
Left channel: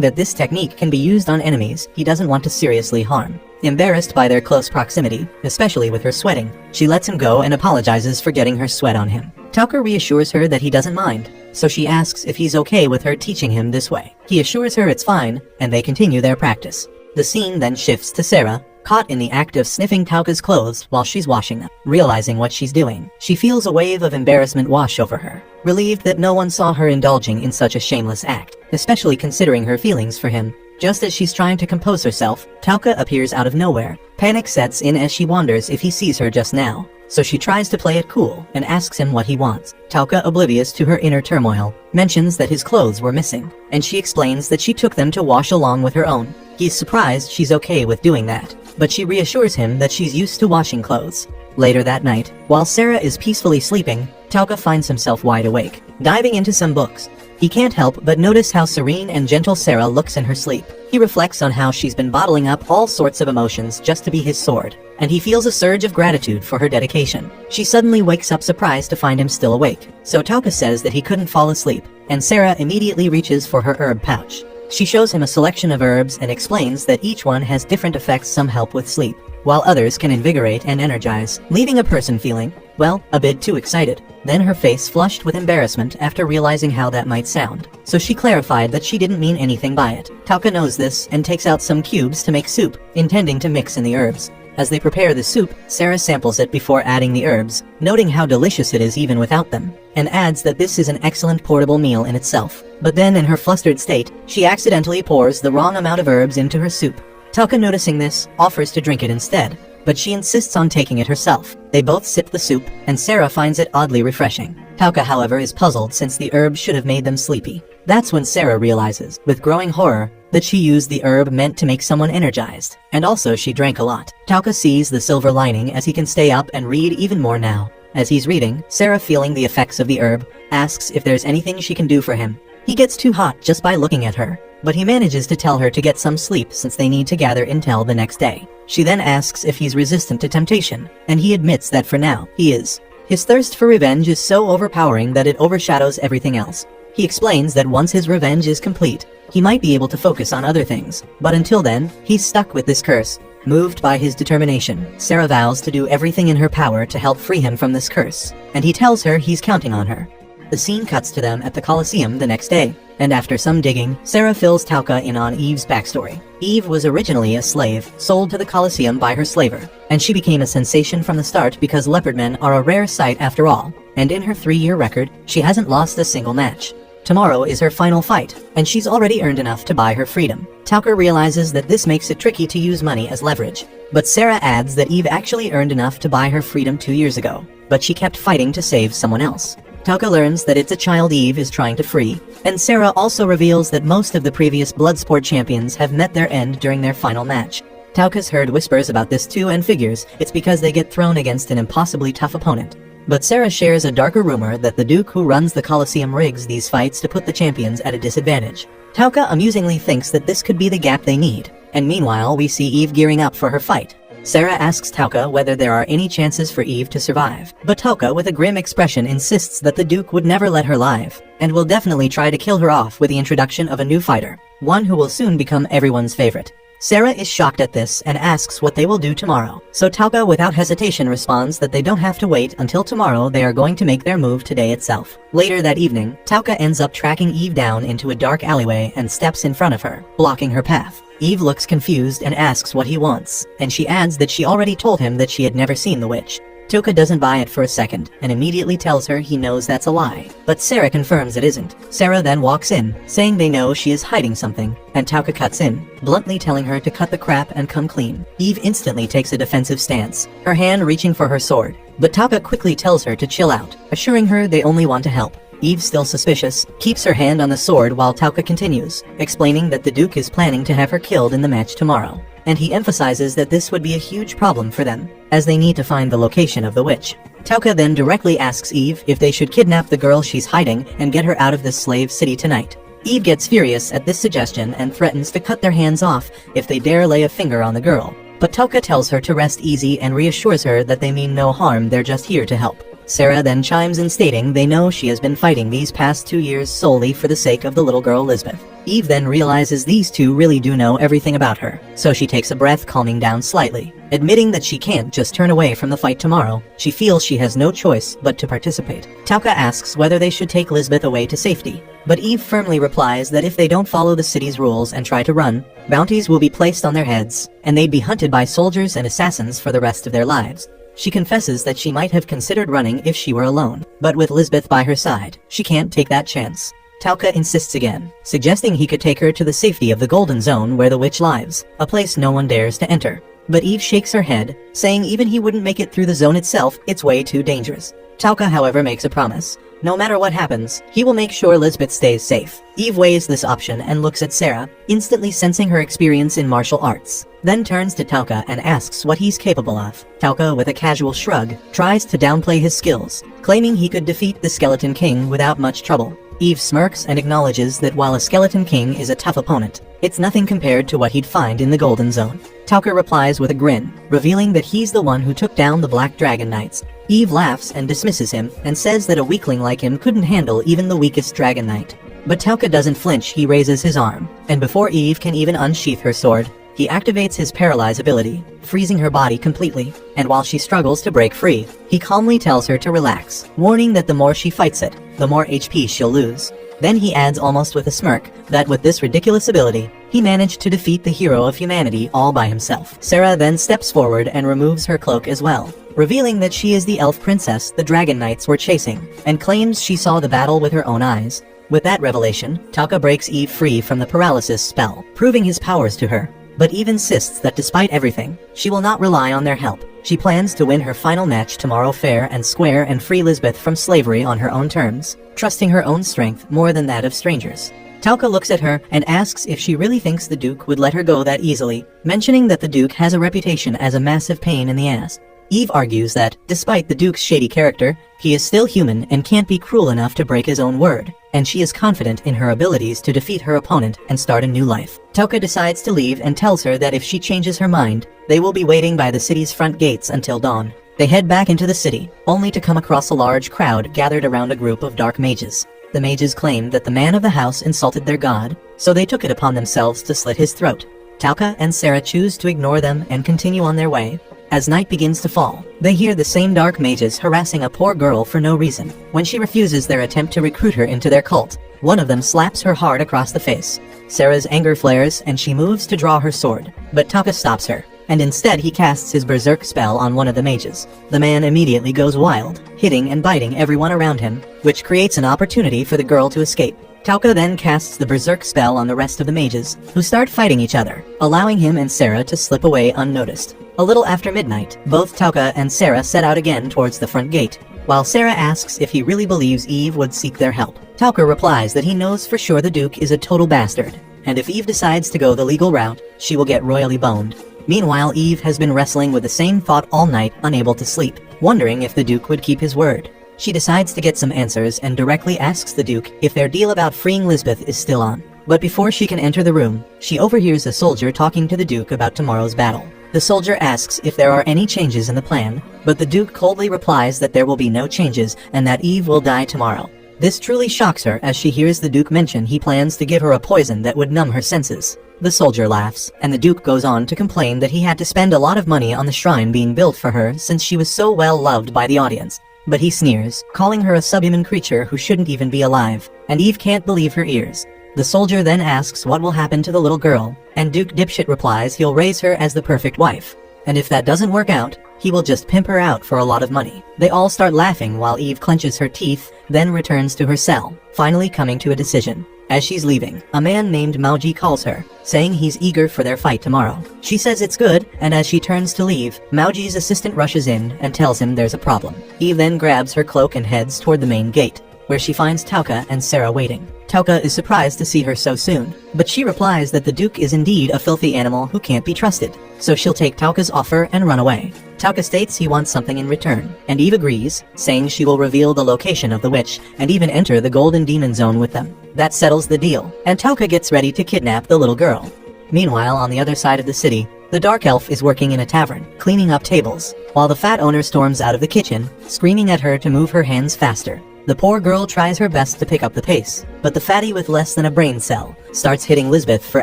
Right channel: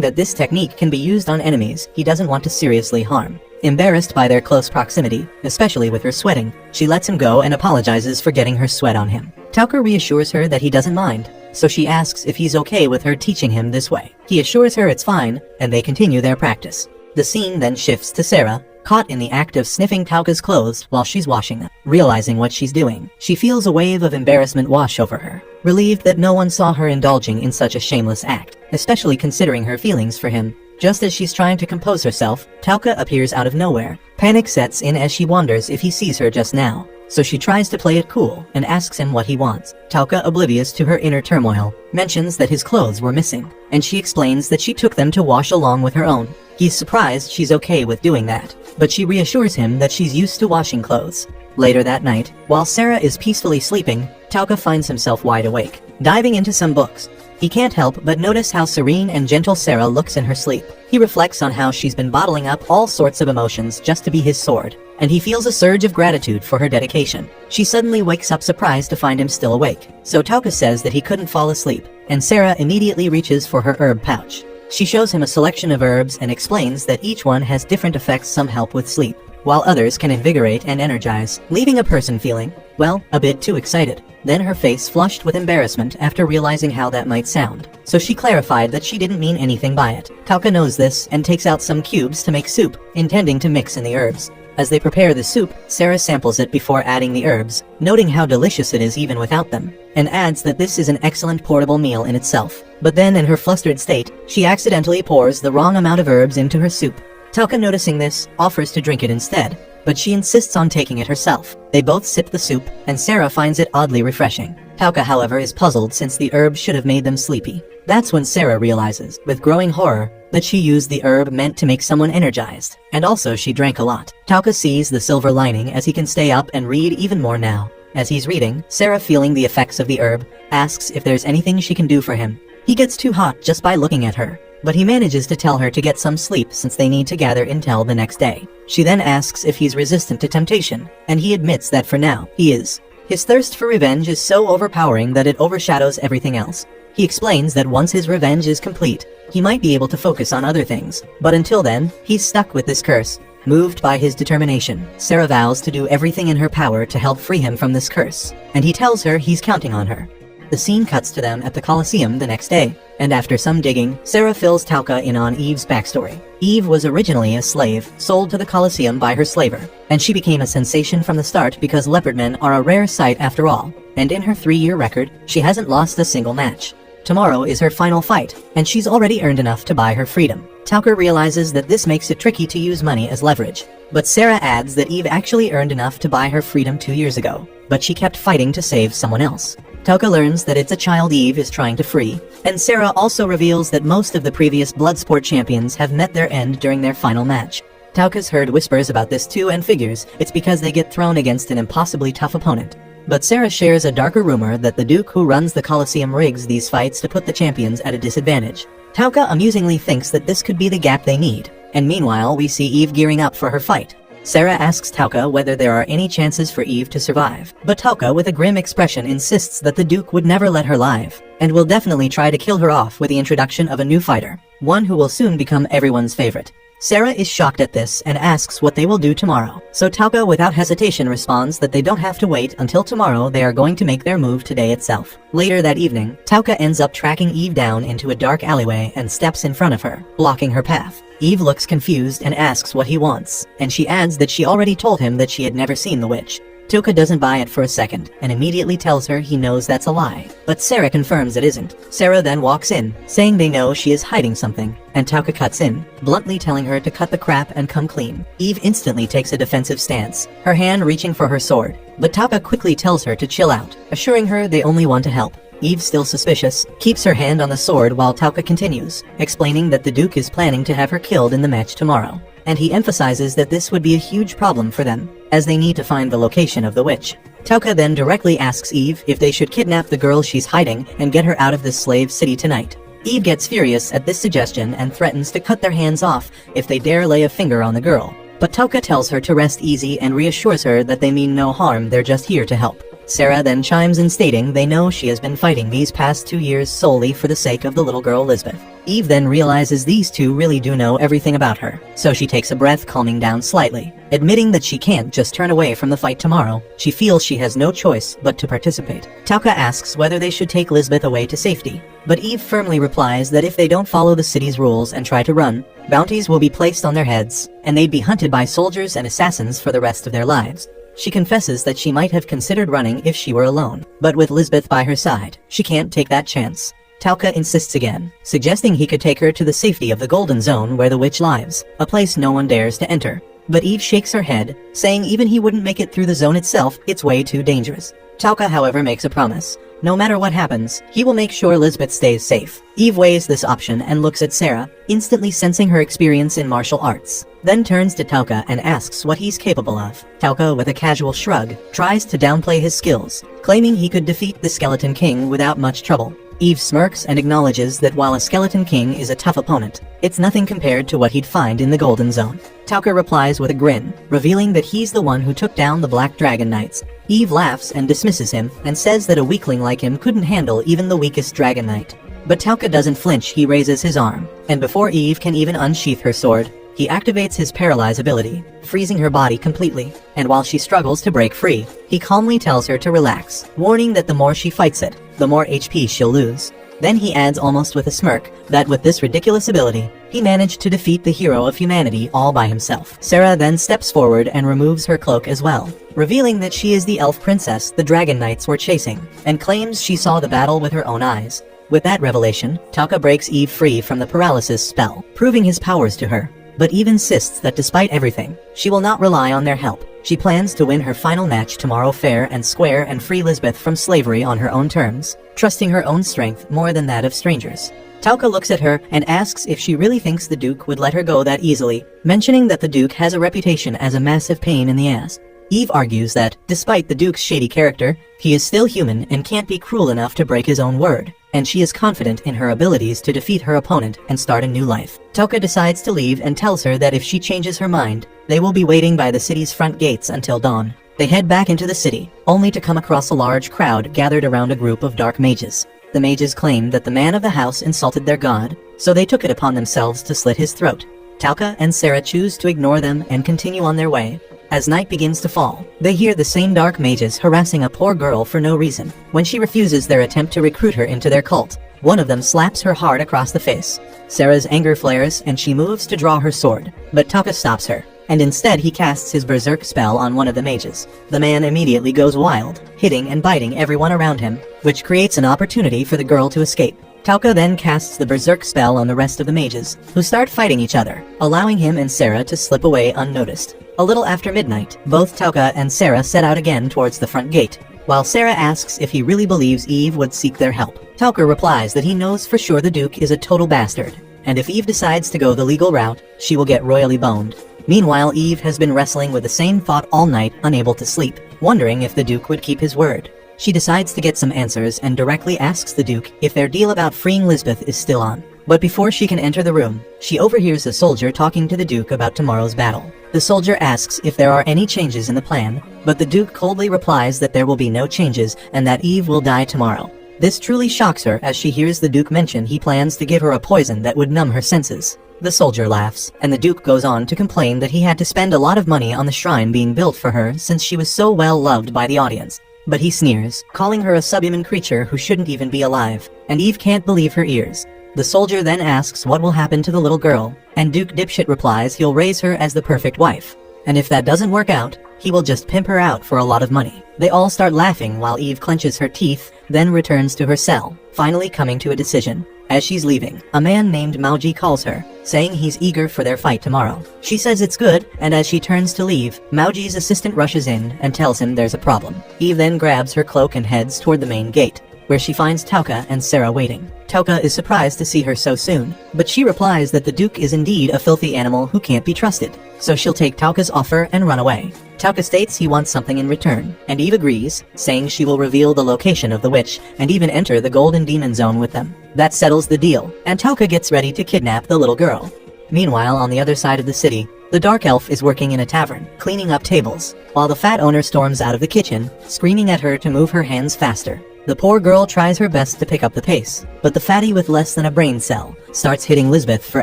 that this technique can be used on enemies he doesn't want to seriously harm. Embarrassed by their close proximity, especially with her sweating, she lets him go and apologizes for getting her sweat on him. Tauka reassures her that he doesn't mind, so she asks if he's okay with her teaching him this way. He assures her it's fine, and they continue their practice. The scene then shifts to Sarah, caught in the act of sniffing Tauka's clothes while she's washing them. Realizing what she's doing, she feels a wave of embarrassment wash over her, relieved that no one saw her indulging in such a shameless act, especially considering her feelings for him. Just as she's trying to compose herself, Tauka appears out of nowhere. Panic sets in as she wonders if he sees her just now, so she tries to play it cool and asks him what he wants. Tauka, oblivious to her inner turmoil, mentions that his clothes were missing, and she explains that she took them to wash along with her own. He's surprised she's okay with doing that, but she reassures him that she's used to washing clothes. Later that night, while Sarah is peacefully sleeping, Tauka finds himself wide awake, diving into some books. He can't help but notice how serene and gentle Sarah looks in her sleep. He reflects on how she's been bottling up all sorts of emotions just to be his sword, and he feels a surge of gratitude for her dedication. She suddenly wakes up surprised to find him still awake, so Tauka says that he couldn't fall asleep, and Sarah immediately reaches for her herb pouch. She shows him a selection of herbs and explains that each one has different effects. Some help with sleep, while others can invigorate and energize, leaving a person feeling, well, a bit too excited. Then her face flushed with embarrassment after realizing how that might sound, so she clarified that she didn't mean anything by it. Tauka knows this and takes out some cubes to make soup, intending to mix in the herbs. As they prepare the soup, Sarah samples it before adding the herbs, noting how delicious it is even without them, and adds that this is an excellent portable meal in itself. But then, in her flustered state, she accidentally pours the wrong amount of herbs into her soup. Tauka, noticing this, offers to drink it instead, but she insists on taking it herself. They both sip the soup, and Sarah finds it oddly refreshing. Tauka, however, is puzzled since the herbs should have made them sleepy. That's when Sarah realizes, with growing horror, that she used the herb meant to make someone energized, and also she drank a lot. Tauka sees the silver lining as he can stay up and read even more now. As he's reading, Sarah, feeling the effects of the herb, asks if there's anything she can do for him. He gets too hot just by looking at her, but he manages to tell her to get some sleep since they need to gather intel the next day. She then asks if he's resistant to temptation, and he admits that for now, he is. His thirst for revenge is so overpowering that it overshadows everything else. He explains that once his revenge is complete, he might be able to focus on other things, but until then, he's stuck with this curse. Moved by his determination, Sarah vows to do everything in her power to help free him from this curse, and he tells her he's counting on her. The scene cuts to them at the Colosseum the next day, and after some digging, Sarah fills Tauka in on Eve's backstory. Eve was originally a slave, sold to the Colosseum by her slaver, and she became a sensation from the start because leopard men are a rare sight after all, and in her 3-year record, she hasn't lost a single match. Tomorrow is her final fight, and she's already earned enough to buy her freedom. Tauka realizes that this makes it tricky to use money as leverage, but Sarah adds that Eve actually earned enough to buy her freedom 2 years ago, but she kept fighting to save someone else. Tauka learns that it's a child Eve is trying to free, and Sarah also reveals that most of the previous Bloodsport champions have met their end during their final match. Tauka's heard whispers about this too and figures it's because they get thrown against an impossibly tough opponent. But Sarah shares a darker rumor that the Duke who runs the Colosseum rigs these fights to put the champions at a disadvantage. Tauka amusingly thinks that this could be the gap they need, and meanwhile we see Eve gearing up for her fight. Sarah asks Tauka whether there are any chances for Eve to survive, but Tauka with a grim expression insists that the Duke would never let her live, and will definitely try to kill her off with the introduction of a new fighter, one who will soon become everyone's favorite. Sarah is shocked at this and asks what they will do tomorrow, so Tauka without hesitation responds that they don't have to wait until tomorrow, they are going to make their move today itself. Later that evening, Tauka ends up tracking Eve down into a dark alleyway and steps in front of her, blocking her path. Eve looks confused and asks what he wants, and she adds that she already told him that she had never seen the witch. Tauka doesn't buy it for a second, and immediately tells her he knows that's a lie. But Sarah confirms it isn't. Sarah then walks in, saying they know she is hiding something, and Tauka cuts in, bluntly telling her to cut the crap and come clean. Eve instantly takes a defensive stance, her hand reaching for her sword, but Tauka quickly tells her to chill out, assuring her they only want to help. Eve, still suspicious, keeps her hand on the sword while Tauka continues, explaining that the Duke is planning to have her killed in the match tomorrow, and he emphasizes that this would be a huge problem for them, as they need to find the location of the witch. Tauka then directly asks Eve if they should kidnap the girl she's hiding and get her out of this slave city tonight. Eve gets furious at this suggestion and threatens to cut their hands off if they dare lay a finger on the girl, but Tauka tells her to rest easy and reassures her that they mean no harm, they're just here to help. Sarah then chimes in, stating they know she has been fighting these past 2 years solely for the sake of the little girl Lisbeth. Eve then realizes these two really do know everything about her, so she takes a breath, calming down slightly. Admitting that she can't just turn away from the fight tomorrow, she feels she has no choice but to participate. Tauka asks whether they should take Lisbeth away to safety, but Eve firmly replies that if they don't follow the city's rules and try to run, bounties will be placed on their heads, and they'd be hunted by soldiers and assassins for the rest of their lives. She confesses that she might have considered running if she were alone, but with Lisbeth by her side, she can't take that chance. Tauka insists again, suggesting he could take her to the safety of the Golden Zone where the witch lives, a place no one dares to enter. But Eve shakes her head, saying even he wouldn't make it through the zone itself, it's way too dangerous. Tauka, however, makes a promise. No matter what happens, he will make sure Lisbeth stays safe. Eve weighs this option and looks at Sarah, instantly sensing her experience in martial arts, then turns to Tauka and asks what he's capable of. Tauka, with a casual shrug, tries to downplay his skills, claiming he could defeat the Skeleton King without much trouble. Eve smirks and acknowledges that while a Skeleton King is a tough opponent, it's nothing compared to what he'd find in the Golden Zone. Tauka replies with a grin, revealing that he's the one who took down the Black Dragon Knights. Eve laughs and dismisses him, and says that a weakling like him couldn't handle even the weakest Dragon Knight. But Tauka doesn't flinch, he raises his arm, and before Eve can even unsheath her sword, he activates his paralyze ability, freezing her body completely, and while she struggles to break free, he calmly tells her to relax, warning that the more she fights it, the more HP she'll lose. Then he adds, almost with a smirk, that with this ridiculous ability, he managed to defeat the hero of humanity all by himself. Sarah then steps forward and removes her cloak as well, revealing that she is the elf princess the Dragon Knights were chasing, and claims she saw the battle with her own eyes. With that revelation, Tauka breaks Eve free from the paralysis spell, proving his powers to her. But Eve insists that despite everything, she will not rely on their help. She plans to win her final match tomorrow fair and square and free Lisbeth from slavery on her own terms, trusting her own strength more than that of strangers. Tauka looks at her and asks if she really thinks the Duke would let her go that easily, mentioning that the Duke has a reputation as a massive pain in the ass. Eve argues that, despite the Duke's shady character, he is still human and can't be cruel enough to break his own word, and she is confident in her abilities to defeat her opponent and start a new life. Tauka decides to leave and tells her that if she changes her mind, they will be waiting by the city's front gates until dawn. They head back into the city, only to come across a large crowd gathered around a group of dark mages. The mages claim that the man of the house insulted their god, so they took it upon themselves to slit his throat. Tauka and Sarah choose to ignore them and continue on their way. As night begins to fall, they hear the same dark mages harassing a poor girl for no reason. When she refuses their attempt to recruit her into their cult, one of them slaps her hard across the face. Sarah's anger flares and she moves to draw her sword, but Tauka stops her, and instead he casts his berserk spell on one of the mages. The man immediately goes wild, hitting and biting everyone around him, which creates an opportunity for the girl to escape. Tauka then casts the berserk spell on the rest of the mages, who start fighting each other, allowing him and Sarah to slip away unnoticed. A little after midnight, both Tauka and Sarah set out again towards the front gate, while Sarah asks if he really believes Eve would seek their help. Tauka replies that he knows for sure the Duke is a total bastard, and if Eve decides to go the legal route, she will get royally boned. Meanwhile, Eve has been wrestling with the same thought all night, unable to sleep, wondering if the Duke would keep his word. She decides to get some answers and directly asks the Duke if their deal about freeing Lisbeth is still on. But before she can enter the room, she overhears a soldier talking to the Duke about tomorrow's battle. The soldier asks if there are any changes in the plan, but the Duke coldly replies that there will be no changes and that Eve will die tomorrow. This truly shocks her as she hears the Duke mention he plans to give her a poison that would numb her senses. The soldier laughs, and the Duke goes on to complain that he had to spend a lot of money on the shrine being built for her since she was so well loved by the audience. But he sneers, calling her a subhuman creature who shouldn't even be alive, and Eve can't believe her ears. The soldier then asks what will happen to the little girl, and Duke Dipshit replies he'll raise her as the perfect wife. and if that doesn't work out, he will just pimp her out for a lot of money. They all start laughing while Eve clenches her teeth, then returns to her cell, finally coming to a decision. As she's leaving, a man named Mauji calls her, saying he's eager for their fight tomorrow. She says it's good, and as she turns to leave, Mauji's assistant rushes in and tells him there's a problem. Eve then grabs her cloak and heads toward the main gate, where she finds Tauka and Sarah waiting. Tauka is surprised to see her so soon, but she replies that the Duke is indeed a filthy animal who can't be trusted, so she'll take Tauka's offer and run away. Tauka states he wants something in return, and Eve agrees, saying she will reveal the location of the witch and even enter the Golden Demon Zone with them. That settles the deal, and Tauka gets ready to kidnap the little girl. Meanwhile, on the other side of the city, the Dark Elf is working in a tavern, cleaning up tables, while the fat owner storms out of the kitchen, screaming at her to move her hands faster. The poor girl tries her best to pick up the pace, but the fatty with less than a brain cell starts hitting Lisbeth for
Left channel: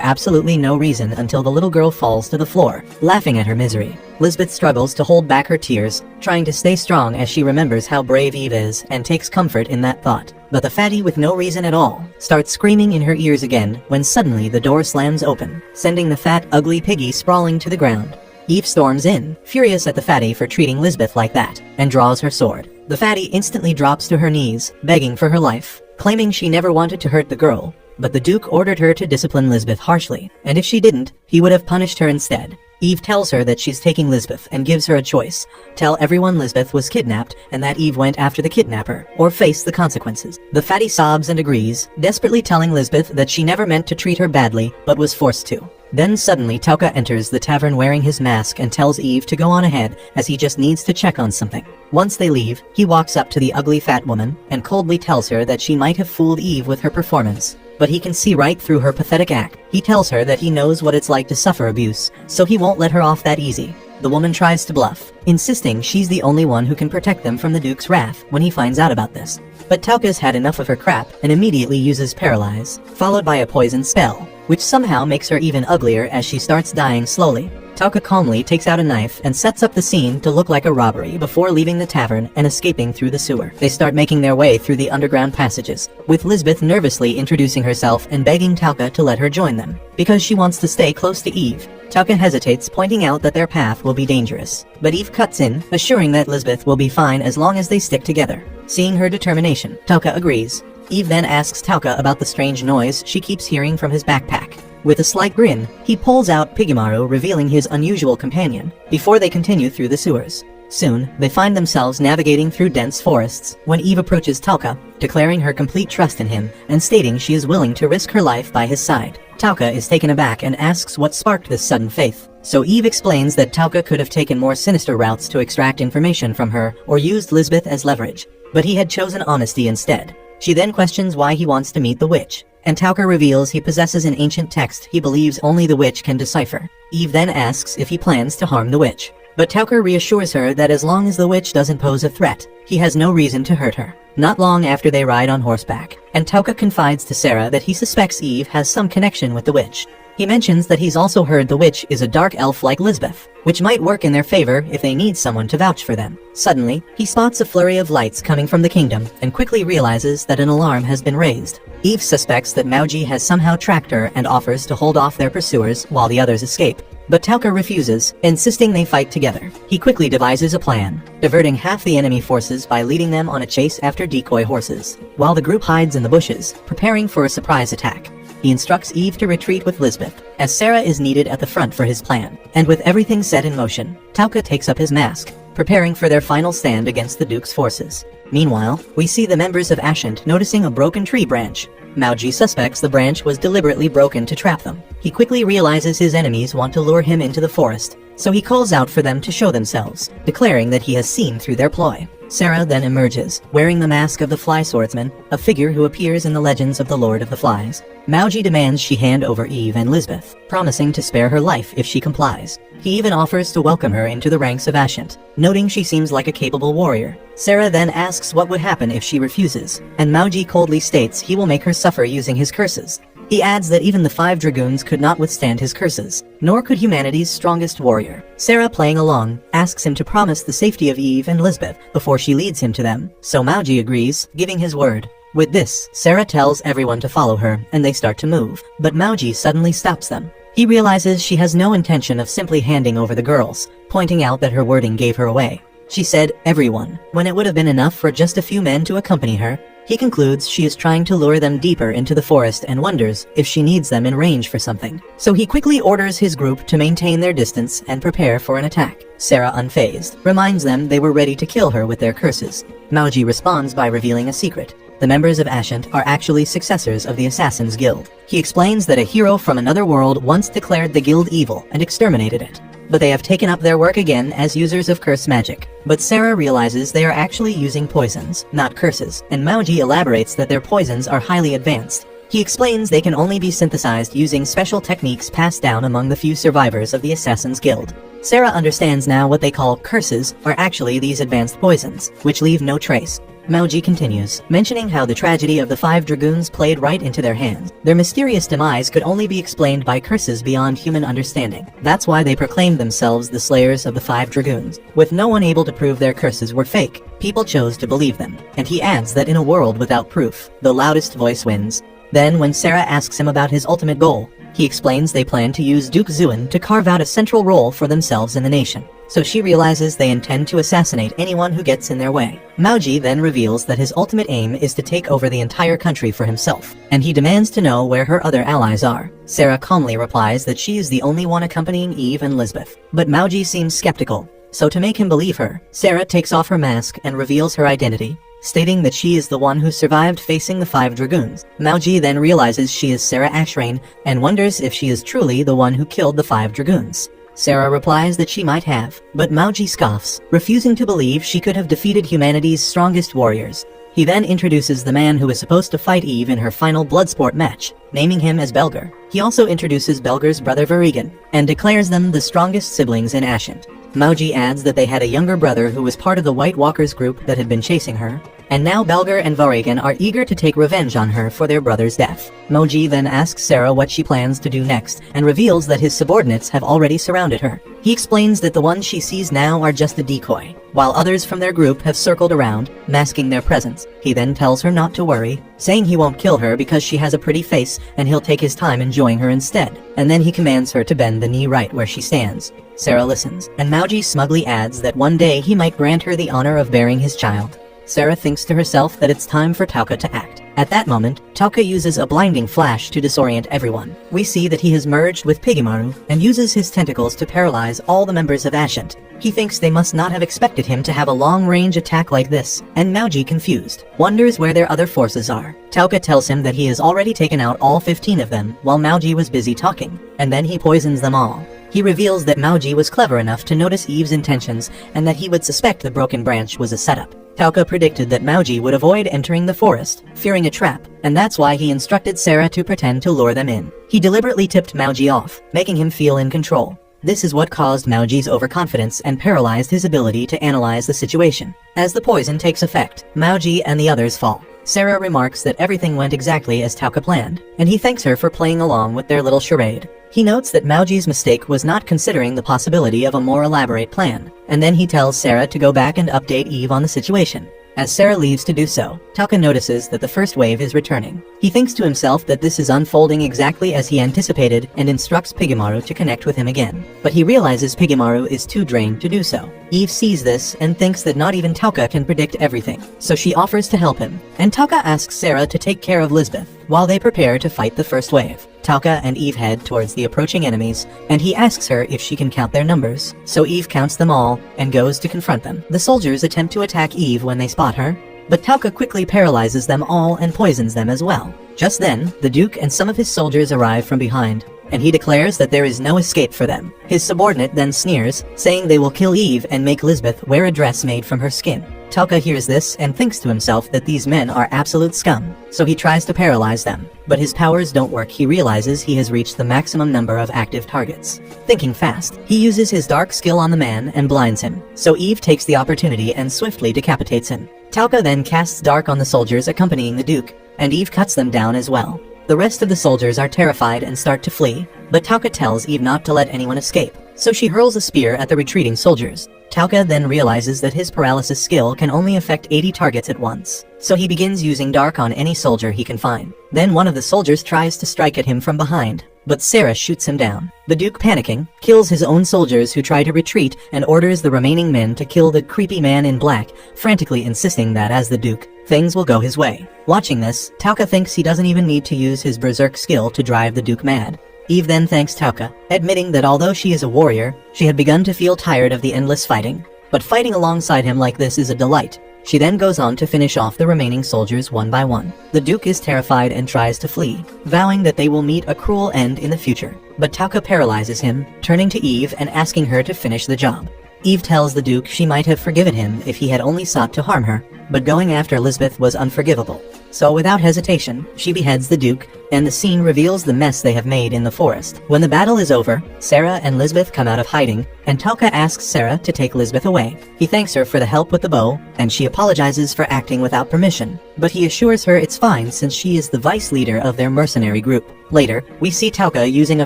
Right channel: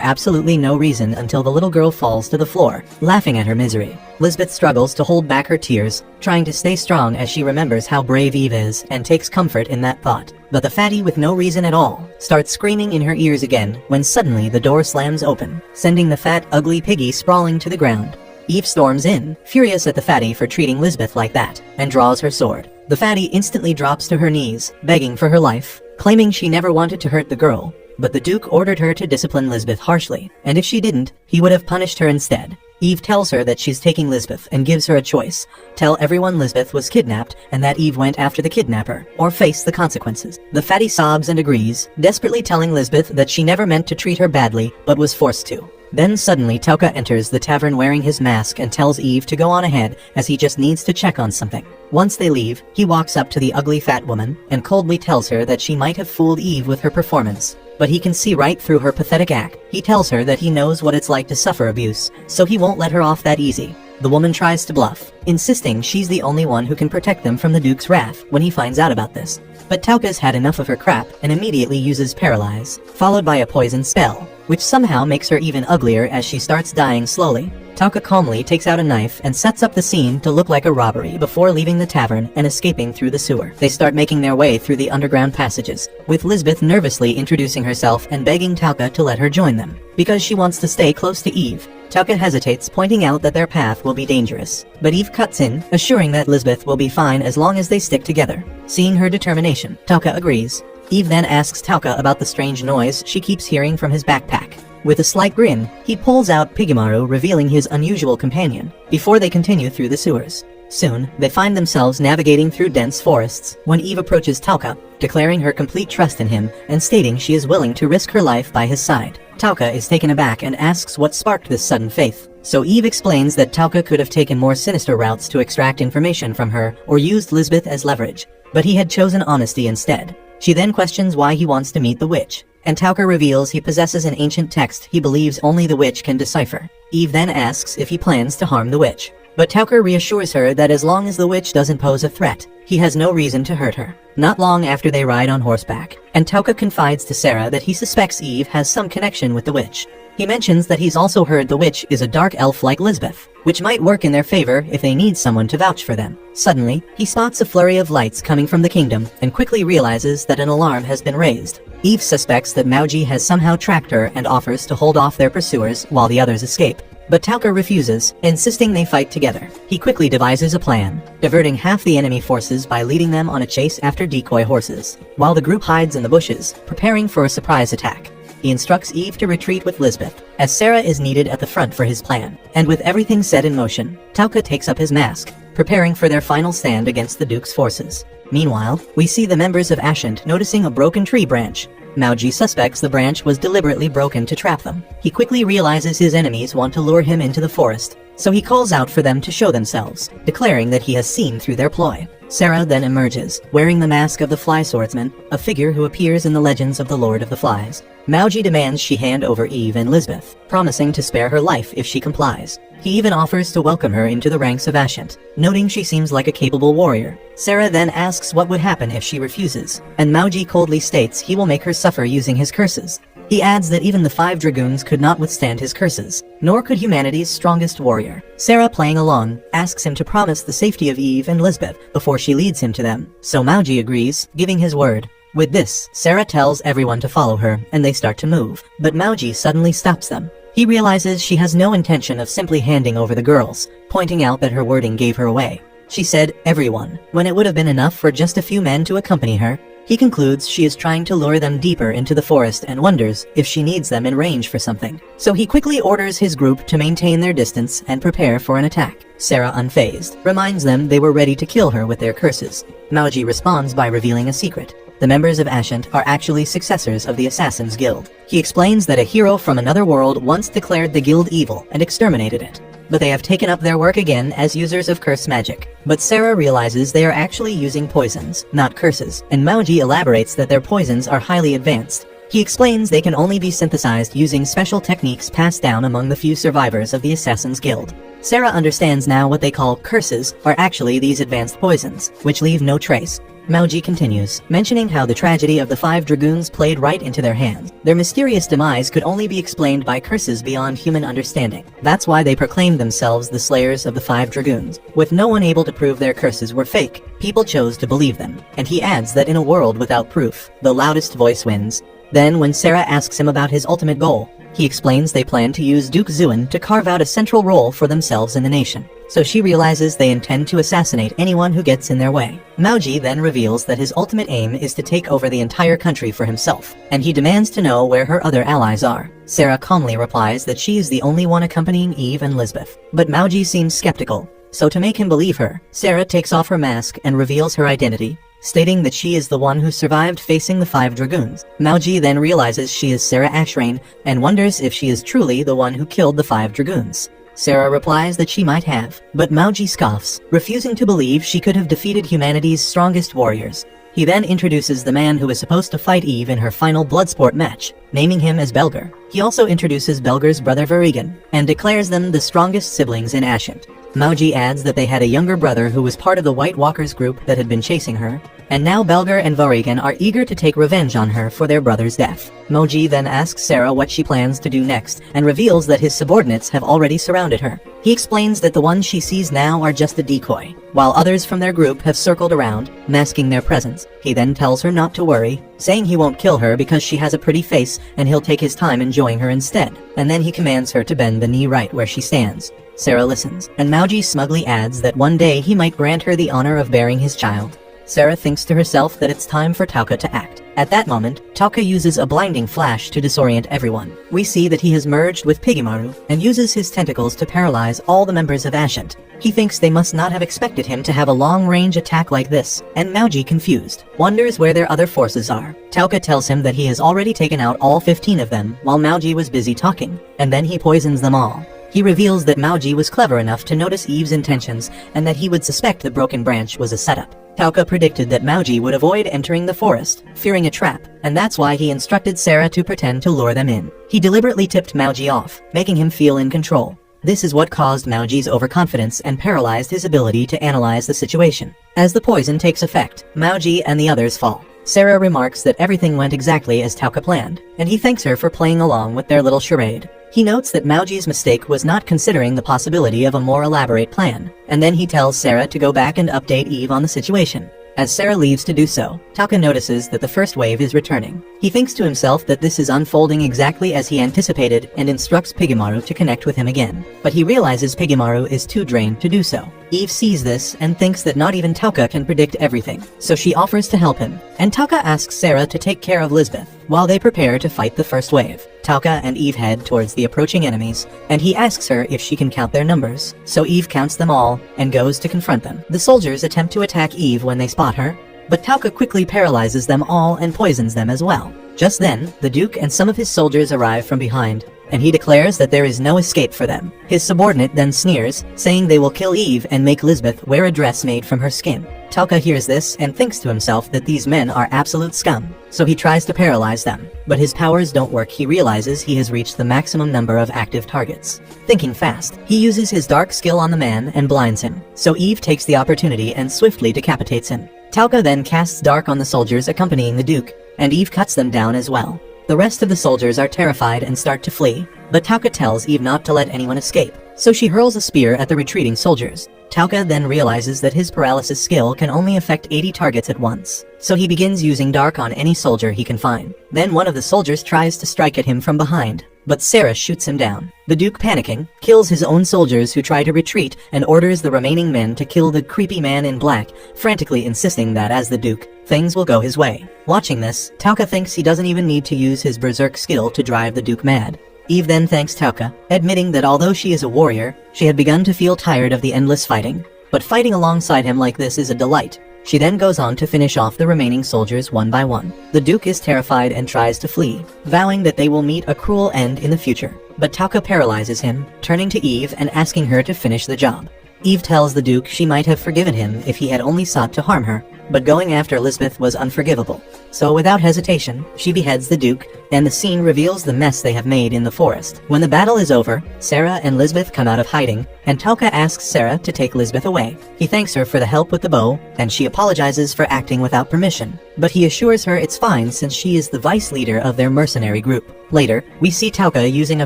absolutely no reason until the little girl falls to the floor, laughing at her misery. Lisbeth struggles to hold back her tears, trying to stay strong as she remembers how brave Eve is and takes comfort in that thought. But the fatty with no reason at all starts screaming in her ears again when suddenly the door slams open, sending the fat, ugly piggy sprawling to the ground. Eve storms in, furious at the fatty for treating Lisbeth like that, and draws her sword. The fatty instantly drops to her knees, begging for her life, claiming she never wanted to hurt the girl, but the Duke ordered her to discipline Lisbeth harshly, and if she didn't, he would have punished her instead. Eve tells her that she's taking Lisbeth and gives her a choice. Tell everyone Lisbeth was kidnapped and that Eve went after the kidnapper, or face the consequences. The fatty sobs and agrees, desperately telling Lisbeth that she never meant to treat her badly, but was forced to. Then suddenly Tauka enters the tavern wearing his mask and tells Eve to go on ahead as he just needs to check on something. Once they leave, he walks up to the ugly fat woman and coldly tells her that she might have fooled Eve with her performance. But he can see right through her pathetic act. He tells her that he knows what it's like to suffer abuse, so he won't let her off that easy. The woman tries to bluff, insisting she's the only one who can protect them from the Duke's wrath when he finds out about this. But Tauka's had enough of her crap and immediately uses Paralyze, followed by a poison spell, which somehow makes her even uglier as she starts dying slowly. Tauka calmly takes out a knife and sets up the scene to look like a robbery before leaving the tavern and escaping through the sewer. They start making their way through the underground passages, with Lisbeth nervously introducing herself and begging Tauka to let her join them, because she wants to stay close to Eve. Tauka hesitates, pointing out that their path will be dangerous, but Eve cuts in, assuring that Lisbeth will be fine as long as they stick together. Seeing her determination, Tauka agrees. Eve then asks Tauka about the strange noise she keeps hearing from his backpack. With a slight grin, he pulls out Pigamaru, revealing his unusual companion, before they continue through the sewers. Soon, they find themselves navigating through dense forests when Eve approaches Tauka, declaring her complete trust in him and stating she is willing to risk her life by his side. Tauka is taken aback and asks what sparked this sudden faith. So Eve explains that Tauka could have taken more sinister routes to extract information from her or used Lisbeth as leverage, but he had chosen honesty instead. She then questions why he wants to meet the witch, and Tauka reveals he possesses an ancient text he believes only the witch can decipher. Eve then asks if he plans to harm the witch, but Tauka reassures her that as long as the witch doesn't pose a threat, he has no reason to hurt her. Not long after they ride on horseback, and Tauka confides to Sarah that he suspects Eve has some connection with the witch. He mentions that he's also heard the witch is a dark elf like Lisbeth, which might work in their favor if they need someone to vouch for them. Suddenly, he spots a flurry of lights coming from the kingdom and quickly realizes that an alarm has been raised. Eve suspects that Mauji has somehow tracked her and offers to hold off their pursuers while the others escape. But Tauka refuses, insisting they fight together. He quickly devises a plan, diverting half the enemy forces by leading them on a chase after decoy horses, while the group hides in the bushes, preparing for a surprise attack. He instructs Eve to retreat with Lisbeth, as Sarah is needed at the front for his plan. And with everything set in motion, Tauka takes up his mask, preparing for their final stand against the Duke's forces. Meanwhile, we see the members of Ashant noticing a broken tree branch. Mauji suspects the branch was deliberately broken to trap them. He quickly realizes his enemies want to lure him into the forest, so he calls out for them to show themselves, declaring that he has seen through their ploy. Sarah then emerges, wearing the mask of the Fly Swordsman, a figure who appears in the legends of the Lord of the Flies. Mauji demands she hand over Eve and Lisbeth, promising to spare her life if she complies. He even offers to welcome her into the ranks of Ashant, noting she seems like a capable warrior. Sarah then asks what would happen if she refuses, and Mauji coldly states he will make her suffer using his curses. He adds that even the 5 dragoons could not withstand his curses, nor could humanity's strongest warrior. Sarah, playing along, asks him to promise the safety of Eve and Lisbeth before she leads him to them, so Mauji agrees, giving his word. With this, Sarah tells everyone to follow her, and they start to move, but Mauji suddenly stops them. He realizes she has no intention of simply handing over the girls, pointing out that her wording gave her away. She said, "everyone," when it would have been enough for just a few men to accompany her. He concludes she is trying to lure them deeper into the forest and wonders if she needs them in range for something. So he quickly orders his group to maintain their distance and prepare for an attack. Sarah, unfazed, reminds them they were ready to kill her with their curses. Mauji responds by revealing a secret. The members of Ashant are actually successors of the Assassin's Guild. He explains that a hero from another world once declared the guild evil and exterminated it, but they have taken up their work again as users of curse magic. But Sarah realizes they are actually using poisons, not curses, and Mauji elaborates that their poisons are highly advanced. He explains they can only be synthesized using special techniques passed down among the few survivors of the Assassin's Guild. Sarah understands now what they call curses are actually these advanced poisons, which leave no trace. Mauji continues, mentioning how the tragedy of the 5 dragoons played right into their hands. Their mysterious demise could only be explained by curses beyond human understanding. That's why they proclaimed themselves the slayers of the 5 dragoons. With no one able to prove their curses were fake, people chose to believe them. And he adds that in a world without proof, the loudest voice wins. Then, when Sarah asks him about his ultimate goal, he explains they plan to use Duke Zuin to carve out a central role for themselves in the nation. So she realizes they intend to assassinate anyone who gets in their way. Mauji then reveals that his ultimate aim is to take over the entire country for himself, and he demands to know where her other allies are. Sarah calmly replies that she is the only one accompanying Eve and Lisbeth, but Mauji seems skeptical. So to make him believe her, Sarah takes off her mask and reveals her identity, stating that she is the one who survived facing the 5 dragoons. Mauji then realizes she is Sarah Ashrain and wonders if she is truly the one who killed the 5 dragoons. Sarah replies that she might have, but Mauji scoffs, refusing to believe she could have defeated humanity's strongest warriors. He then introduces the man who is supposed to fight Eve in her final Bloodsport match, naming him as Belger. He also introduces Belger's brother Verigan, and declares them the strongest siblings in Ashant. Mauji adds that they had a younger brother who was part of the White Walkers group that had been chasing her, and now Belger and Verigan are eager to take revenge on her for their brother's death. Mauji then asks Sarah what she plans to do next, and reveals that his subordinates have already surrounded her. He explains that the ones she sees now are just a decoy, while others from their group have circled around, masking their presence. He then tells her not to worry, saying he won't kill her because she has a pretty face and he'll take his time enjoying her instead. And then he commands her to bend the knee right where she stands. Sarah listens, and Mauji smugly adds that one day he might grant her the honor of bearing his child. Sarah thinks to herself that it's time for Tauka to act. At that moment, Tauka uses a blinding flash to disorient everyone. We see that he has merged with Pigemaru and uses his tentacles to paralyze all the members of Ashant. He thinks they must not have expected him to have a long-range attack like this, and Mauji, confused, wonders where their other forces are. Tauka tells him that he has already taken out all 15 of them while Mauji was busy talking, and then he poisons them all. He reveals that Mauji was clever enough to notice Eve's intentions and that he would suspect the broken branch was a setup. Tauka predicted that Mauji would avoid entering the forest, fearing a trap, and that's why he instructed Sarah to pretend to lure them in. He deliberately tipped Mauji off, making him feel in control. This is what caused Mauji's overconfidence and paralyzed his ability to analyze the situation. As the poison takes effect, Mauji and the others fall. Sarah remarks that everything went exactly as Tauka planned, and he thanks her for playing along with their little charade. He notes that Mauji's mistake was not considering the possibility of a more elaborate plan, and then he tells Sarah to go back and update Eve on the situation. As Sarah leaves to do so, Tauka notices that the first wave is returning. He thinks to himself that this is unfolding exactly as he anticipated and instructs Pigemaru to connect with him again. But he realizes Pigemaru is too drained to do so. Eve sees this and thinks that not even Tauka can predict everything, so she offers to help him. And Tauka asks Sarah to take care of Lisbeth while they prepare to fight the first wave. Tauka and Eve head towards the approaching enemies, and he asks her if she can count their numbers. So Eve counts them all and goes to confront them. The soldiers attempt to attack Eve when they spot her, but Tauka quickly paralyzes them all and poisons them as well. Just then, the Duke and some of his soldiers arrive from behind, and he declares that there is no escape for them. His subordinate then sneers, saying they will kill Eve and make Lisbeth wear a dress made from her skin. Tauka hears this and thinks to himself that these men are absolute scum, so he tries to paralyze them. But his powers don't work. He realizes he has reached the maximum number of active targets. Thinking fast, he uses his dark skill on the man and blinds him, so Eve takes the opportunity and swiftly decapitates him. Tauka then casts dark on the soldiers accompanying the Duke, and Eve cuts them down as well. The rest of the soldiers are terrified and start to flee, but Tauka tells Eve not to let anyone escape, so she hurls a spear at the retreating soldiers. Tauka then realizes that his paralysis skill can only affect 80 targets at once, so he begins using dark on any soldier he can find. Then one of the soldiers tries to strike at him from behind, but Sarah shoots him down. The Duke, panicking, kills his own soldiers who try to retreat and orders the remaining men to kill the creepy man in black, frantically insisting that as the Duke, things will go his way. Watching this, Tauka thinks he doesn't even need to use his berserk skill to drive the Duke mad. Eve then thanks Tauka, admitting that although she is a warrior, she had begun to feel tired of the endless fighting. But fighting alongside him like this is a delight. She then goes on to finish off the remaining soldiers one by one. The Duke is terrified and tries to flee, vowing that they will meet a cruel end in the future. But Tauka paralyzes him, turning to Eve and asking her to finish the job. Eve tells the Duke she might have forgiven him if he had only sought to harm her, but going after Lisbeth was unforgivable. So without hesitation, she beheads the Duke, and the scene reveals the mess they have made in the forest. When the battle is over, Sarah and Lisbeth come out of hiding, and Tauka asks Sarah to take Lisbeth away. He thanks her for the help with the bow, and she apologizes for acting without permission, but he assures her it's fine since she is the vice leader of their mercenary group. Later, we see Tauka using a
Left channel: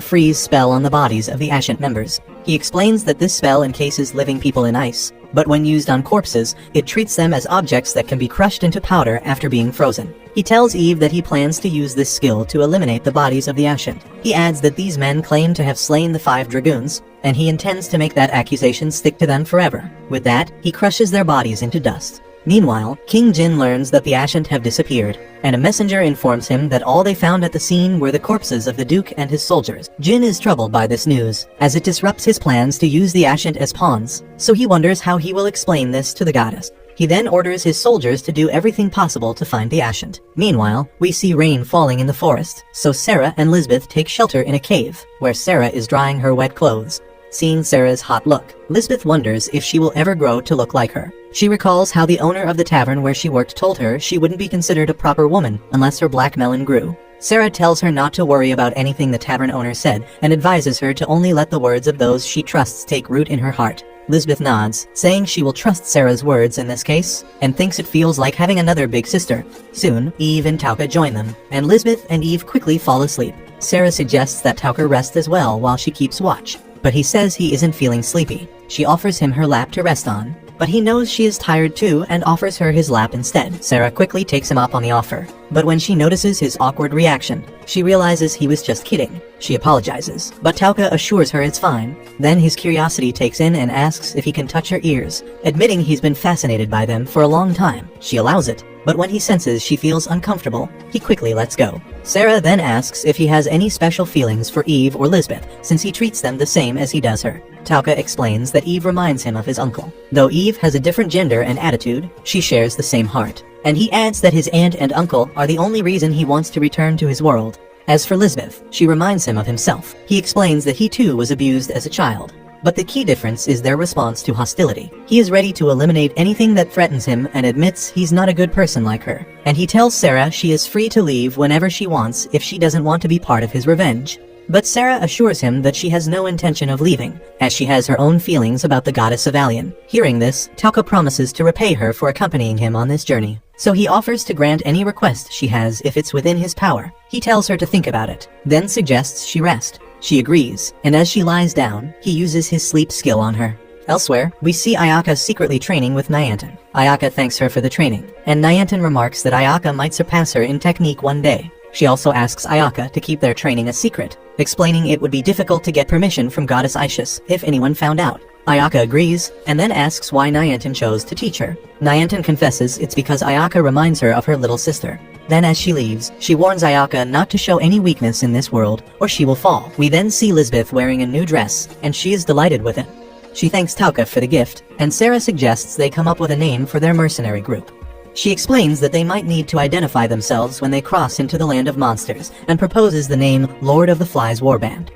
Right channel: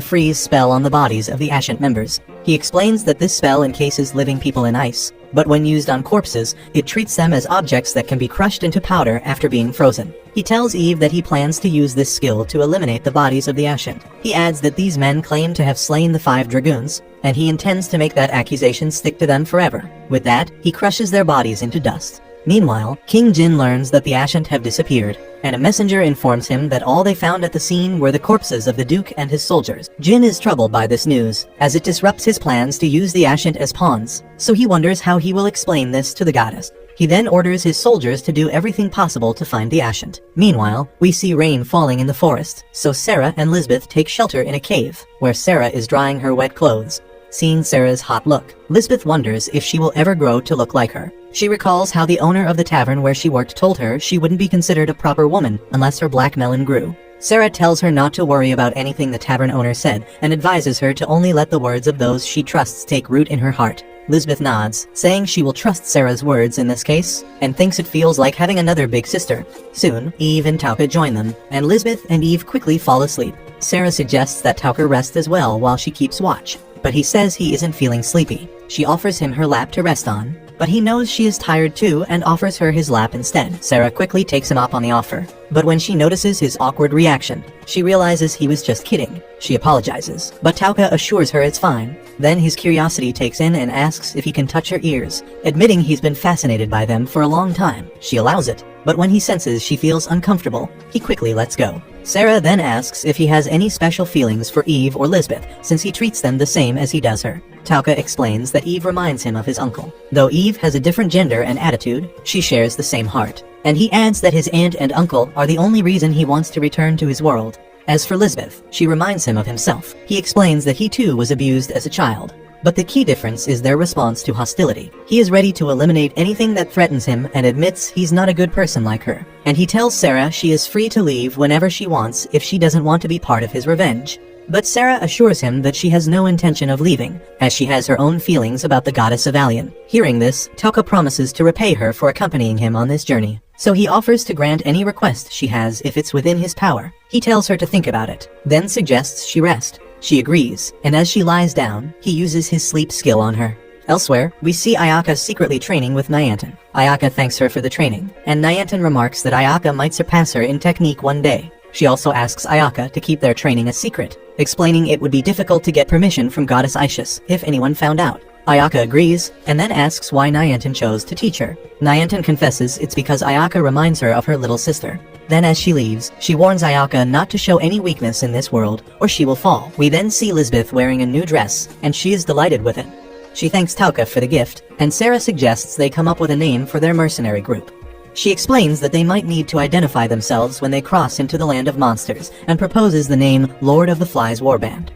freeze spell on the bodies of the Ascent members. He explains that this spell encases living people in ice, but when used on corpses, it treats them as objects that can be crushed into powder after being frozen. He tells Eve that he plans to use this skill to eliminate the bodies of the Ascent. He adds that these men claim to have slain the 5 dragoons, and he intends to make that accusation stick to them forever. With that, he crushes their bodies into dust. Meanwhile, King Jin learns that the Ascent have disappeared, and a messenger informs him that all they found at the scene were the corpses of the Duke and his soldiers. Jin is troubled by this news, as it disrupts his plans to use the Ascent as pawns, so he wonders how he will explain this to the goddess. He then orders his soldiers to do everything possible to find the Ascent. Meanwhile, we see rain falling in the forest, so Sarah and Lisbeth take shelter in a cave, where Sarah is drying her wet clothes. Seeing Sarah's hot look, Lisbeth wonders if she will ever grow to look like her. She recalls how the owner of the tavern where she worked told her she wouldn't be considered a proper woman unless her black melon grew. Sarah tells her not to worry about anything the tavern owner said and advises her to only let the words of those she trusts take root in her heart. Lisbeth nods, saying she will trust Sarah's words in this case, and thinks it feels like having another big sister. Soon, Eve and Tauka join them, and Lisbeth and Eve quickly fall asleep. Sarah suggests that Tauka rest as well while she keeps watch, but he says he isn't feeling sleepy. She offers him her lap to rest on, but he knows she is tired too and offers her his lap instead. Sarah quickly takes him up on the offer, but when she notices his awkward reaction, she realizes he was just kidding. She apologizes, but Tauka assures her it's fine. Then his curiosity takes in and asks if he can touch her ears, admitting he's been fascinated by them for a long time. She allows it, but when he senses she feels uncomfortable, he quickly lets go. Sarah then asks if he has any special feelings for Eve or Lisbeth, since he treats them the same as he does her. Tauka explains that Eve reminds him of his uncle. Though Eve has a different gender and attitude, she shares the same heart. And he adds that his aunt and uncle are the only reason he wants to return to his world. As for Lisbeth, she reminds him of himself. He explains that he too was abused as a child. But the key difference is their response to hostility. He is ready to eliminate anything that threatens him and admits he's not a good person like her. And he tells Sarah she is free to leave whenever she wants if she doesn't want to be part of his revenge. But Sarah assures him that she has no intention of leaving, as she has her own feelings about the goddess of Villan. Hearing this, Tauka promises to repay her for accompanying him on this journey. So he offers to grant any request she has if it's within his power. He tells her to think about it, then suggests she rest. She agrees, and as she lies down, he uses his sleep skill on her. Elsewhere, we see Ayaka secretly training with Nyanten. Ayaka thanks her for the training, and Nyanten remarks that Ayaka might surpass her in technique one day. She also asks Ayaka to keep their training a secret, explaining it would be difficult to get permission from Goddess Isis if anyone found out. Ayaka agrees, and then asks why Nyanten chose to teach her. Nyanten confesses it's because Ayaka reminds her of her little sister. Then as she leaves, she warns Ayaka not to show any weakness in this world, or she will fall. We then see Lisbeth wearing a new dress, and she is delighted with it. She thanks Tauka for the gift, and Sarah suggests they come up with a name for their mercenary group. She explains that they might need to identify themselves when they cross into the land of monsters, and proposes the name Lord of the Flies Warband.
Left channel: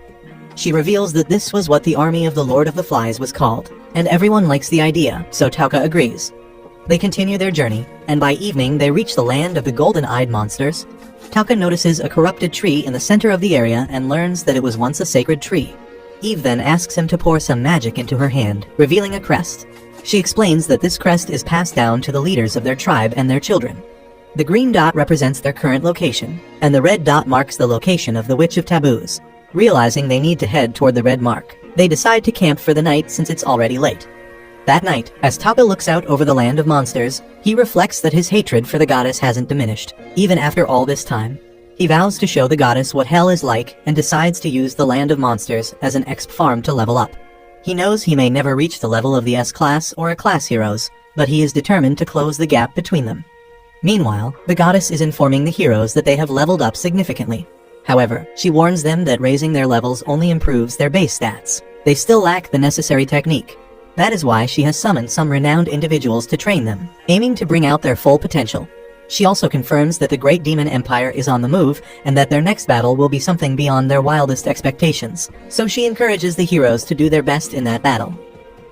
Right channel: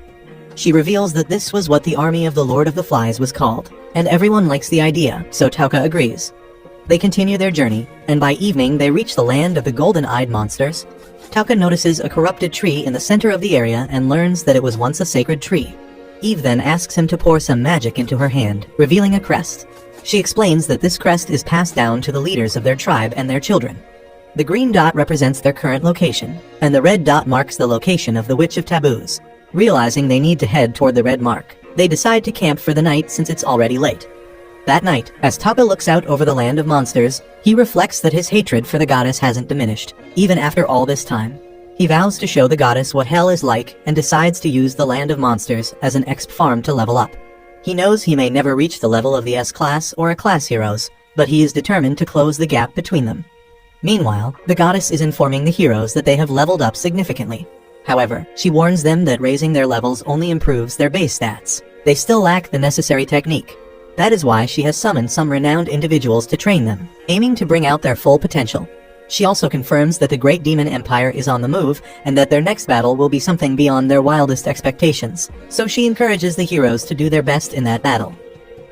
She reveals that this was what the army of the Lord of the Flies was called, and everyone likes the idea, so Tauka agrees. They continue their journey, and by evening they reach the land of the golden-eyed monsters. Tauka notices a corrupted tree in the center of the area and learns that it was once a sacred tree. Eve then asks him to pour some magic into her hand, revealing a crest. She explains that this crest is passed down to the leaders of their tribe and their children. The green dot represents their current location, and the red dot marks the location of the Witch of Taboos. Realizing they need to head toward the red mark, they decide to camp for the night since it's already late. That night, as Tauka looks out over the land of monsters, he reflects that his hatred for the goddess hasn't diminished, even after all this time. He vows to show the goddess what hell is like and decides to use the land of monsters as an exp farm to level up. He knows he may never reach the level of the S-class or A-class heroes, but he is determined to close the gap between them. Meanwhile, the goddess is informing the heroes that they have leveled up significantly. However, she warns them that raising their levels only improves their base stats. They still lack the necessary technique. That is why she has summoned some renowned individuals to train them, aiming to bring out their full potential. She also confirms that the Great Demon Empire is on the move, and that their next battle will be something beyond their wildest expectations, so she encourages the heroes to do their best in that battle.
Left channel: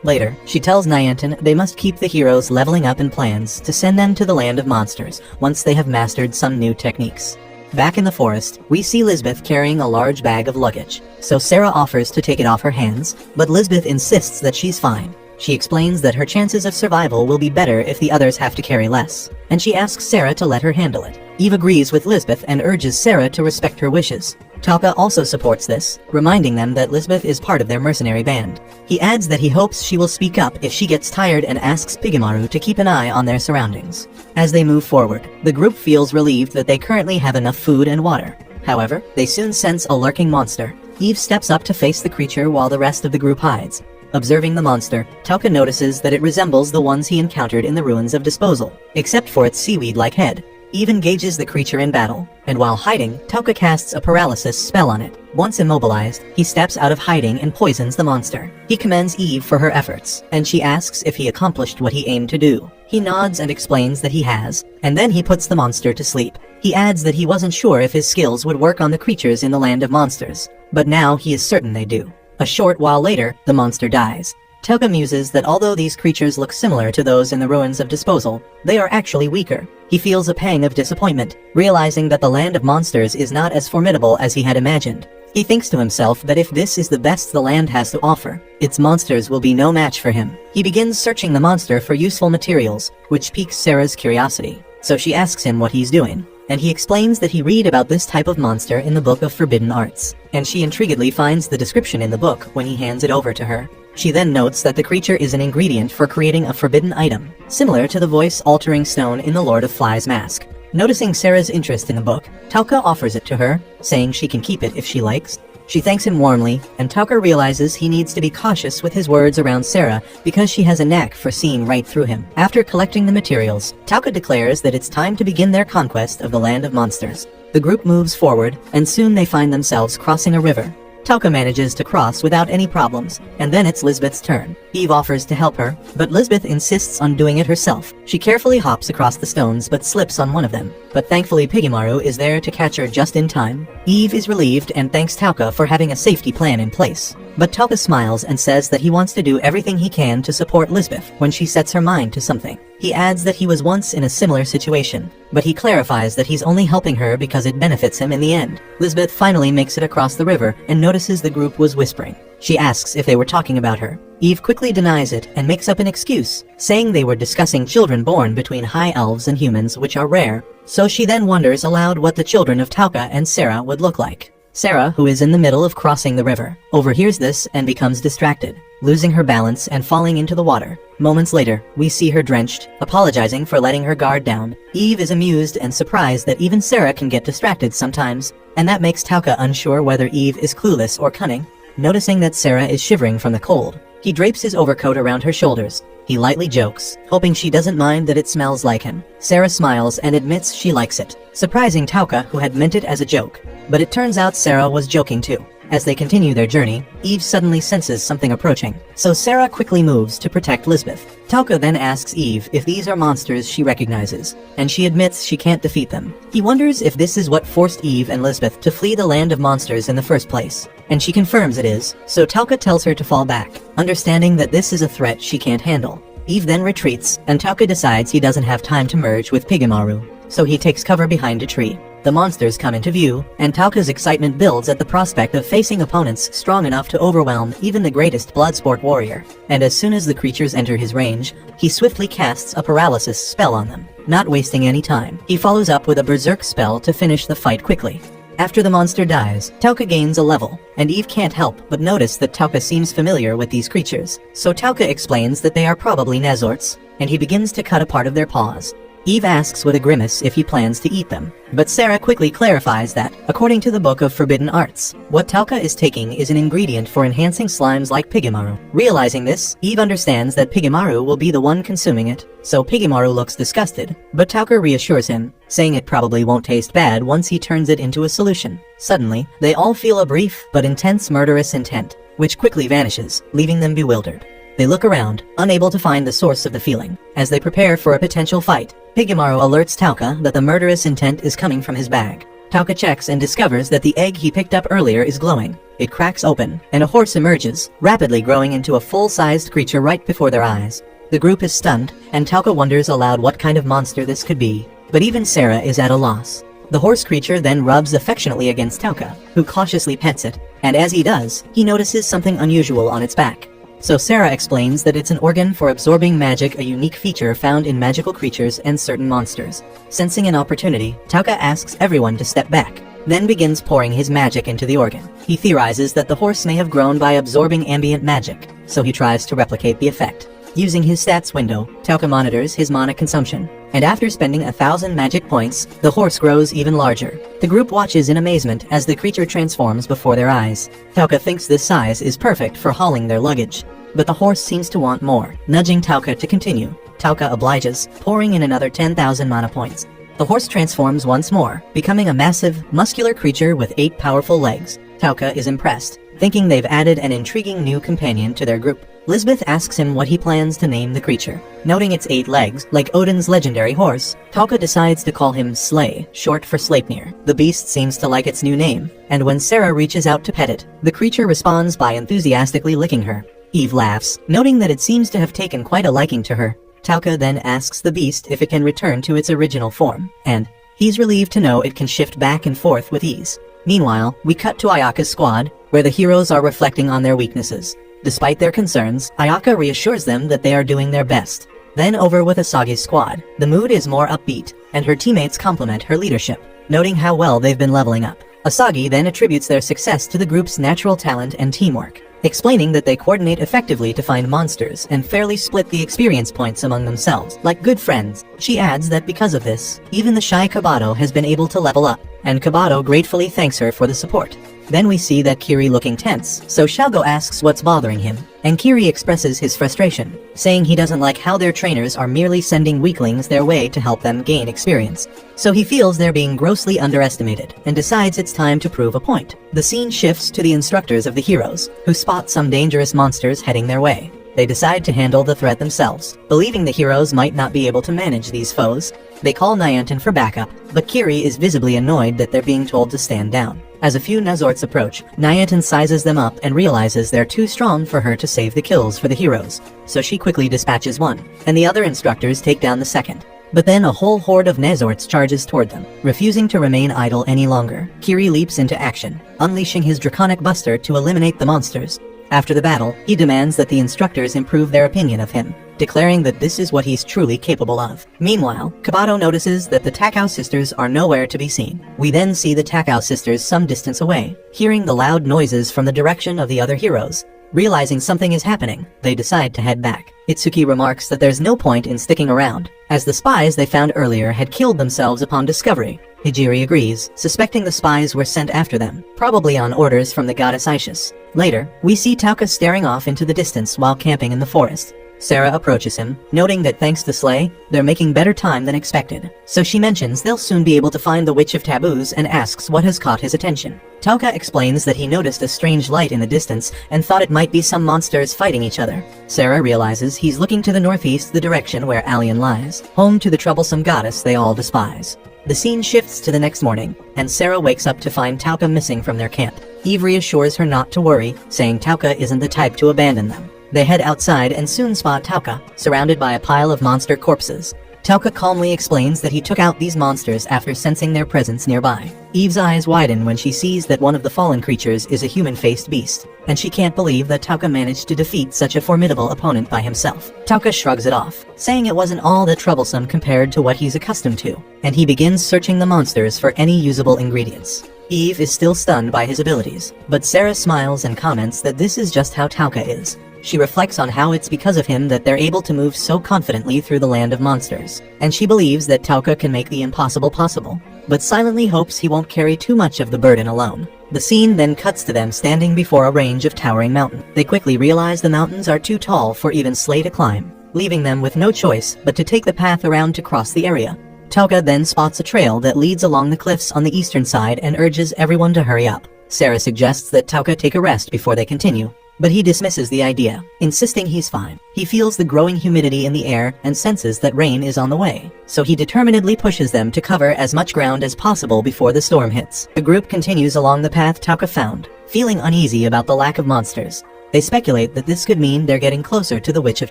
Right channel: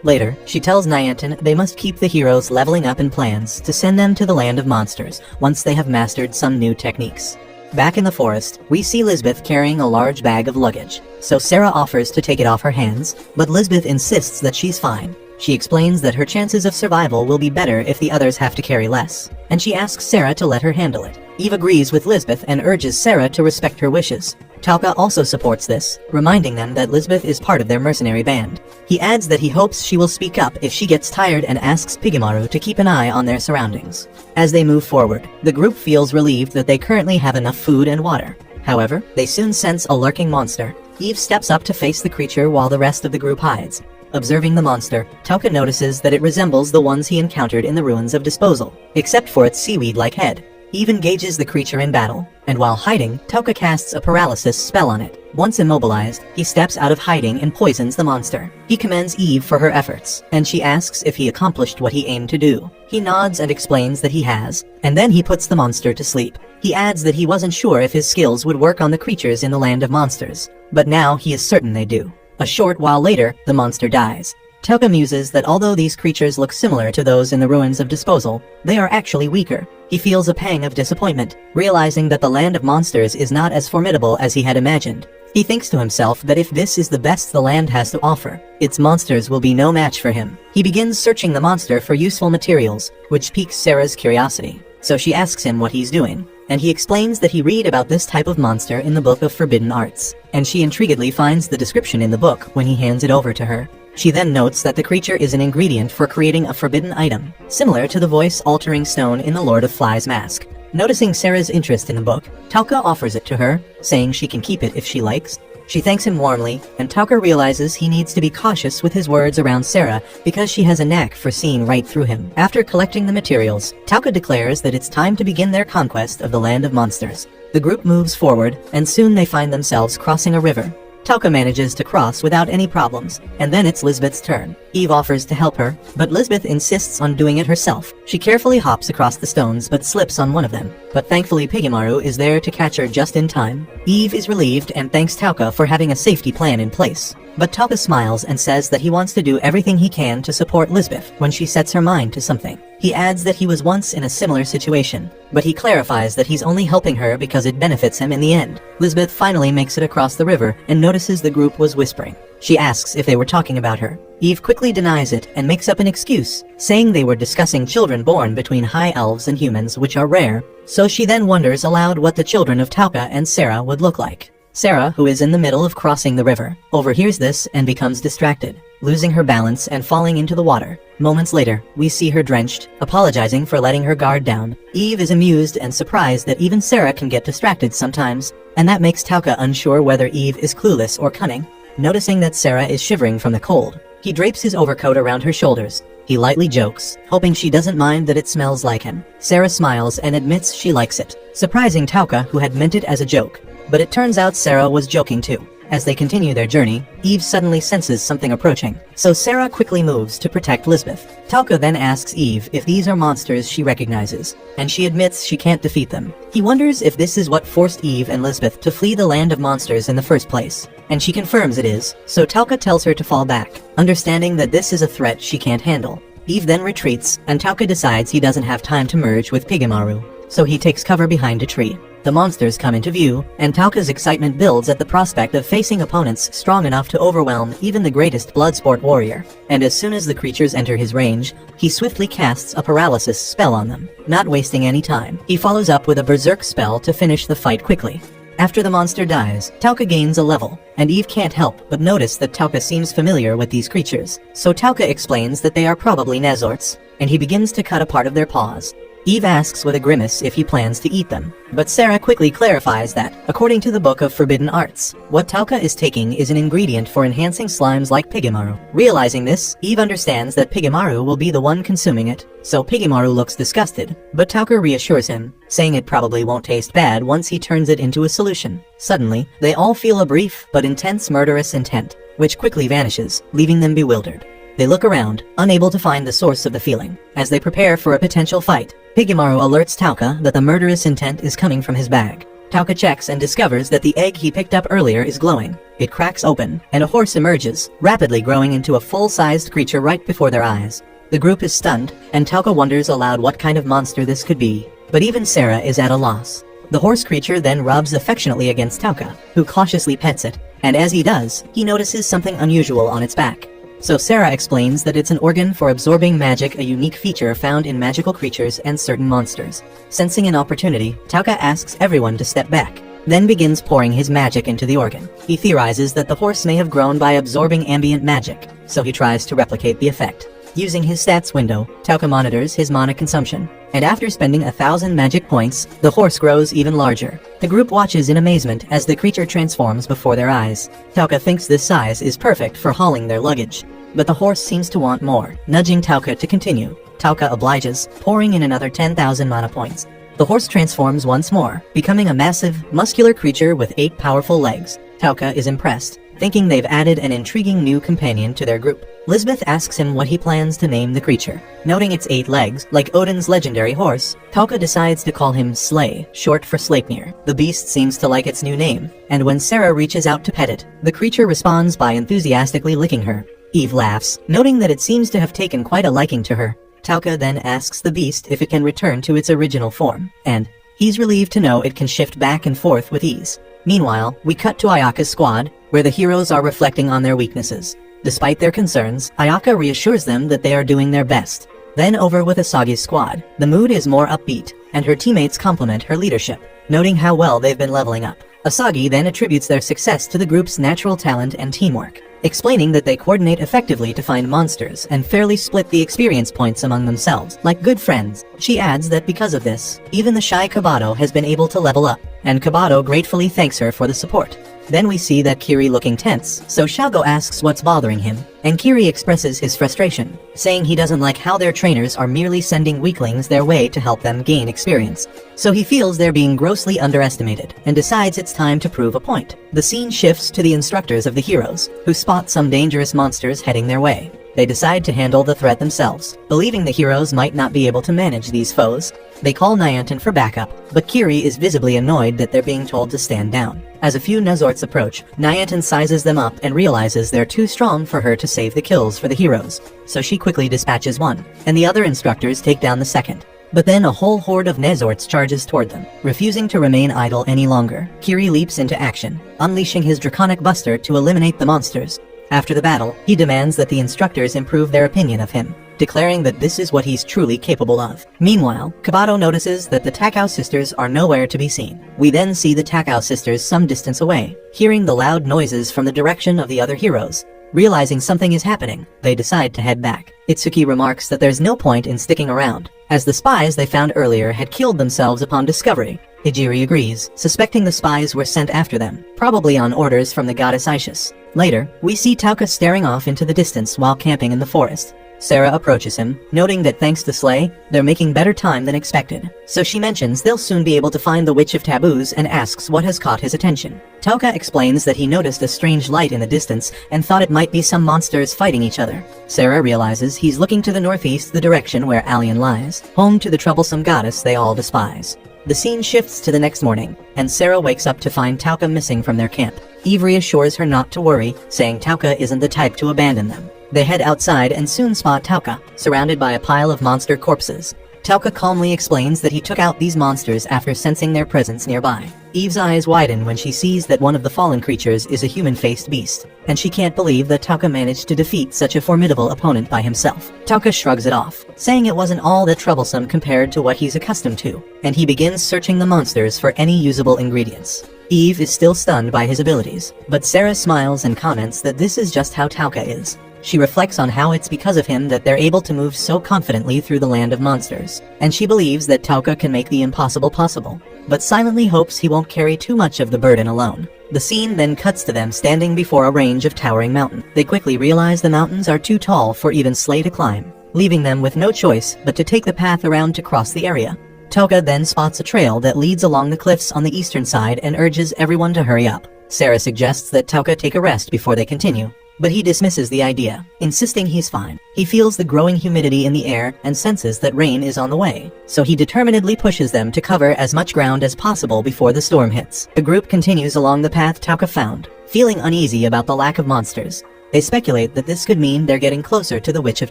Later, she tells Niantic they must keep the heroes leveling up in plans to send them to the land of monsters once they have mastered some new techniques. Back in the forest, we see Lisbeth carrying a large bag of luggage, so Sarah offers to take it off her hands, but Lisbeth insists that she's fine. She explains that her chances of survival will be better if the others have to carry less, and she asks Sarah to let her handle it. Eve agrees with Lisbeth and urges Sarah to respect her wishes. Tauka also supports this, reminding them that Lisbeth is part of their mercenary band. He adds that he hopes she will speak up if she gets tired and asks Pigamaru to keep an eye on their surroundings. As they move forward, the group feels relieved that they currently have enough food and water. However, they soon sense a lurking monster. Eve steps up to face the creature while the rest of the group hides. Observing the monster, Tauka notices that it resembles the ones he encountered in the ruins of Disposal, except for its seaweed-like head. Eve engages the creature in battle, and while hiding, Tauka casts a paralysis spell on it. Once immobilized, he steps out of hiding and poisons the monster. He commends Eve for her efforts, and she asks if he accomplished what he aimed to do. He nods and explains that he has, and then he puts the monster to sleep. He adds that he wasn't sure if his skills would work on the creatures in the land of monsters, but now he is certain they do. A short while later, the monster dies. Tauka muses that although these creatures look similar to those in the ruins of Disposal, they are actually weaker. He feels a pang of disappointment, realizing that the land of monsters is not as formidable as he had imagined. He thinks to himself that if this is the best the land has to offer, its monsters will be no match for him. He begins searching the monster for useful materials, which piques Sarah's curiosity. So she asks him what he's doing, and he explains that he read about this type of monster in the Book of Forbidden Arts, and she intriguedly finds the description in the book when he hands it over to her. She then notes that the creature is an ingredient for creating a forbidden item, similar to the voice-altering stone in the Lord of Flies mask. Noticing Sarah's interest in the book, Tauka offers it to her, saying she can keep it if she likes. She thanks him warmly, and Tauka realizes he needs to be cautious with his words around Sarah because she has a knack for seeing right through him. After collecting the materials, Tauka declares that it's time to begin their conquest of the land of monsters. The group moves forward, and soon they find themselves crossing a river. Tauka manages to cross without any problems, and then it's Lisbeth's turn. Eve offers to help her, but Lisbeth insists on doing it herself. She carefully hops across the stones but slips on one of them, but thankfully Pigamaru is there to catch her just in time. Eve is relieved and thanks Tauka for having a safety plan in place. But Tauka smiles and says that he wants to do everything he can to support Lisbeth when she sets her mind to something. He adds that he was once in a similar situation, but he clarifies that he's only helping her because it benefits him in the end. Lisbeth finally makes it across the river and notices the group was whispering. She asks if they were talking about her. Eve quickly denies it and makes up an excuse, saying they were discussing children born between high elves and humans, which are rare, so she then wonders aloud what the children of Tauka and Sarah would look like. Sarah, who is in the middle of crossing the river, overhears this and becomes distracted, losing her balance and falling into the water. Moments later, we see her drenched, apologizing for letting her guard down. Eve is amused and surprised that even Sarah can get distracted sometimes, and that makes Tauka unsure whether Eve is clueless or cunning. Noticing that Sarah is shivering from the cold, he drapes his overcoat around her shoulders. He lightly jokes, hoping she doesn't mind that it smells like him. Sarah smiles and admits she likes it, surprising Tauka, who had meant it as a joke. But it turns out Sarah was joking too. As they continue their journey, Eve suddenly senses something approaching, so Sarah quickly moves to protect Lisbeth. Tauka then asks Eve if these are monsters she recognizes, and she admits she can't defeat them. He wonders if this is what forced Eve and Lisbeth to flee the land of monsters in the first place, and she confirms it is, so Tauka tells her to fall back, understanding that this is a threat she can't handle. Eve then retreats, and Tauka decides he doesn't have time to merge with Pigamaru, so he takes cover behind a tree. The monsters come into view, and Tauka's excitement builds at the prospect of facing opponents strong enough to overwhelm even the greatest Bloodsport warrior. And as soon as the creatures enter his range, he swiftly casts a paralysis spell on them. Not wasting any time, he follows up with a berserk spell to finish the fight quickly. After the monster dies, Tauka gains a level, and Eve can't help but notice that Tauka seems familiar with these creatures. So Tauka explains that they are probably Nazorts, and he begins to cut a part of their paws. Eve asks with a grimace if he plans to eat them, but Sarah quickly clarifies that, according to the Book of Forbidden Arts, what Tauka is taking is an ingredient for enhancing slimes like Pigemaru. Realizing this, Eve understands that Pigemaru will be the one consuming it, so Pigemaru looks disgusted, but Tauka reassures him, saying it probably won't taste bad once he turns it into a solution. Suddenly, they all feel a brief but intense murderous intent, which quickly vanishes, leaving them bewildered. They look around, unable to find the source of the feeling. As they prepare for a potential fight, Pigemaru alerts Tauka that the murderous intent is coming from his bag. Tauka checks and discovers that the egg he picked up earlier is glowing. It cracks open, and a horse emerges, rapidly growing into a full-sized creature right before their eyes. The group is stunned, and Tauka wonders aloud what kind of monster this could be. But even Sarah is at a loss. The horse creature then rubs affectionately against Tauka, who cautiously pets it, and as he does, he notices something unusual on its back. So Sarah explains that it's an organ for absorbing magic, a unique feature found in magical creatures and certain monsters. Sensing an opportunity, Tauka asks everyone to step back, then begins pouring his magic into the organ. He theorizes that the horse may have grown by absorbing ambient magic, so he tries to replicate the effect. Using his stats window, Tauka monitors his mana consumption, and after spending 1,000 magic points, the horse grows even larger. The group watches in amazement as the creature transforms before their eyes. Tauka thinks this size is perfect for hauling their luggage, but the horse seems to want more, nudging Tauka to continue. Tauka obliges, pouring in another 10,000 mana points. The horse transforms once more, becoming a massive, muscular creature with 8 powerful legs. Tauka is impressed, thinking they've added an intriguing new companion to their group. Lisbeth asks him what he plans to name the creature. Noting its 8 legs, like Odin's legendary horse, Tauka decides to call him Slay, short for Sleipnir. The beast seems to like its new name, and when Sarah reaches out to pet it, the creature responds by enthusiastically licking her. Eve laughs, noting that it seems to have taken quite a liking to her. Tauka then asks the beast if it can return to its original form, and he's relieved to know it can shift back and forth with ease. Meanwhile, we cut to Ayaka's squad, where the heroes are reflecting on their weaknesses. Despite their concerns, Ayaka reassures them that they are doing their best. Then over with Asagi's squad, the mood is more upbeat, and her teammates compliment her leadership, noting how well they've been leveling up. Asagi then attributes their success to the group's natural talent and teamwork, explaining that they coordinate effectively to find monsters and fairly split the experience points among themselves, like good friends. She adds that because of this, even the shy Kabato has been able to level up, and Kabato gratefully thanks her for the support. Then we see that Kiri looking tense, so Shago asks what's bothering him, and Kiri expresses his frustration, saying he doesn't like how their trainers are merely sending weaklings their way to help them gain experience. So he feels they're being grossly underestimated, and decides it's time to prove a point. The scene shifts to the instructors of the heroes, who spot some dangerous monsters heading their way. They decide to handle the threat themselves, believing the heroes might not be able to manage these foes. They call Nyantin for backup, but Kiri is visibly annoyed that they're being told to stand down. As a few Nazorts approach, Nyantin sizes them up and realizes they're too strong for her to save the kills for the heroes, so she quickly dispatches one, and the other instructors take down the second. But then a whole horde of Nazorts charges toward them. Refusing to remain idle any longer, Kiri leaps into action, unleashing his Draconic Buster to eliminate the monsters. After the battle, he demands that the instructors improve their opinion of him, declaring that this is what he's truly capable of. Meanwhile, Kabato notices that the Takao sisters are nowhere to be seen. We then see the Takao sisters some distance away, hearing the loud noises from the direction of the other heroes. Realizing something is happening, they decide to head back. Itsuki remarks that there's no point in sticking around, as the spies they found earlier had killed themselves upon discovery. Hijiri agrees, suspecting the spies were sent after them, probably on orders from the goddess Isis. Later, we see Tauka staring off into the distance while camping in the forest. Sarah approaches him, noting that thanks to Slay, they're making better time than expected. So she mentions they'll soon be able to find the Witch of Taboos and asks what has caught his attention. Tauka explains that he noticed a strange light in the distance and thought it might be some monsters fighting each other. Sarah realizes he's looking to the northeast, the direction where Alien lies, home to the troublesome goddess they all despise. The scene shifts to the next morning, and Sarah wakes up to find Tauka missing from their camp. Eve reassures her not to worry, saying Tauka isn't the type to abandon them. They head outside and soon spot Tauka, surrounded by a pile of monster corpses. Tauka calmly explains that he took out these monsters after sensing their presence nearby. Eve's eyes widen when she sees that one of the fallen creatures is a human-faced beast, and she can't believe that Tauka managed to defeat such a formidable opponent by himself. Tauka shrugs it off, saying it wasn't all that troublesome compared to what he's accustomed to, and he begins searching the monsters for any usable ingredients. Eve is still stunned by his abilities, but Sarah smiles and comments that this is just how Tauka is. She reflects on how it's because of him that they're able to move so confidently through the land of monsters, and she believes that Tauka can make the impossible possible, but silently hopes he won't carry too much of the burden alone. The scene then cuts to them standing before a range of towering mountains. They quickly realize the mountains are too tall for even Slay to climb, leaving them with no choice but to take the path around to cross the area. Tauka then spots a trail that leads along the cliffs on the eastern side and urges everyone to hurry up. Sarah suggests that Tauka take a rest before they continue, but he dismisses the idea, insisting he's fine. He feels the growing humidity in the air and senses that rain is on the way, so he determinedly pushes them to cover as much ground as possible before the storm hits. The group continues along the path Tauka found, feeling uneasy about the lack of monsters. They speculate that this could mean they're getting closer to the Witch of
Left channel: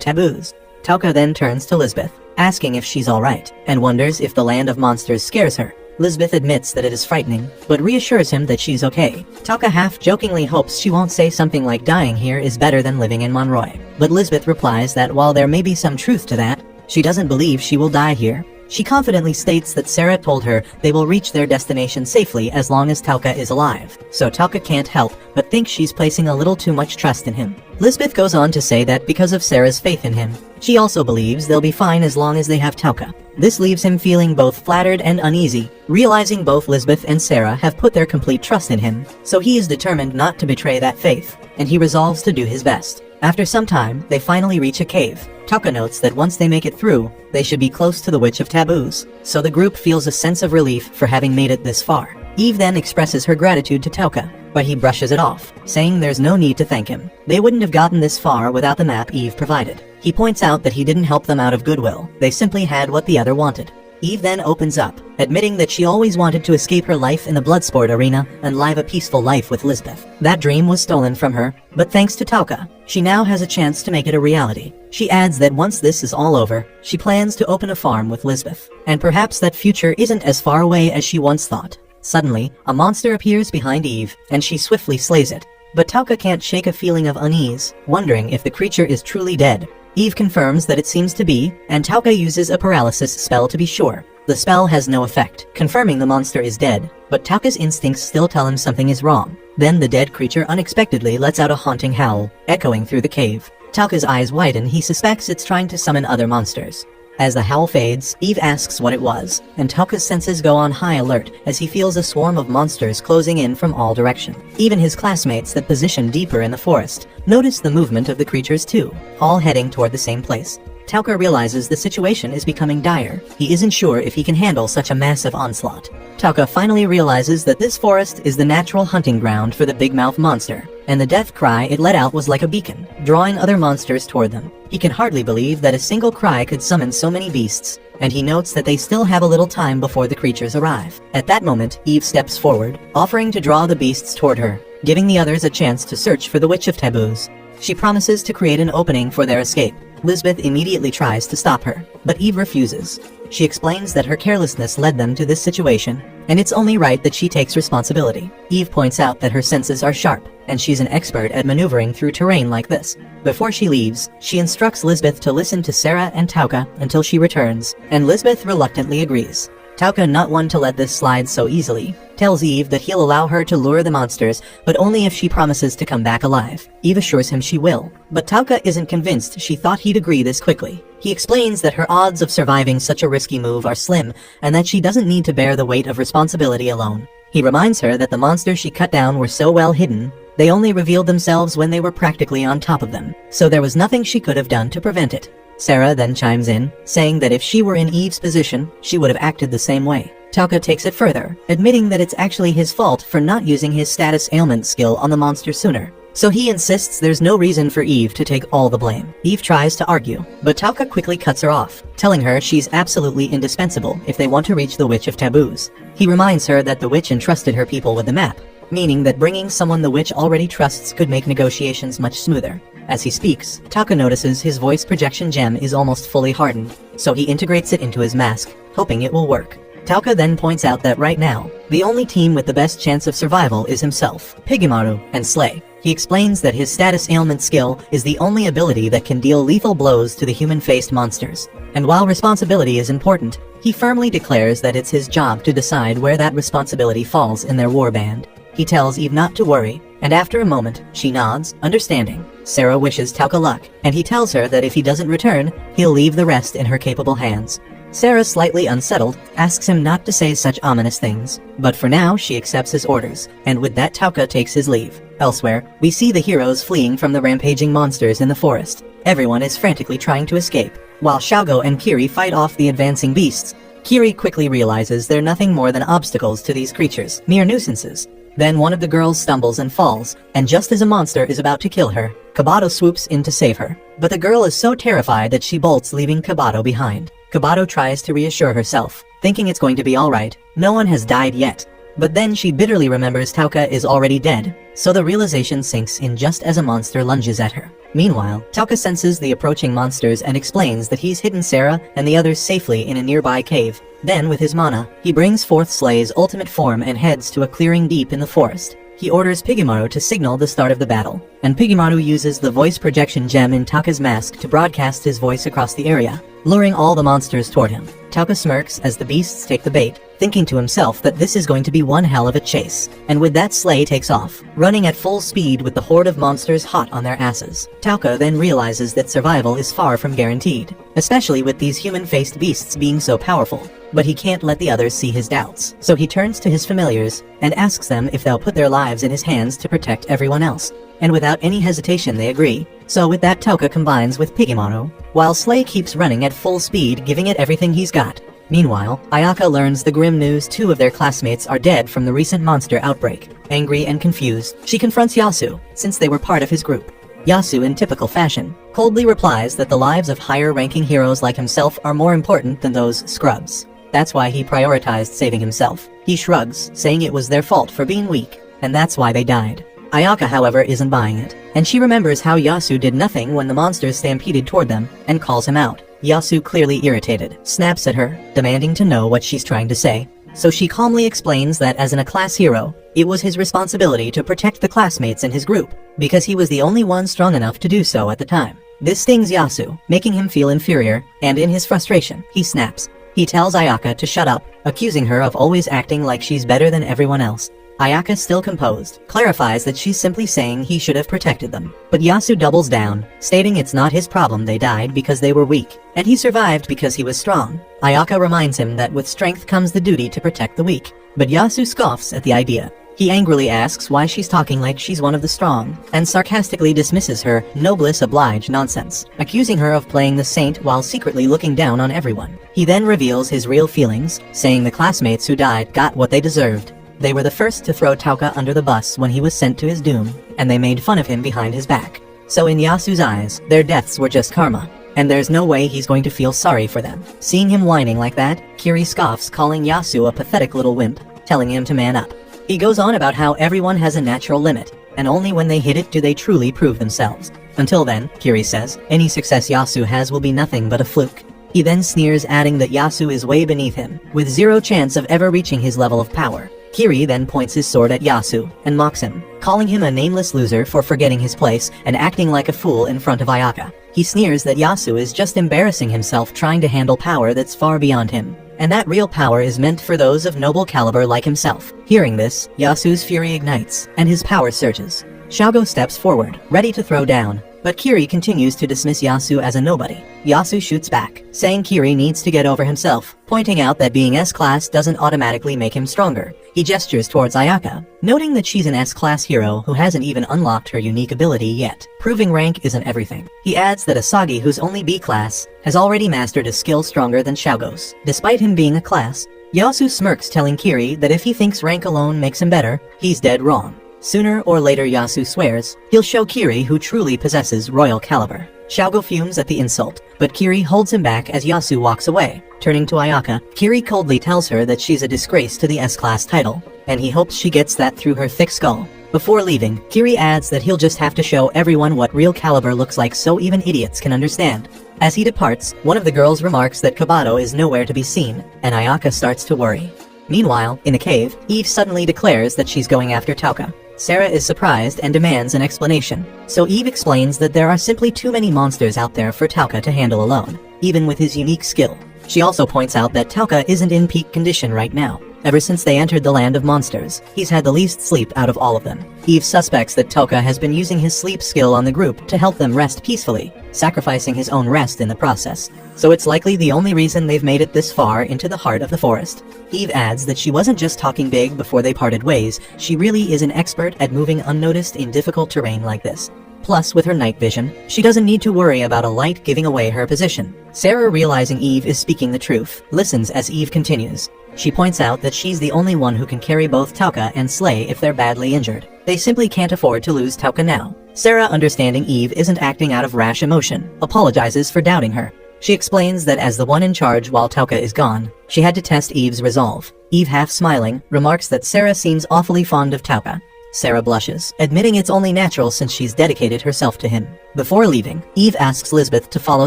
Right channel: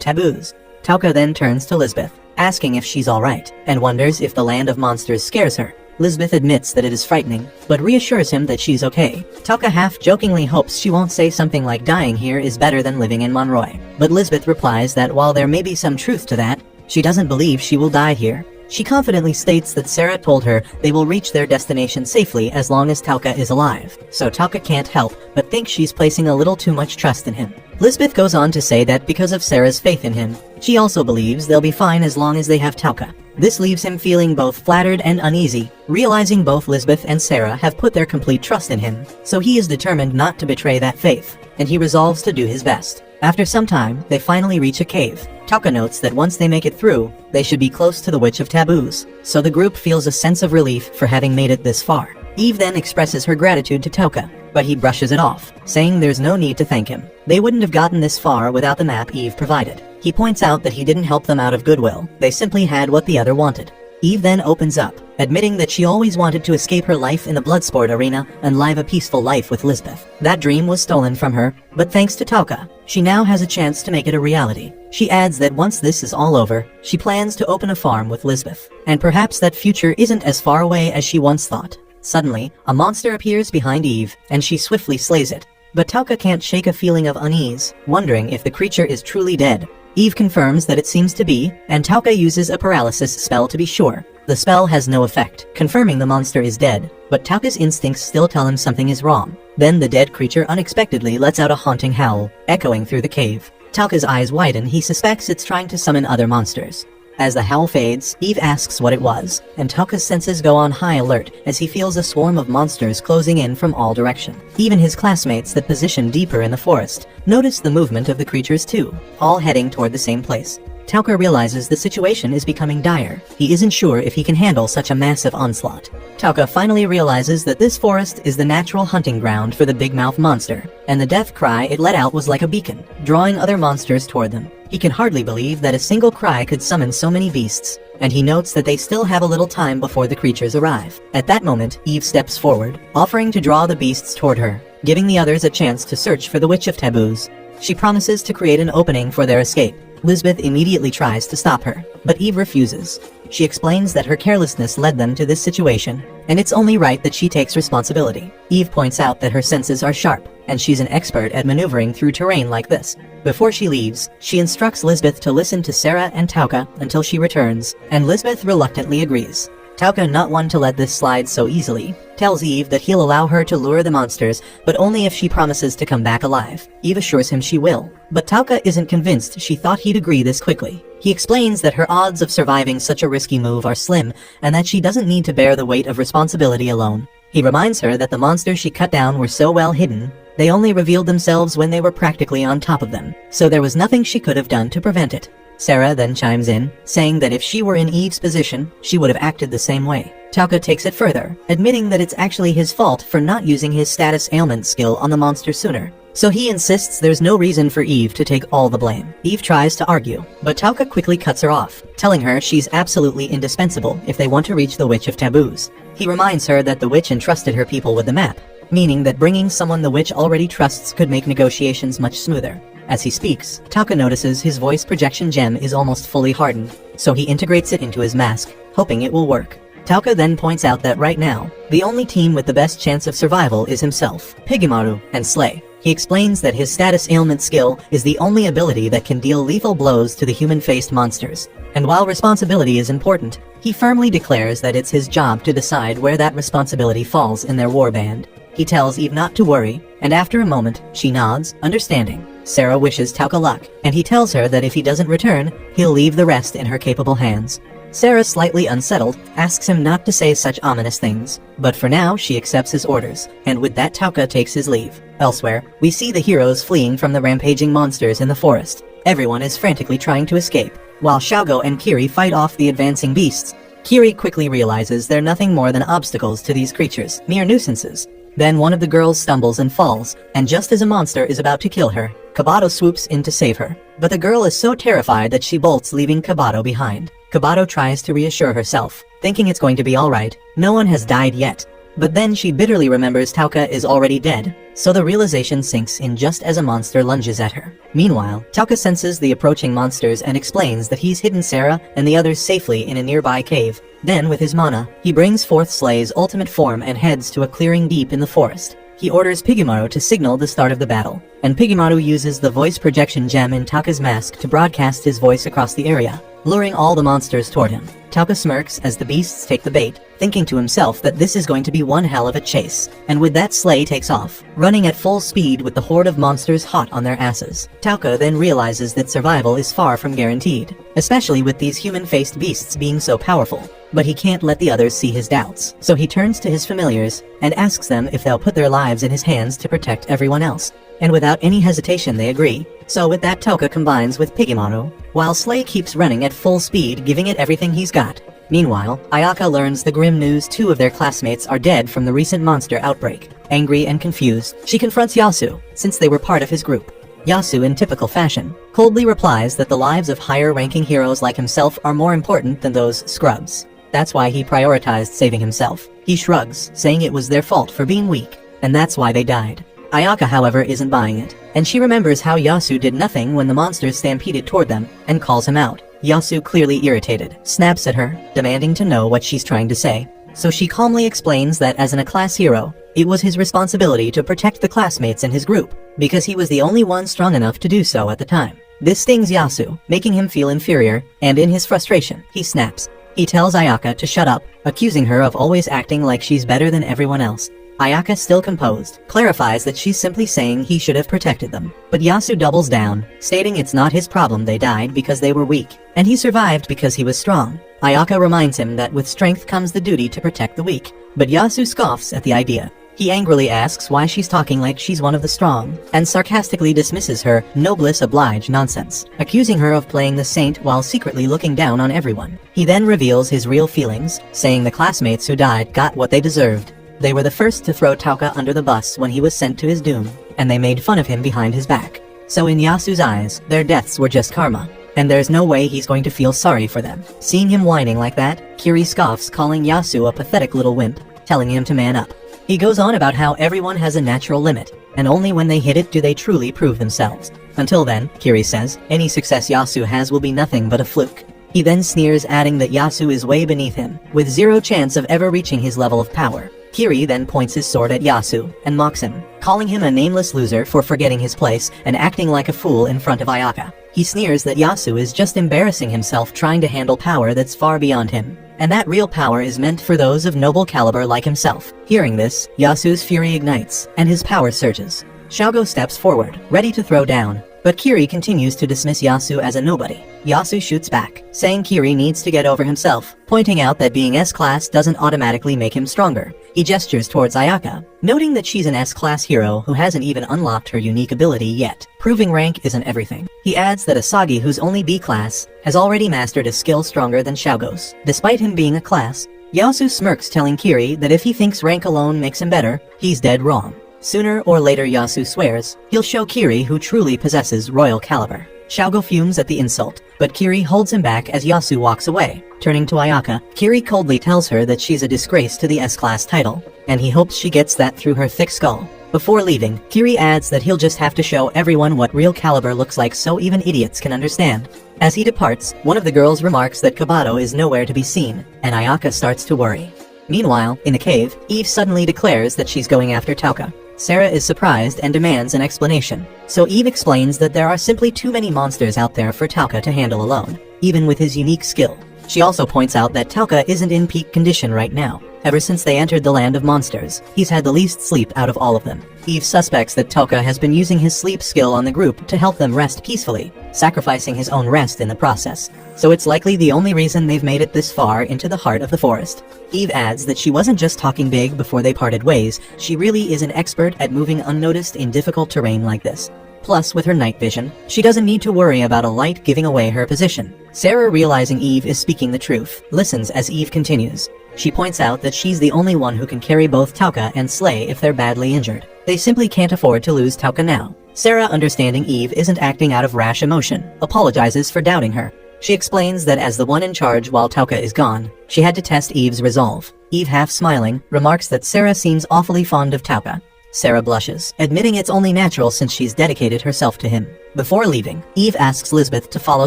Taboos. Tauka then turns to Lisbeth, asking if she's alright, and wonders if the land of monsters scares her. Lisbeth admits that it is frightening, but reassures him that she's okay. Tauka half-jokingly hopes she won't say something like dying here is better than living in Monroy. But Lisbeth replies that while there may be some truth to that, she doesn't believe she will die here. She confidently states that Sarah told her they will reach their destination safely as long as Tauka is alive, so Tauka can't help but think she's placing a little too much trust in him. Lisbeth goes on to say that because of Sarah's faith in him, she also believes they'll be fine as long as they have Tauka. This leaves him feeling both flattered and uneasy, realizing both Lisbeth and Sarah have put their complete trust in him, so he is determined not to betray that faith, and he resolves to do his best. After some time, they finally reach a cave. Tauka notes that once they make it through, they should be close to the Witch of Taboos, so the group feels a sense of relief for having made it this far. Eve then expresses her gratitude to Tauka, but he brushes it off, saying there's no need to thank him. They wouldn't have gotten this far without the map Eve provided. He points out that he didn't help them out of goodwill, they simply had what the other wanted. Eve then opens up, admitting that she always wanted to escape her life in the Bloodsport arena and live a peaceful life with Lisbeth. That dream was stolen from her, but thanks to Tauka, she now has a chance to make it a reality. She adds that once this is all over, she plans to open a farm with Lisbeth, and perhaps that future isn't as far away as she once thought. Suddenly, a monster appears behind Eve, and she swiftly slays it. But Tauka can't shake a feeling of unease, wondering if the creature is truly dead. Eve confirms that it seems to be, and Tauka uses a paralysis spell to be sure. The spell has no effect, confirming the monster is dead, but Tauka's instincts still tell him something is wrong. Then the dead creature unexpectedly lets out a haunting howl, echoing through the cave. Tauka's eyes widen, he suspects it's trying to summon other monsters. As the howl fades, Eve asks what it was, and Tauka's senses go on high alert as he feels a swarm of monsters closing in from all directions. Even his classmates that position deeper in the forest notice the movement of the creatures too, all heading toward the same place. Tauka realizes the situation is becoming dire. He isn't sure if he can handle such a massive onslaught. Tauka finally realizes that this forest is the natural hunting ground for the big mouth monster, and the death cry it let out was like a beacon, drawing other monsters toward them. He can hardly believe that a single cry could summon so many beasts, and he notes that they still have a little time before the creatures arrive. At that moment, Eve steps forward, offering to draw the beasts toward her, giving the others a chance to search for the Witch of Taboos. She promises to create an opening for their escape. Lisbeth immediately tries to stop her, but Eve refuses. She explains that her carelessness led them to this situation, and it's only right that she takes responsibility. Eve points out that her senses are sharp, and she's an expert at maneuvering through terrain like this. Before she leaves, she instructs Lisbeth to listen to Sarah and Tauka until she returns, and Lisbeth reluctantly agrees. Tauka, not one to let this slide so easily, tells Eve that he'll allow her to lure the monsters, but only if she promises to come back alive. Eve assures him she will, but Tauka isn't convinced. She thought he'd agree this quickly. He explains that her odds of surviving such a risky move are slim, and that she doesn't need to bear the weight of responsibility alone. He reminds her that the monsters she cut down were so well hidden, they only revealed themselves when they were practically on top of them, so there was nothing she could have done to prevent it. Sarah then chimes in, saying that if she were in Eve's position, she would have acted the same way. Tauka takes it further, admitting that it's actually his fault for not using his status ailment skill on the monster sooner. So he insists there's no reason for Eve to take all the blame. Eve tries to argue, but Tauka quickly cuts her off, telling her she's absolutely indispensable if they want to reach the Witch of Taboos. He reminds her that the witch entrusted her people with the map, meaning that bringing someone the witch already trusts could make negotiations much smoother. As he speaks, Tauka notices his voice projection gem is almost fully hardened, so he integrates it into his mask, hoping it will work. Tauka then points out that right now, the only team with the best chance of survival is himself, Pigemaru, and Slay. He explains that his status ailment skill is the only ability that can deal lethal blows to the human-faced monsters. And while responsibility is important, he firmly declares that it's his job to decide where that responsibility falls in their warband. He tells Eve not to worry, and after a moment, she nods, understanding. Sarah wishes Tauka luck, and he tells her that if he doesn't return, he'll leave the rest in her capable hands. Sarah, slightly unsettled, asks him not to say such ominous things, but for now she accepts his orders, and with that Tauka takes his leave. Elsewhere, we see the heroes fleeing from the rampaging monsters in the forest. Everyone is frantically trying to escape. While Xiaogo and Kiri fight off the advancing beasts, Kiri quickly realizes they're nothing more than obstacles to these creatures, mere nuisances. Then one of the girls stumbles and falls, and just as a monster is about to kill her, Kabato swoops in to save her. But the girl is so terrified that she bolts, leaving Kabato behind. Kabato tries to reassure herself, thinking it's going to be alright, no one has died yet. But then she bitterly remembers Tauka is already dead, so the realization sinks in just as a monster lunges at her. Meanwhile, Tauka senses the approaching monsters and explains that he's hidden Sarah and the others safely in a nearby cave. Then, with his mana, he brings forth Slay's ultimate form and heads to a clearing deep in the forest. He orders Pigemaru to signal the start of the battle, and Pigemaru uses the voice projection gem in Tauka's mask to broadcast his voice across the area, luring all the monsters toward him. Tauka smirks as the beasts take the bait, thinking to himself that this is going to be one hell of a chase. And with that, Slay takes off, running at full speed with the horde of monsters hot on their asses. Tauka then realizes that survival is far from guaranteed, especially with these human-faced beasts being so powerful. But he can't let the others see his doubts, so he turns to his familiars and asks them if they'll put their lives in his hands to protect everyone else. And without any hesitation they agree. So with that, Tauka combines with Pigemaru, while Slay keeps running at full speed, giving it everything he's got. Meanwhile, Ayaka learns the grim news 2 of their classmates are dead from the recent monster outbreak. Angry and confused, she confronts Yasu, since they were part of his group. Yasu, in typical fashion, coldly replies that the lives of higher-ranking heroes like himself are more important than those scrubs. That's why he prioritized saving himself. He shrugs, saying it was their fault for being weak, and that's why they died. Ayaka, however, isn't buying it, and she remembers how Yasu did nothing when the monsters stampeded toward them, and calls him out. Yasu, clearly irritated, snaps at her, demanding to know what she's trying to say. So she calmly explains that as a class hero, it was his responsibility to protect the classmates in his group, because he was the only one strong enough to do so at the time. This stings Yasu, making him feel inferior, and in his frustration, he snaps. He tells Ayaka to shut up, accusing her of always acting like she's better than everyone else. Ayaka, still composed, clarifies that she's simply saying he should have protected them. But Yasu doubles down, stating it's not his problem they died because they were weak, and he survived because he was strong. Ayaka reminds him that with strength comes the duty to protect the weak, but Yasu scoffs at the idea. He angrily asks why she's talking like she's one of the strong, and sarcastically dismisses her noblesse oblige nonsense, accusing her of playing the saint while secretly looking down on everyone. He then reveals his real feelings, saying the classmates who died got what they deserved. They were the first to throw Tauka under the bus when he was sent to his doom, and they made fun of him behind his back. So in Yasu's eyes, their deaths were just karma, and there's no way he's going to feel sorry for them. Seeing him whining like that, Kiri scoffs, calling Yasu a pathetic little wimp, telling him to man up. He goes on about how everyone has a natural limit, and only when they hit it do they truly prove themselves. Until then, Kiri says, any success Yasu has will be nothing but a fluke. He then sneers, adding that Yasu is way beneath him, with zero chance of ever reaching his level of power. Kiri then points his sword at Yasu and mocks him, calling him a nameless loser for forgetting his place and acting like a fool in front of Ayaka. He sneers that Yasu is just embarrassing himself trying to handle power that's far beyond him, and that real power is meant for those of noble caliber like himself. Hearing this, Yasu's fury ignites, and his power surges. Xiaogo steps forward, ready to throw down, but Kiri continues to dismiss Yasu as a nobody. Yasu shoots back, saying Kiri needs to get over himself, pointing out that being S-class doesn't automatically make him stronger. He gestures towards Ayaka, noting that she's an S-class hero who hasn't even unlocked her unique ability yet. Proving rank isn't everything. He adds that Asagi, who's only B-class, has already mastered a skill stronger than Xiaogo's. Despite him being a class, Yasu smirks, telling Kiri that if he thinks rank alone makes him better, he's dead wrong. Sooner or later, Yasu swears, he'll show Kiri who truly possesses royal caliber. Xiaogo fumes at the insult, but Kiri holds him back as Yasu walks away. Turning to Ayaka, Kiri coldly tells her that she's a disgrace to the S-class title, and he hopes she gets that through her thick skull. Before leaving, Kiri adds that he'll just have to show everyone what real caliber looks like so even idiots can understand. As he departs, one of the girls remarks that Kabato is nowhere to be seen, and Ayaka starts to worry. Meanwhile, in the cave, Eve suddenly declares that she's going after Tauka. Sarah is surprised and demands an explanation, so Eve explains that there are simply too many monsters out there for Tauka to handle alone, even with his unique skill. She also points out that Tauka isn't in peak condition right now. Ever since they entered the land of monsters, he's had the least sleep out of all of them. Eve suspects that Tauka has been using his sleep skill on the group to help them rest peacefully, sacrificing his own rest in the process. So it's likely the only reason they've made it this far into the heart of the forest. Eve adds that she wasn't just talking big before they parted ways, she really is an expert at moving unnoticed in difficult terrain like this. Plus, with her night vision, she doesn't need to worry about a light giving away her position. Sarah, realizing Eve is speaking the truth, listens as Eve continues. She points out that she's the only one who can carry both Tauka and Slay if they're badly injured. They simply can't afford to lose Tauka now. Sarah, understanding Eve isn't acting out of rash emotion, apologizes for doubting her. She explains that as the one in charge while Tauka is gone, she had to test Eve's resolve. Eve, half smiling, remarks that Sarah seems awfully fond of Tauka. Sarah blushes, admitting it's only natural since she's dedicated herself to him. Before leaving, Eve asks Lisbeth to follow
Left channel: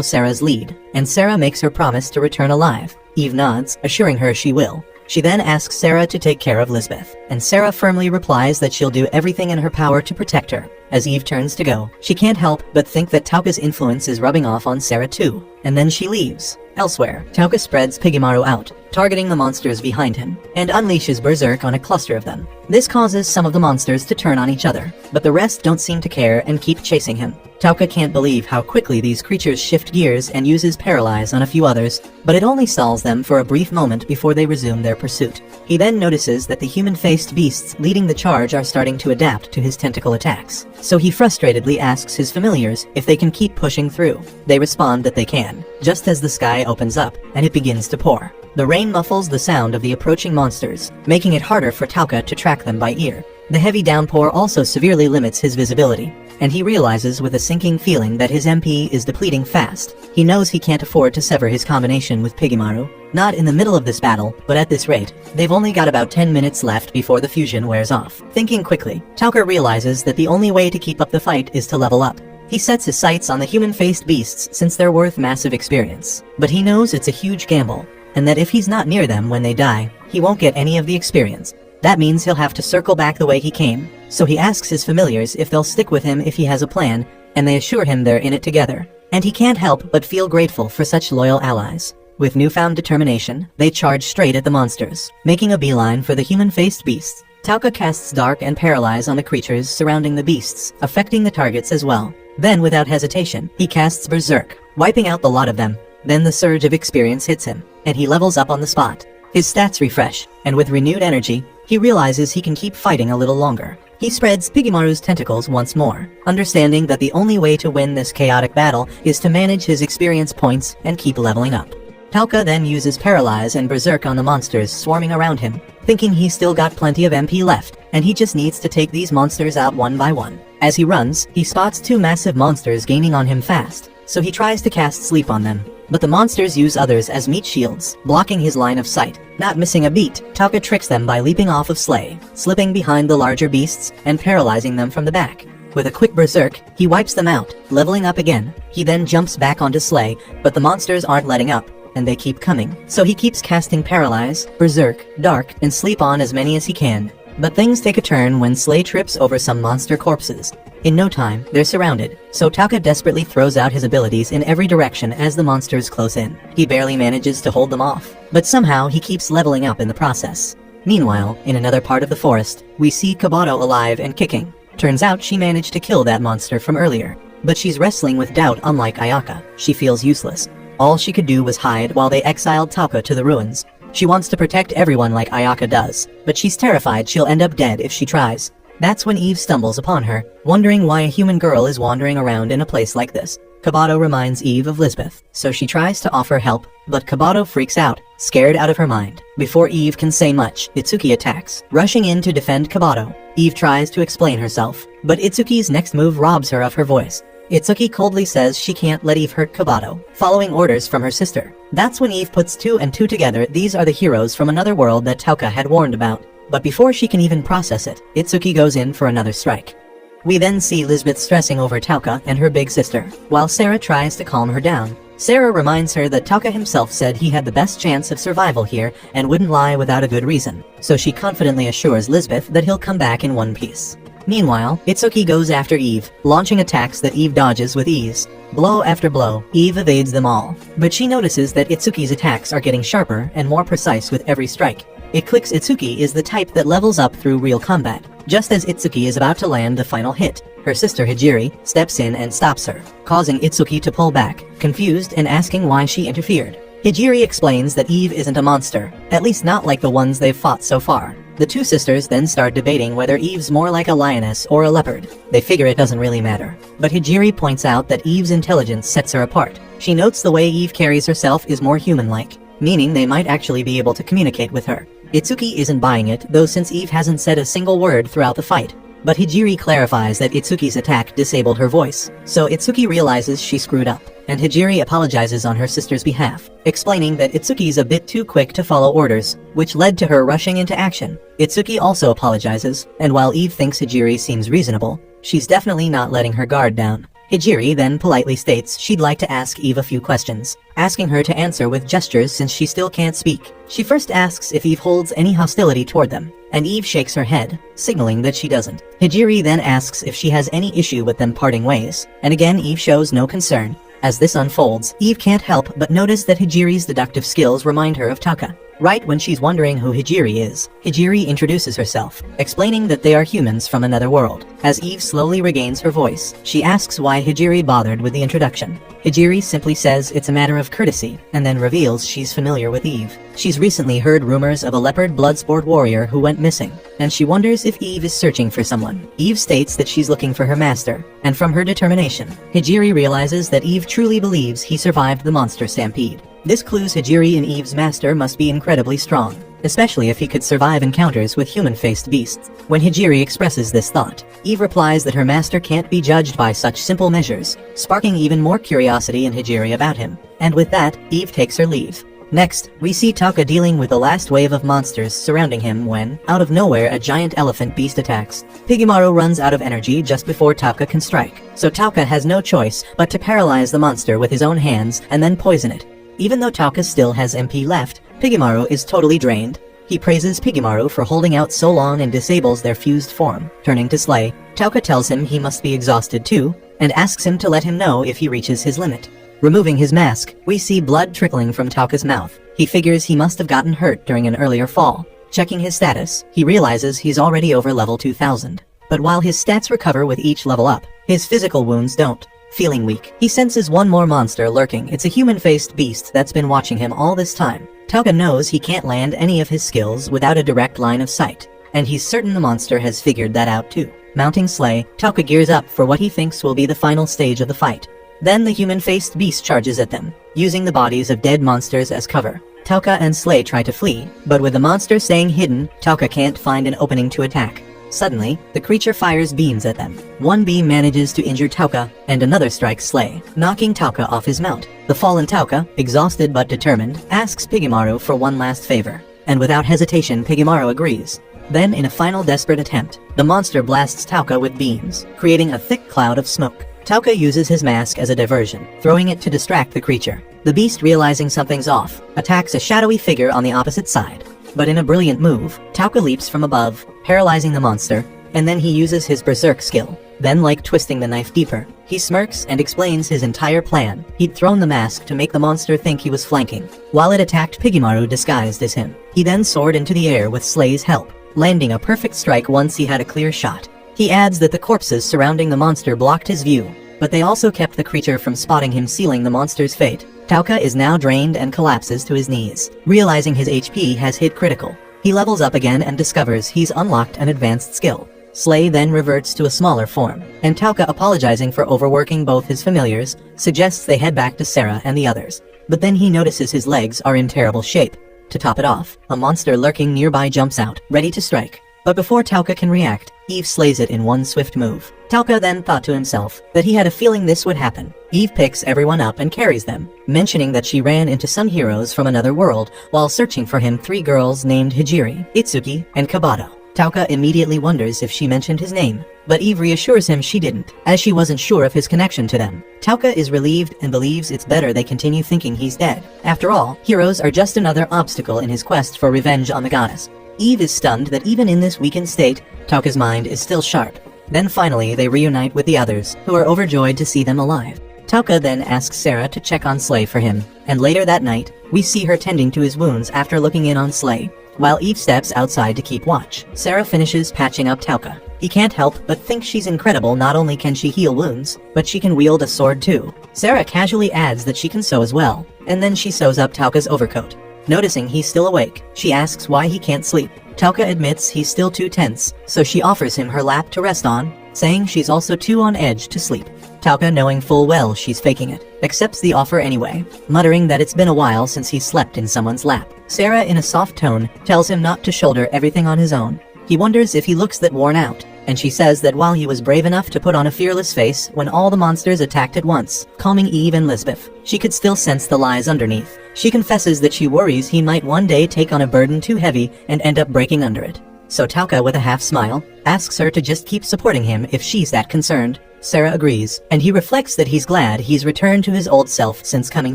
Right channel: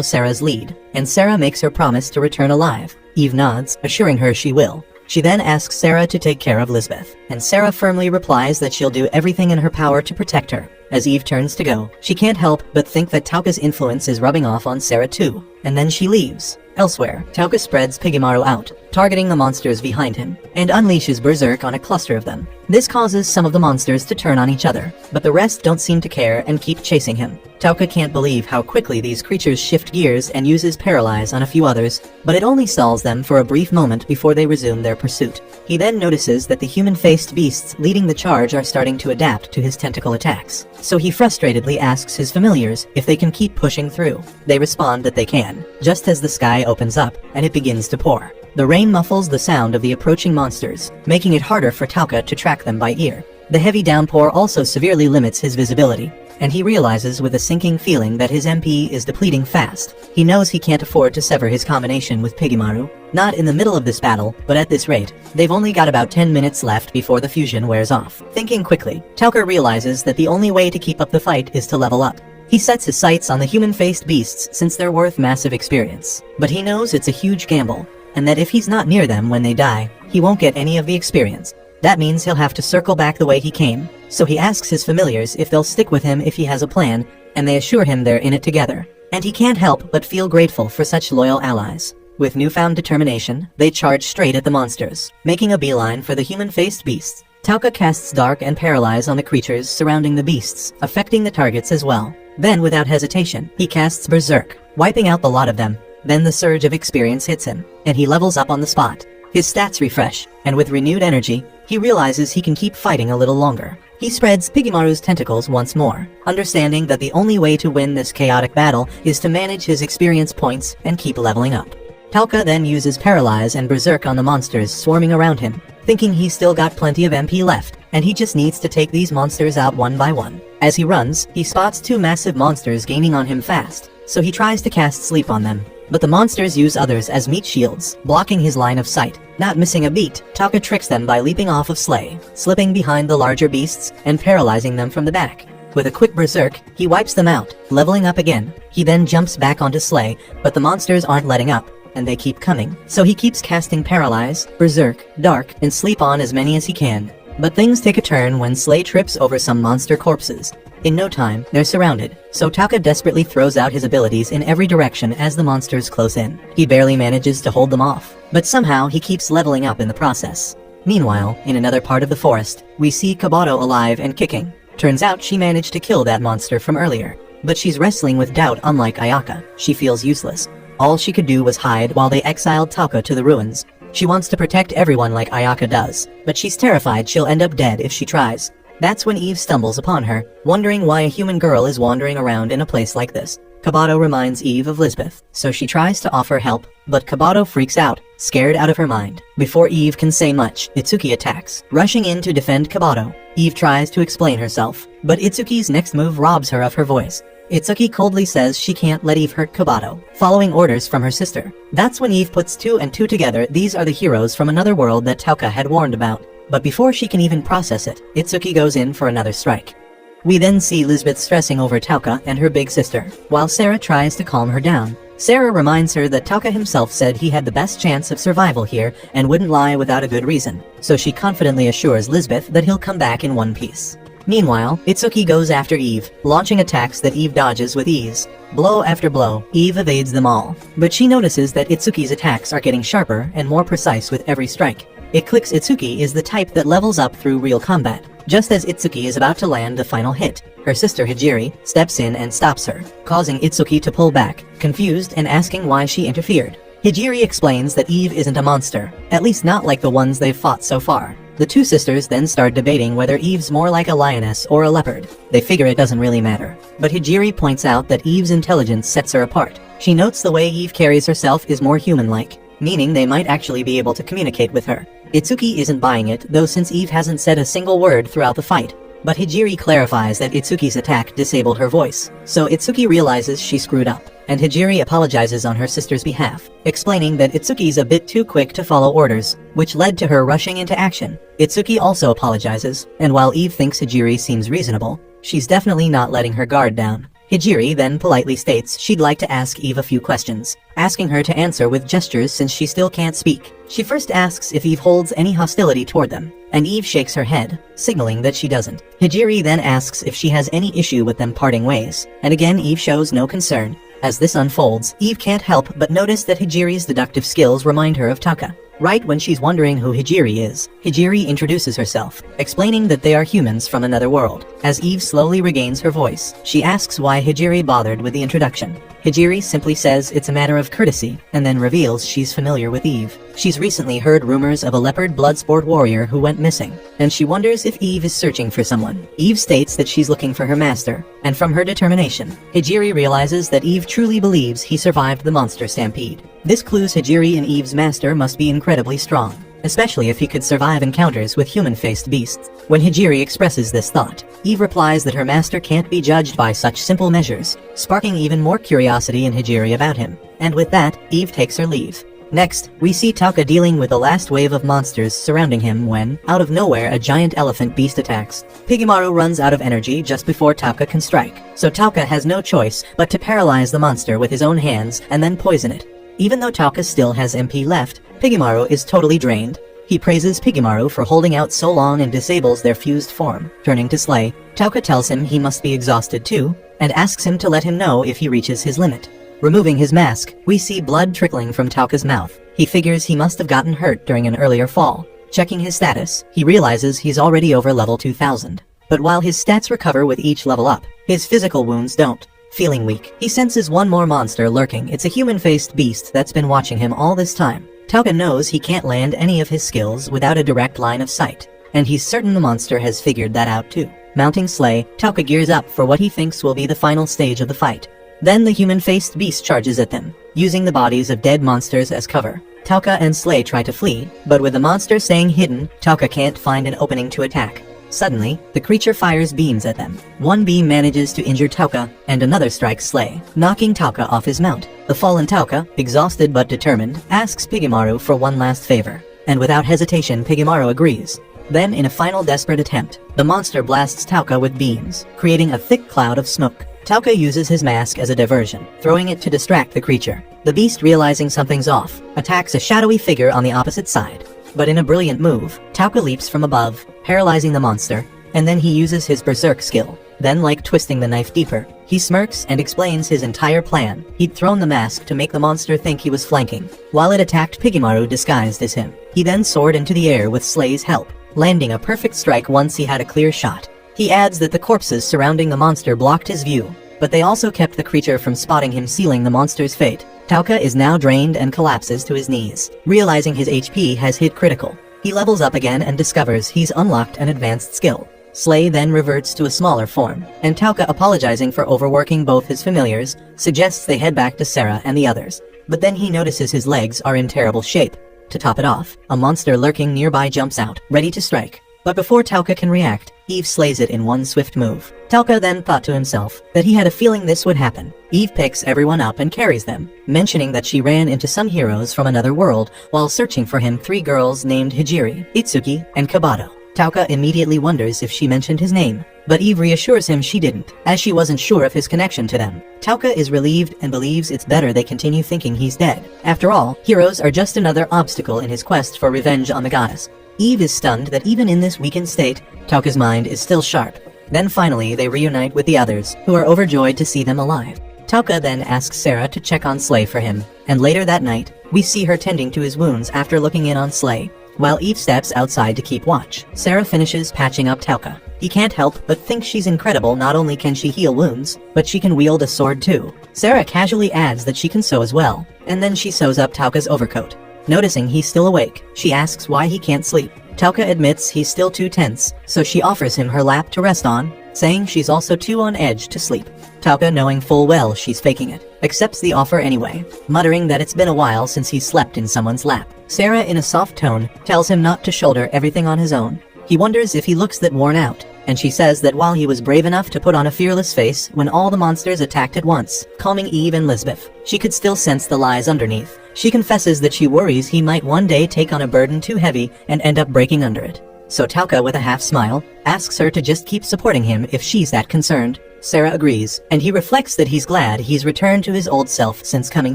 Sarah's lead, and Sarah makes her promise to return alive. Eve nods, assuring her she will. She then asks Sarah to take care of Lisbeth, and Sarah firmly replies that she'll do everything in her power to protect her. As Eve turns to go, she can't help but think that Tauka's influence is rubbing off on Sarah too, and then she leaves. Elsewhere, Tauka spreads Pigemaru out, targeting the monsters behind him, and unleashes Berserk on a cluster of them. This causes some of the monsters to turn on each other, but the rest don't seem to care and keep chasing him. Tauka can't believe how quickly these creatures shift gears and uses Paralyze on a few others, but it only stalls them for a brief moment before they resume their pursuit. He then notices that the human-faced beasts leading the charge are starting to adapt to his tentacle attacks, so he frustratedly asks his familiars if they can keep pushing through. They respond that they can, just as the sky opens up and it begins to pour. The rain muffles the sound of the approaching monsters, making it harder for Tauka to track them by ear. The heavy downpour also severely limits his visibility, and he realizes with a sinking feeling that his MP is depleting fast. He knows he can't afford to sever his combination with Pigemaru, not in the middle of this battle, but at this rate. They've only got about 10 minutes left before the fusion wears off. Thinking quickly, Tauka realizes that the only way to keep up the fight is to level up. He sets his sights on the human-faced beasts since they're worth massive experience, but he knows it's a huge gamble, and that if he's not near them when they die, he won't get any of the experience. That means he'll have to circle back the way he came, so he asks his familiars if they'll stick with him if he has a plan, and they assure him they're in it together. And he can't help but feel grateful for such loyal allies. With newfound determination, they charge straight at the monsters, making a beeline for the human-faced beasts. Tauka casts Dark and Paralyze on the creatures surrounding the beasts, affecting the targets as well. Then, without hesitation, he casts Berserk, wiping out the lot of them. Then the surge of experience hits him, and he levels up on the spot. His stats refresh, and with renewed energy, he realizes he can keep fighting a little longer. He spreads Pigemaru's tentacles once more, understanding that the only way to win this chaotic battle is to manage his experience points and keep leveling up. Tauka then uses Paralyze and Berserk on the monsters swarming around him, thinking he's still got plenty of MP left, and he just needs to take these monsters out one by one. As he runs, he spots two massive monsters gaining on him fast, so he tries to cast Sleep on them. But the monsters use others as meat shields, blocking his line of sight. Not missing a beat, Tauka tricks them by leaping off of Slay, slipping behind the larger beasts, and paralyzing them from the back. With a quick berserk, he wipes them out, leveling up again. He then jumps back onto Slay, but the monsters aren't letting up, and they keep coming. So he keeps casting Paralyze, Berserk, Dark, and Sleep on as many as he can. But things take a turn when Slay trips over some monster corpses. In no time, they're surrounded, so Tauka desperately throws out his abilities in every direction as the monsters close in. He barely manages to hold them off, but somehow he keeps leveling up in the process. Meanwhile, in another part of the forest, we see Kabato alive and kicking. Turns out she managed to kill that monster from earlier, but she's wrestling with doubt unlike Ayaka. She feels useless. All she could do was hide while they exiled Tauka to the ruins. She wants to protect everyone like Ayaka does, but she's terrified she'll end up dead if she tries. That's when Eve stumbles upon her, wondering why a human girl is wandering around in a place like this. Kabato reminds Eve of Lisbeth, so she tries to offer help, but Kabato freaks out, scared out of her mind. Before Eve can say much, Itsuki attacks, rushing in to defend Kabato. Eve tries to explain herself, but Itsuki's next move robs her of her voice. Itsuki coldly says she can't let Eve hurt Kabato, following orders from her sister. That's when Eve puts two and two together. These are the heroes from another world that Tauka had warned about. But before she can even process it, Itsuki goes in for another strike. We then see Lisbeth stressing over Tauka and her big sister, while Sarah tries to calm her down. Sarah reminds her that Tauka himself said he had the best chance of survival here and wouldn't lie without a good reason, so she confidently assures Lisbeth that he'll come back in one piece. Meanwhile, Itsuki goes after Eve, launching attacks that Eve dodges with ease. Blow after blow, Eve evades them all. But she notices that Itsuki's attacks are getting sharper and more precise with every strike. It clicks Itsuki is the type that levels up through real combat. Just as Itsuki is about to land the final hit, her sister Hijiri steps in and stops her, causing Itsuki to pull back, confused and asking why she interfered. Hijiri explains that Eve isn't a monster, at least not like the ones they've fought so far. The two sisters then start debating whether Eve's more like a lioness or a leopard. They figure it doesn't really matter. But Hijiri points out that Eve's intelligence sets her apart. She notes the way Eve carries herself is more human-like, meaning they might actually be able to communicate with her. Itsuki isn't buying it, though, since Eve hasn't said a single word throughout the fight. But Hijiri clarifies that Itsuki's attack disabled her voice, so Itsuki realizes she screwed up, and Hijiri apologizes on her sister's behalf, explaining that Itsuki's a bit too quick to follow orders, which led to her rushing into action. Itsuki also apologizes, and while Eve thinks Hijiri seems reasonable, she's definitely not letting her guard down. Hijiri then politely states she'd like to ask Eve a few questions, asking her to answer with gestures since she still can't speak. She first asks if Eve holds any hostility toward them, and Eve shakes her head, signaling that she doesn't. Hijiri then asks if she has any issue with them parting ways, and again Eve shows no concern. As this unfolds, Eve can't help but notice that Hijiri's deductive skills remind her of Tauka. Right when she's wondering who Hijiri is, Hijiri introduces herself, explaining that they are humans from another world. As Eve slowly regains her voice, she asks why Hijiri bothered with the introduction. Hijiri simply says it's a matter of courtesy, and then reveals she's familiar with Eve. She's recently heard rumors of a leopard bloodsport warrior who went missing, and she wonders if Eve is searching for someone. Eve states that she's looking for her master, and from her determination, Hijiri realizes that Eve truly believes he survived the monster stampede. This clues Hijiri and Eve's master must be incredibly strong, especially if he could survive encounters with human-faced beasts. When Hijiri expresses this thought, Eve replies that her master can't be judged by such simple measures, sparking even more curiosity in Hijiri about him. And with that, Eve takes her leave. Next, we see Tauka dealing with the last wave of monsters surrounding him when, out of nowhere, a giant elephant beast attacks. Pigemaru runs out of energy just before Tauka can strike, so Tauka has no choice but to paralyze the monster with his own hands and then poison it. Even though Tauka still has MP left, Pigemaru is totally drained. He praises Pigemaru for holding out so long and disables their fused form. Turning to Slay, Tauka tells him he must be exhausted too, and asks him to let him know if he reaches his limit. Removing his mask, we see blood trickling from Tauka's mouth. He figures he must have gotten hurt during an earlier fall. Checking his status, he realizes he's already over level 2000. But while his stats recover with each level up, his physical wounds don't. Feeling weak, he senses one more monster lurking. It's a human-faced beast that's been watching him all this time. Tauka knows he can't land any of his skills without a direct line of sight, and he's certain the monster has figured that out too. Mounting Slay, Tauka gears up for what he thinks will be the final stage of the fight. Then the human-faced beast charges at them, using the bodies of dead monsters as cover. Tauka and Slay try to flee, but with the monster staying hidden, Tauka can't find an opening to attack. Suddenly, the creature fires beams at them. One beam manages to injure Tauka, and another strikes Slay, knocking Tauka off his mount. The fallen Tauka, exhausted but determined, asks Pigemaru for one last favor, and without hesitation Pigemaru agrees. Then, in a final desperate attempt, the monster blasts Tauka with beams, creating a thick cloud of smoke. Tauka uses his mask as a diversion, throwing it to distract the creature. The beast, realizing something's off, attacks a shadowy figure on the opposite side. But in a brilliant move, Tauka leaps from above, paralyzing the monster, and then he uses his berserk skill. Then, like twisting the knife deeper, he smirks and explains his entire plan. He'd thrown the mask to make the monster think he was flanking, while it attacked Pigemaru disguised as him. He then soared into the air with Slay's help, landing a perfect strike once he had a clear shot. He adds that the corpses surrounding the monster blocked his view, but they also kept the creature from spotting him, sealing the monster's fate. Tauka is now drained and collapses to his knees. Realizing his HP has hit critical, he levels up again and discovers he's unlocked an advanced skill. Slay then reverts to a smaller form, and Tauka, apologizing for overworking both his familiars, suggests they head back to Sarah and the others. But then he notices his legs are in terrible shape. To top it off, a monster lurking nearby jumps out, ready to strike. But before Tauka can react, Eve slays it in one swift move. Tauka then thought to himself that he had a feeling this would happen. Eve picks everyone up and carries them, mentioning that she ran into some heroes from another world while searching for him, 3 girls named Hijiri, Itsuki, and Kabato. Tauka immediately wonders if she mentioned his name, but Eve reassures him she didn't, as she wasn't sure of his connection to them. Tauka is relieved and believes it's better they continue thinking he's dead. After all, heroes are just another obstacle in his quest for revenge on the goddess. Eve is stunned that even in this weakened state, Tauka's mind is still sharp. Then finally, they reunite with the others, who are overjoyed to see them alive. Tauka then asks Sarah to check on Slay for him, and later that night, we see her tending to his wounds after looking in on Slay, while Eve steps outside to keep watch. Sarah finishes patching up Tauka. He can't help but think she's incredible. Not only can she heal wounds, but she can wield a sword too. Sarah casually adds that she can sew as well, and then she sews up Tauka's overcoat. Noticing he's still awake, she asks why he can't sleep. Tauka admits he's still too tense, so she offers him her lap to rest on, saying she's also too on edge to sleep. Tauka, knowing full well she's faking it, accepts the offer anyway, muttering that it's been a while since he's slept in someone's lap. Sarah, in a soft tone, tells him not to shoulder everything on his own. He wonders if he looks that worn out, and she says that while he was brave enough to put on a fearless face when all the monsters attacked at once, calming Eve and Lisbeth, she could still sense the lies underneath. She confesses that she worries he might one day take on a burden too heavy and end up breaking under it. So Tauka, with a half smile, asks her to just keep supporting him if she's that concerned. Sarah agrees, and he reflects that he's glad he's returned to his old self since coming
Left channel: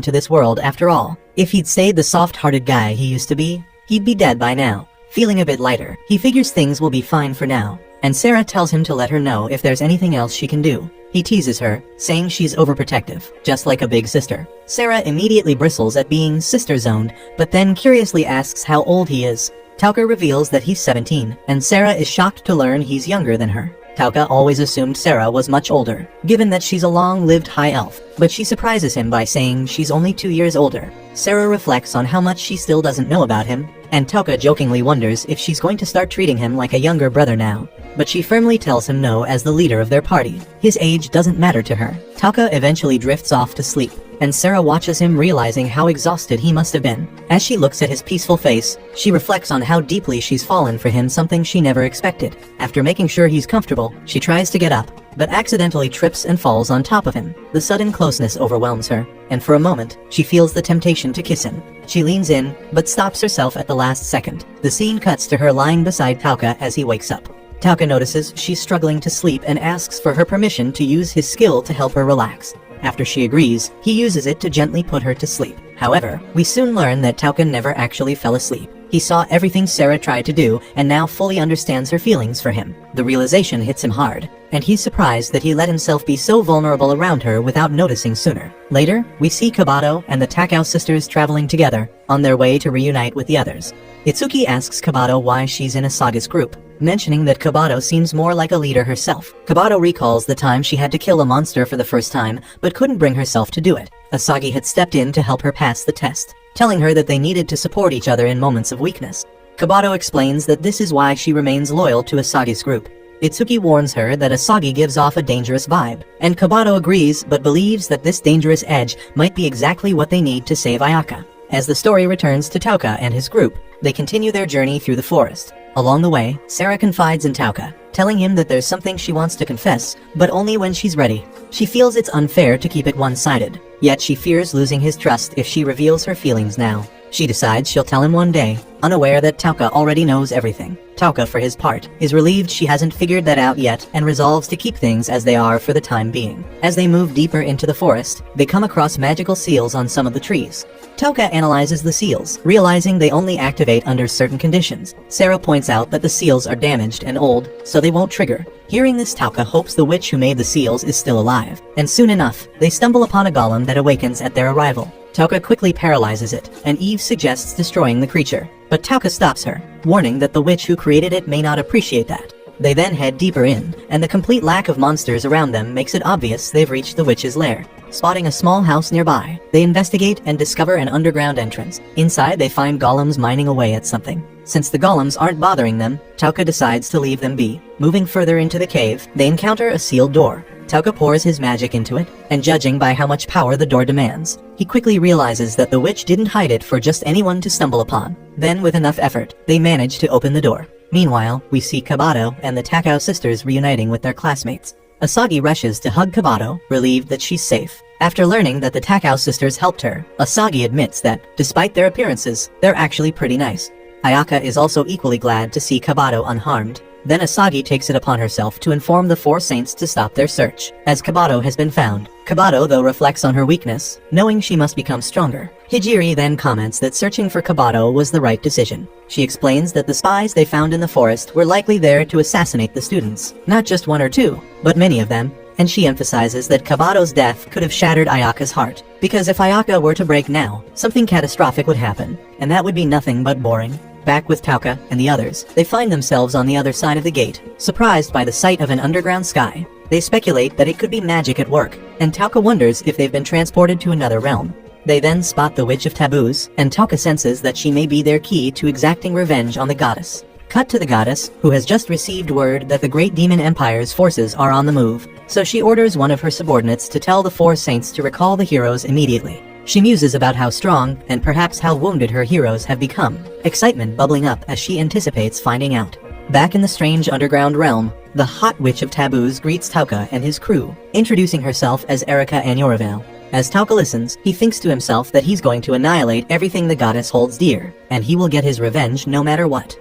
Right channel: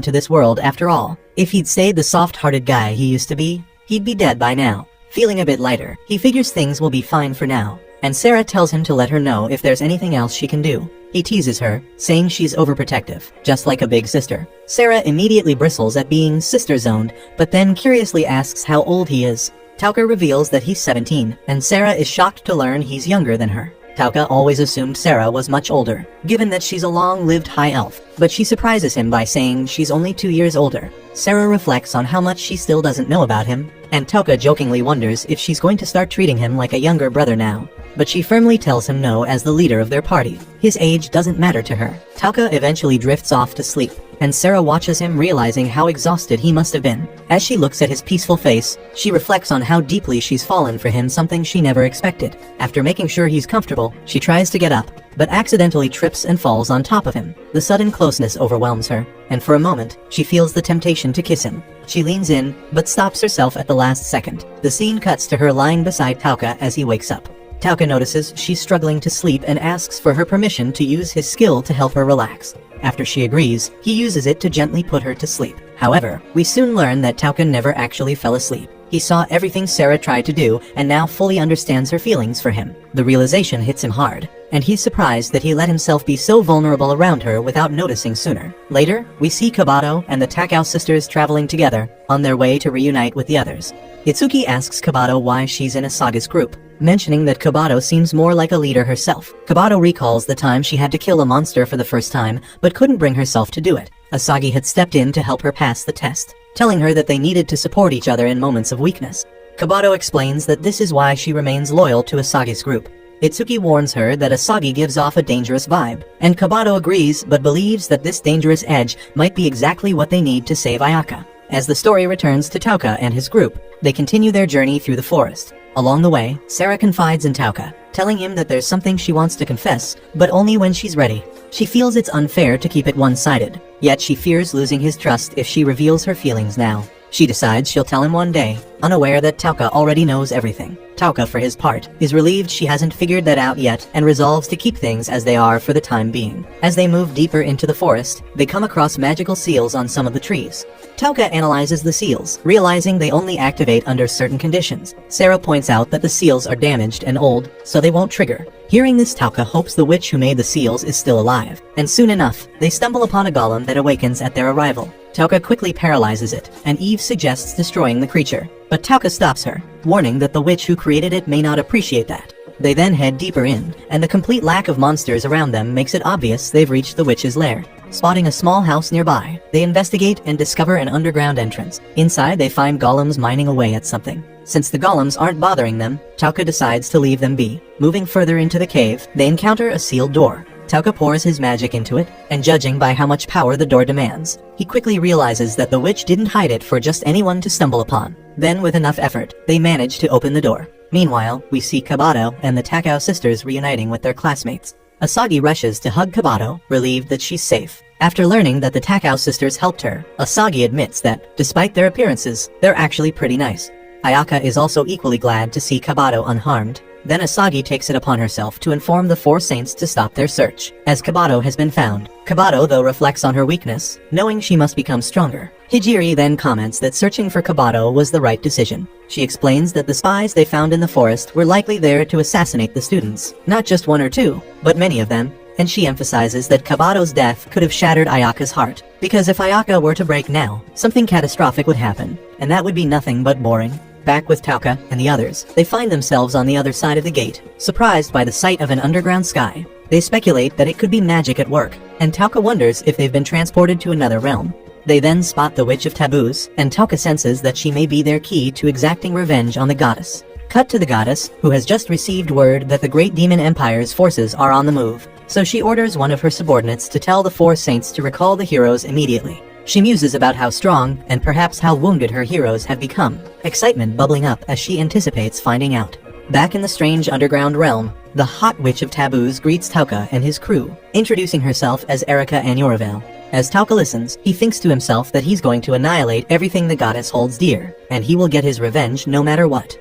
to this world after all. If he'd stayed the soft-hearted guy he used to be, he'd be dead by now. Feeling a bit lighter, he figures things will be fine for now, and Sarah tells him to let her know if there's anything else she can do. He teases her, saying she's overprotective, just like a big sister. Sarah immediately bristles at being sister-zoned, but then curiously asks how old he is. Tauka reveals that he's 17, and Sarah is shocked to learn he's younger than her. Tauka always assumed Sarah was much older, given that she's a long-lived high elf, but she surprises him by saying she's only 2 years older. Sarah reflects on how much she still doesn't know about him, and Tauka jokingly wonders if she's going to start treating him like a younger brother now. But she firmly tells him no as the leader of their party. His age doesn't matter to her. Tauka eventually drifts off to sleep, and Sarah watches him, realizing how exhausted he must have been. As she looks at his peaceful face, she reflects on how deeply she's fallen for him, something she never expected. After making sure he's comfortable, she tries to get up, but accidentally trips and falls on top of him. The sudden closeness overwhelms her, and for a moment, she feels the temptation to kiss him. She leans in, but stops herself at the last second. The scene cuts to her lying beside Tauka as he wakes up. Tauka notices she's struggling to sleep and asks for her permission to use his skill to help her relax. After she agrees, he uses it to gently put her to sleep. However, we soon learn that Tauka never actually fell asleep. He saw everything Sarah tried to do and now fully understands her feelings for him. The realization hits him hard, and he's surprised that he let himself be so vulnerable around her without noticing sooner. Later, we see Kabato and the Takao sisters traveling together, on their way to reunite with the others. Itsuki asks Kabato why she's in Asagi's group, mentioning that Kabato seems more like a leader herself. Kabato recalls the time she had to kill a monster for the first time, but couldn't bring herself to do it. Asagi had stepped in to help her pass the test, telling her that they needed to support each other in moments of weakness. Kabato explains that this is why she remains loyal to Asagi's group. Itsuki warns her that Asagi gives off a dangerous vibe, and Kabato agrees but believes that this dangerous edge might be exactly what they need to save Ayaka. As the story returns to Tauka and his group, they continue their journey through the forest. Along the way, Sarah confides in Tauka, telling him that there's something she wants to confess, but only when she's ready. She feels it's unfair to keep it one-sided, yet she fears losing his trust if she reveals her feelings now. She decides she'll tell him one day, unaware that Tauka already knows everything. Tauka, for his part, is relieved she hasn't figured that out yet and resolves to keep things as they are for the time being. As they move deeper into the forest, they come across magical seals on some of the trees. Tauka analyzes the seals, realizing they only activate under certain conditions. Sarah points out that the seals are damaged and old, so they won't trigger. Hearing this, Tauka hopes the witch who made the seals is still alive, and soon enough, they stumble upon a golem that awakens at their arrival. Tauka quickly paralyzes it, and Eve suggests destroying the creature, but Tauka stops her, warning that the witch who created it may not appreciate that. They then head deeper in, and the complete lack of monsters around them makes it obvious they've reached the witch's lair. Spotting a small house nearby, they investigate and discover an underground entrance. Inside, they find golems mining away at something. Since the golems aren't bothering them, Tauka decides to leave them be. Moving further into the cave, they encounter a sealed door. Tauka pours his magic into it, and judging by how much power the door demands, he quickly realizes that the witch didn't hide it for just anyone to stumble upon. Then, with enough effort, they manage to open the door. Meanwhile, we see Kabato and the Takao sisters reuniting with their classmates. Asagi rushes to hug Kabato, relieved that she's safe. After learning that the Takao sisters helped her, Asagi admits that, despite their appearances, they're actually pretty nice. Ayaka is also equally glad to see Kabato unharmed. Then Asagi takes it upon herself to inform the four saints to stop their search, as Kabato has been found. Kabato, though, reflects on her weakness, knowing she must become stronger. Hijiri then comments that searching for Kabato was the right decision. She explains that the spies they found in the forest were likely there to assassinate the students. Not just one or two, but many of them. And she emphasizes that Kabato's death could have shattered Ayaka's heart, because if Ayaka were to break now, something catastrophic would happen, and that would be nothing but boring. Back with Tauka and the others, they find themselves on the other side of the gate, surprised by the sight of an underground sky. They speculate that it could be magic at work, and Tauka wonders if they've been transported to another realm. They then spot the Witch of Taboos, and Tauka senses that she may be their key to exacting revenge on the goddess. Cut to the goddess, who has just received word that the Great Demon Empire's forces are on the move, so she orders one of her subordinates to tell the four saints to recall the heroes immediately. She muses about how strong, and perhaps how wounded her heroes have become, excitement bubbling up as she anticipates finding out. Back in the strange underground realm, the hot Witch of Taboos greets Tauka and his crew, introducing herself as Erika Anuravel. As Tauka listens, he thinks to himself that he's going to annihilate everything the goddess holds dear, and he will get his revenge no matter what.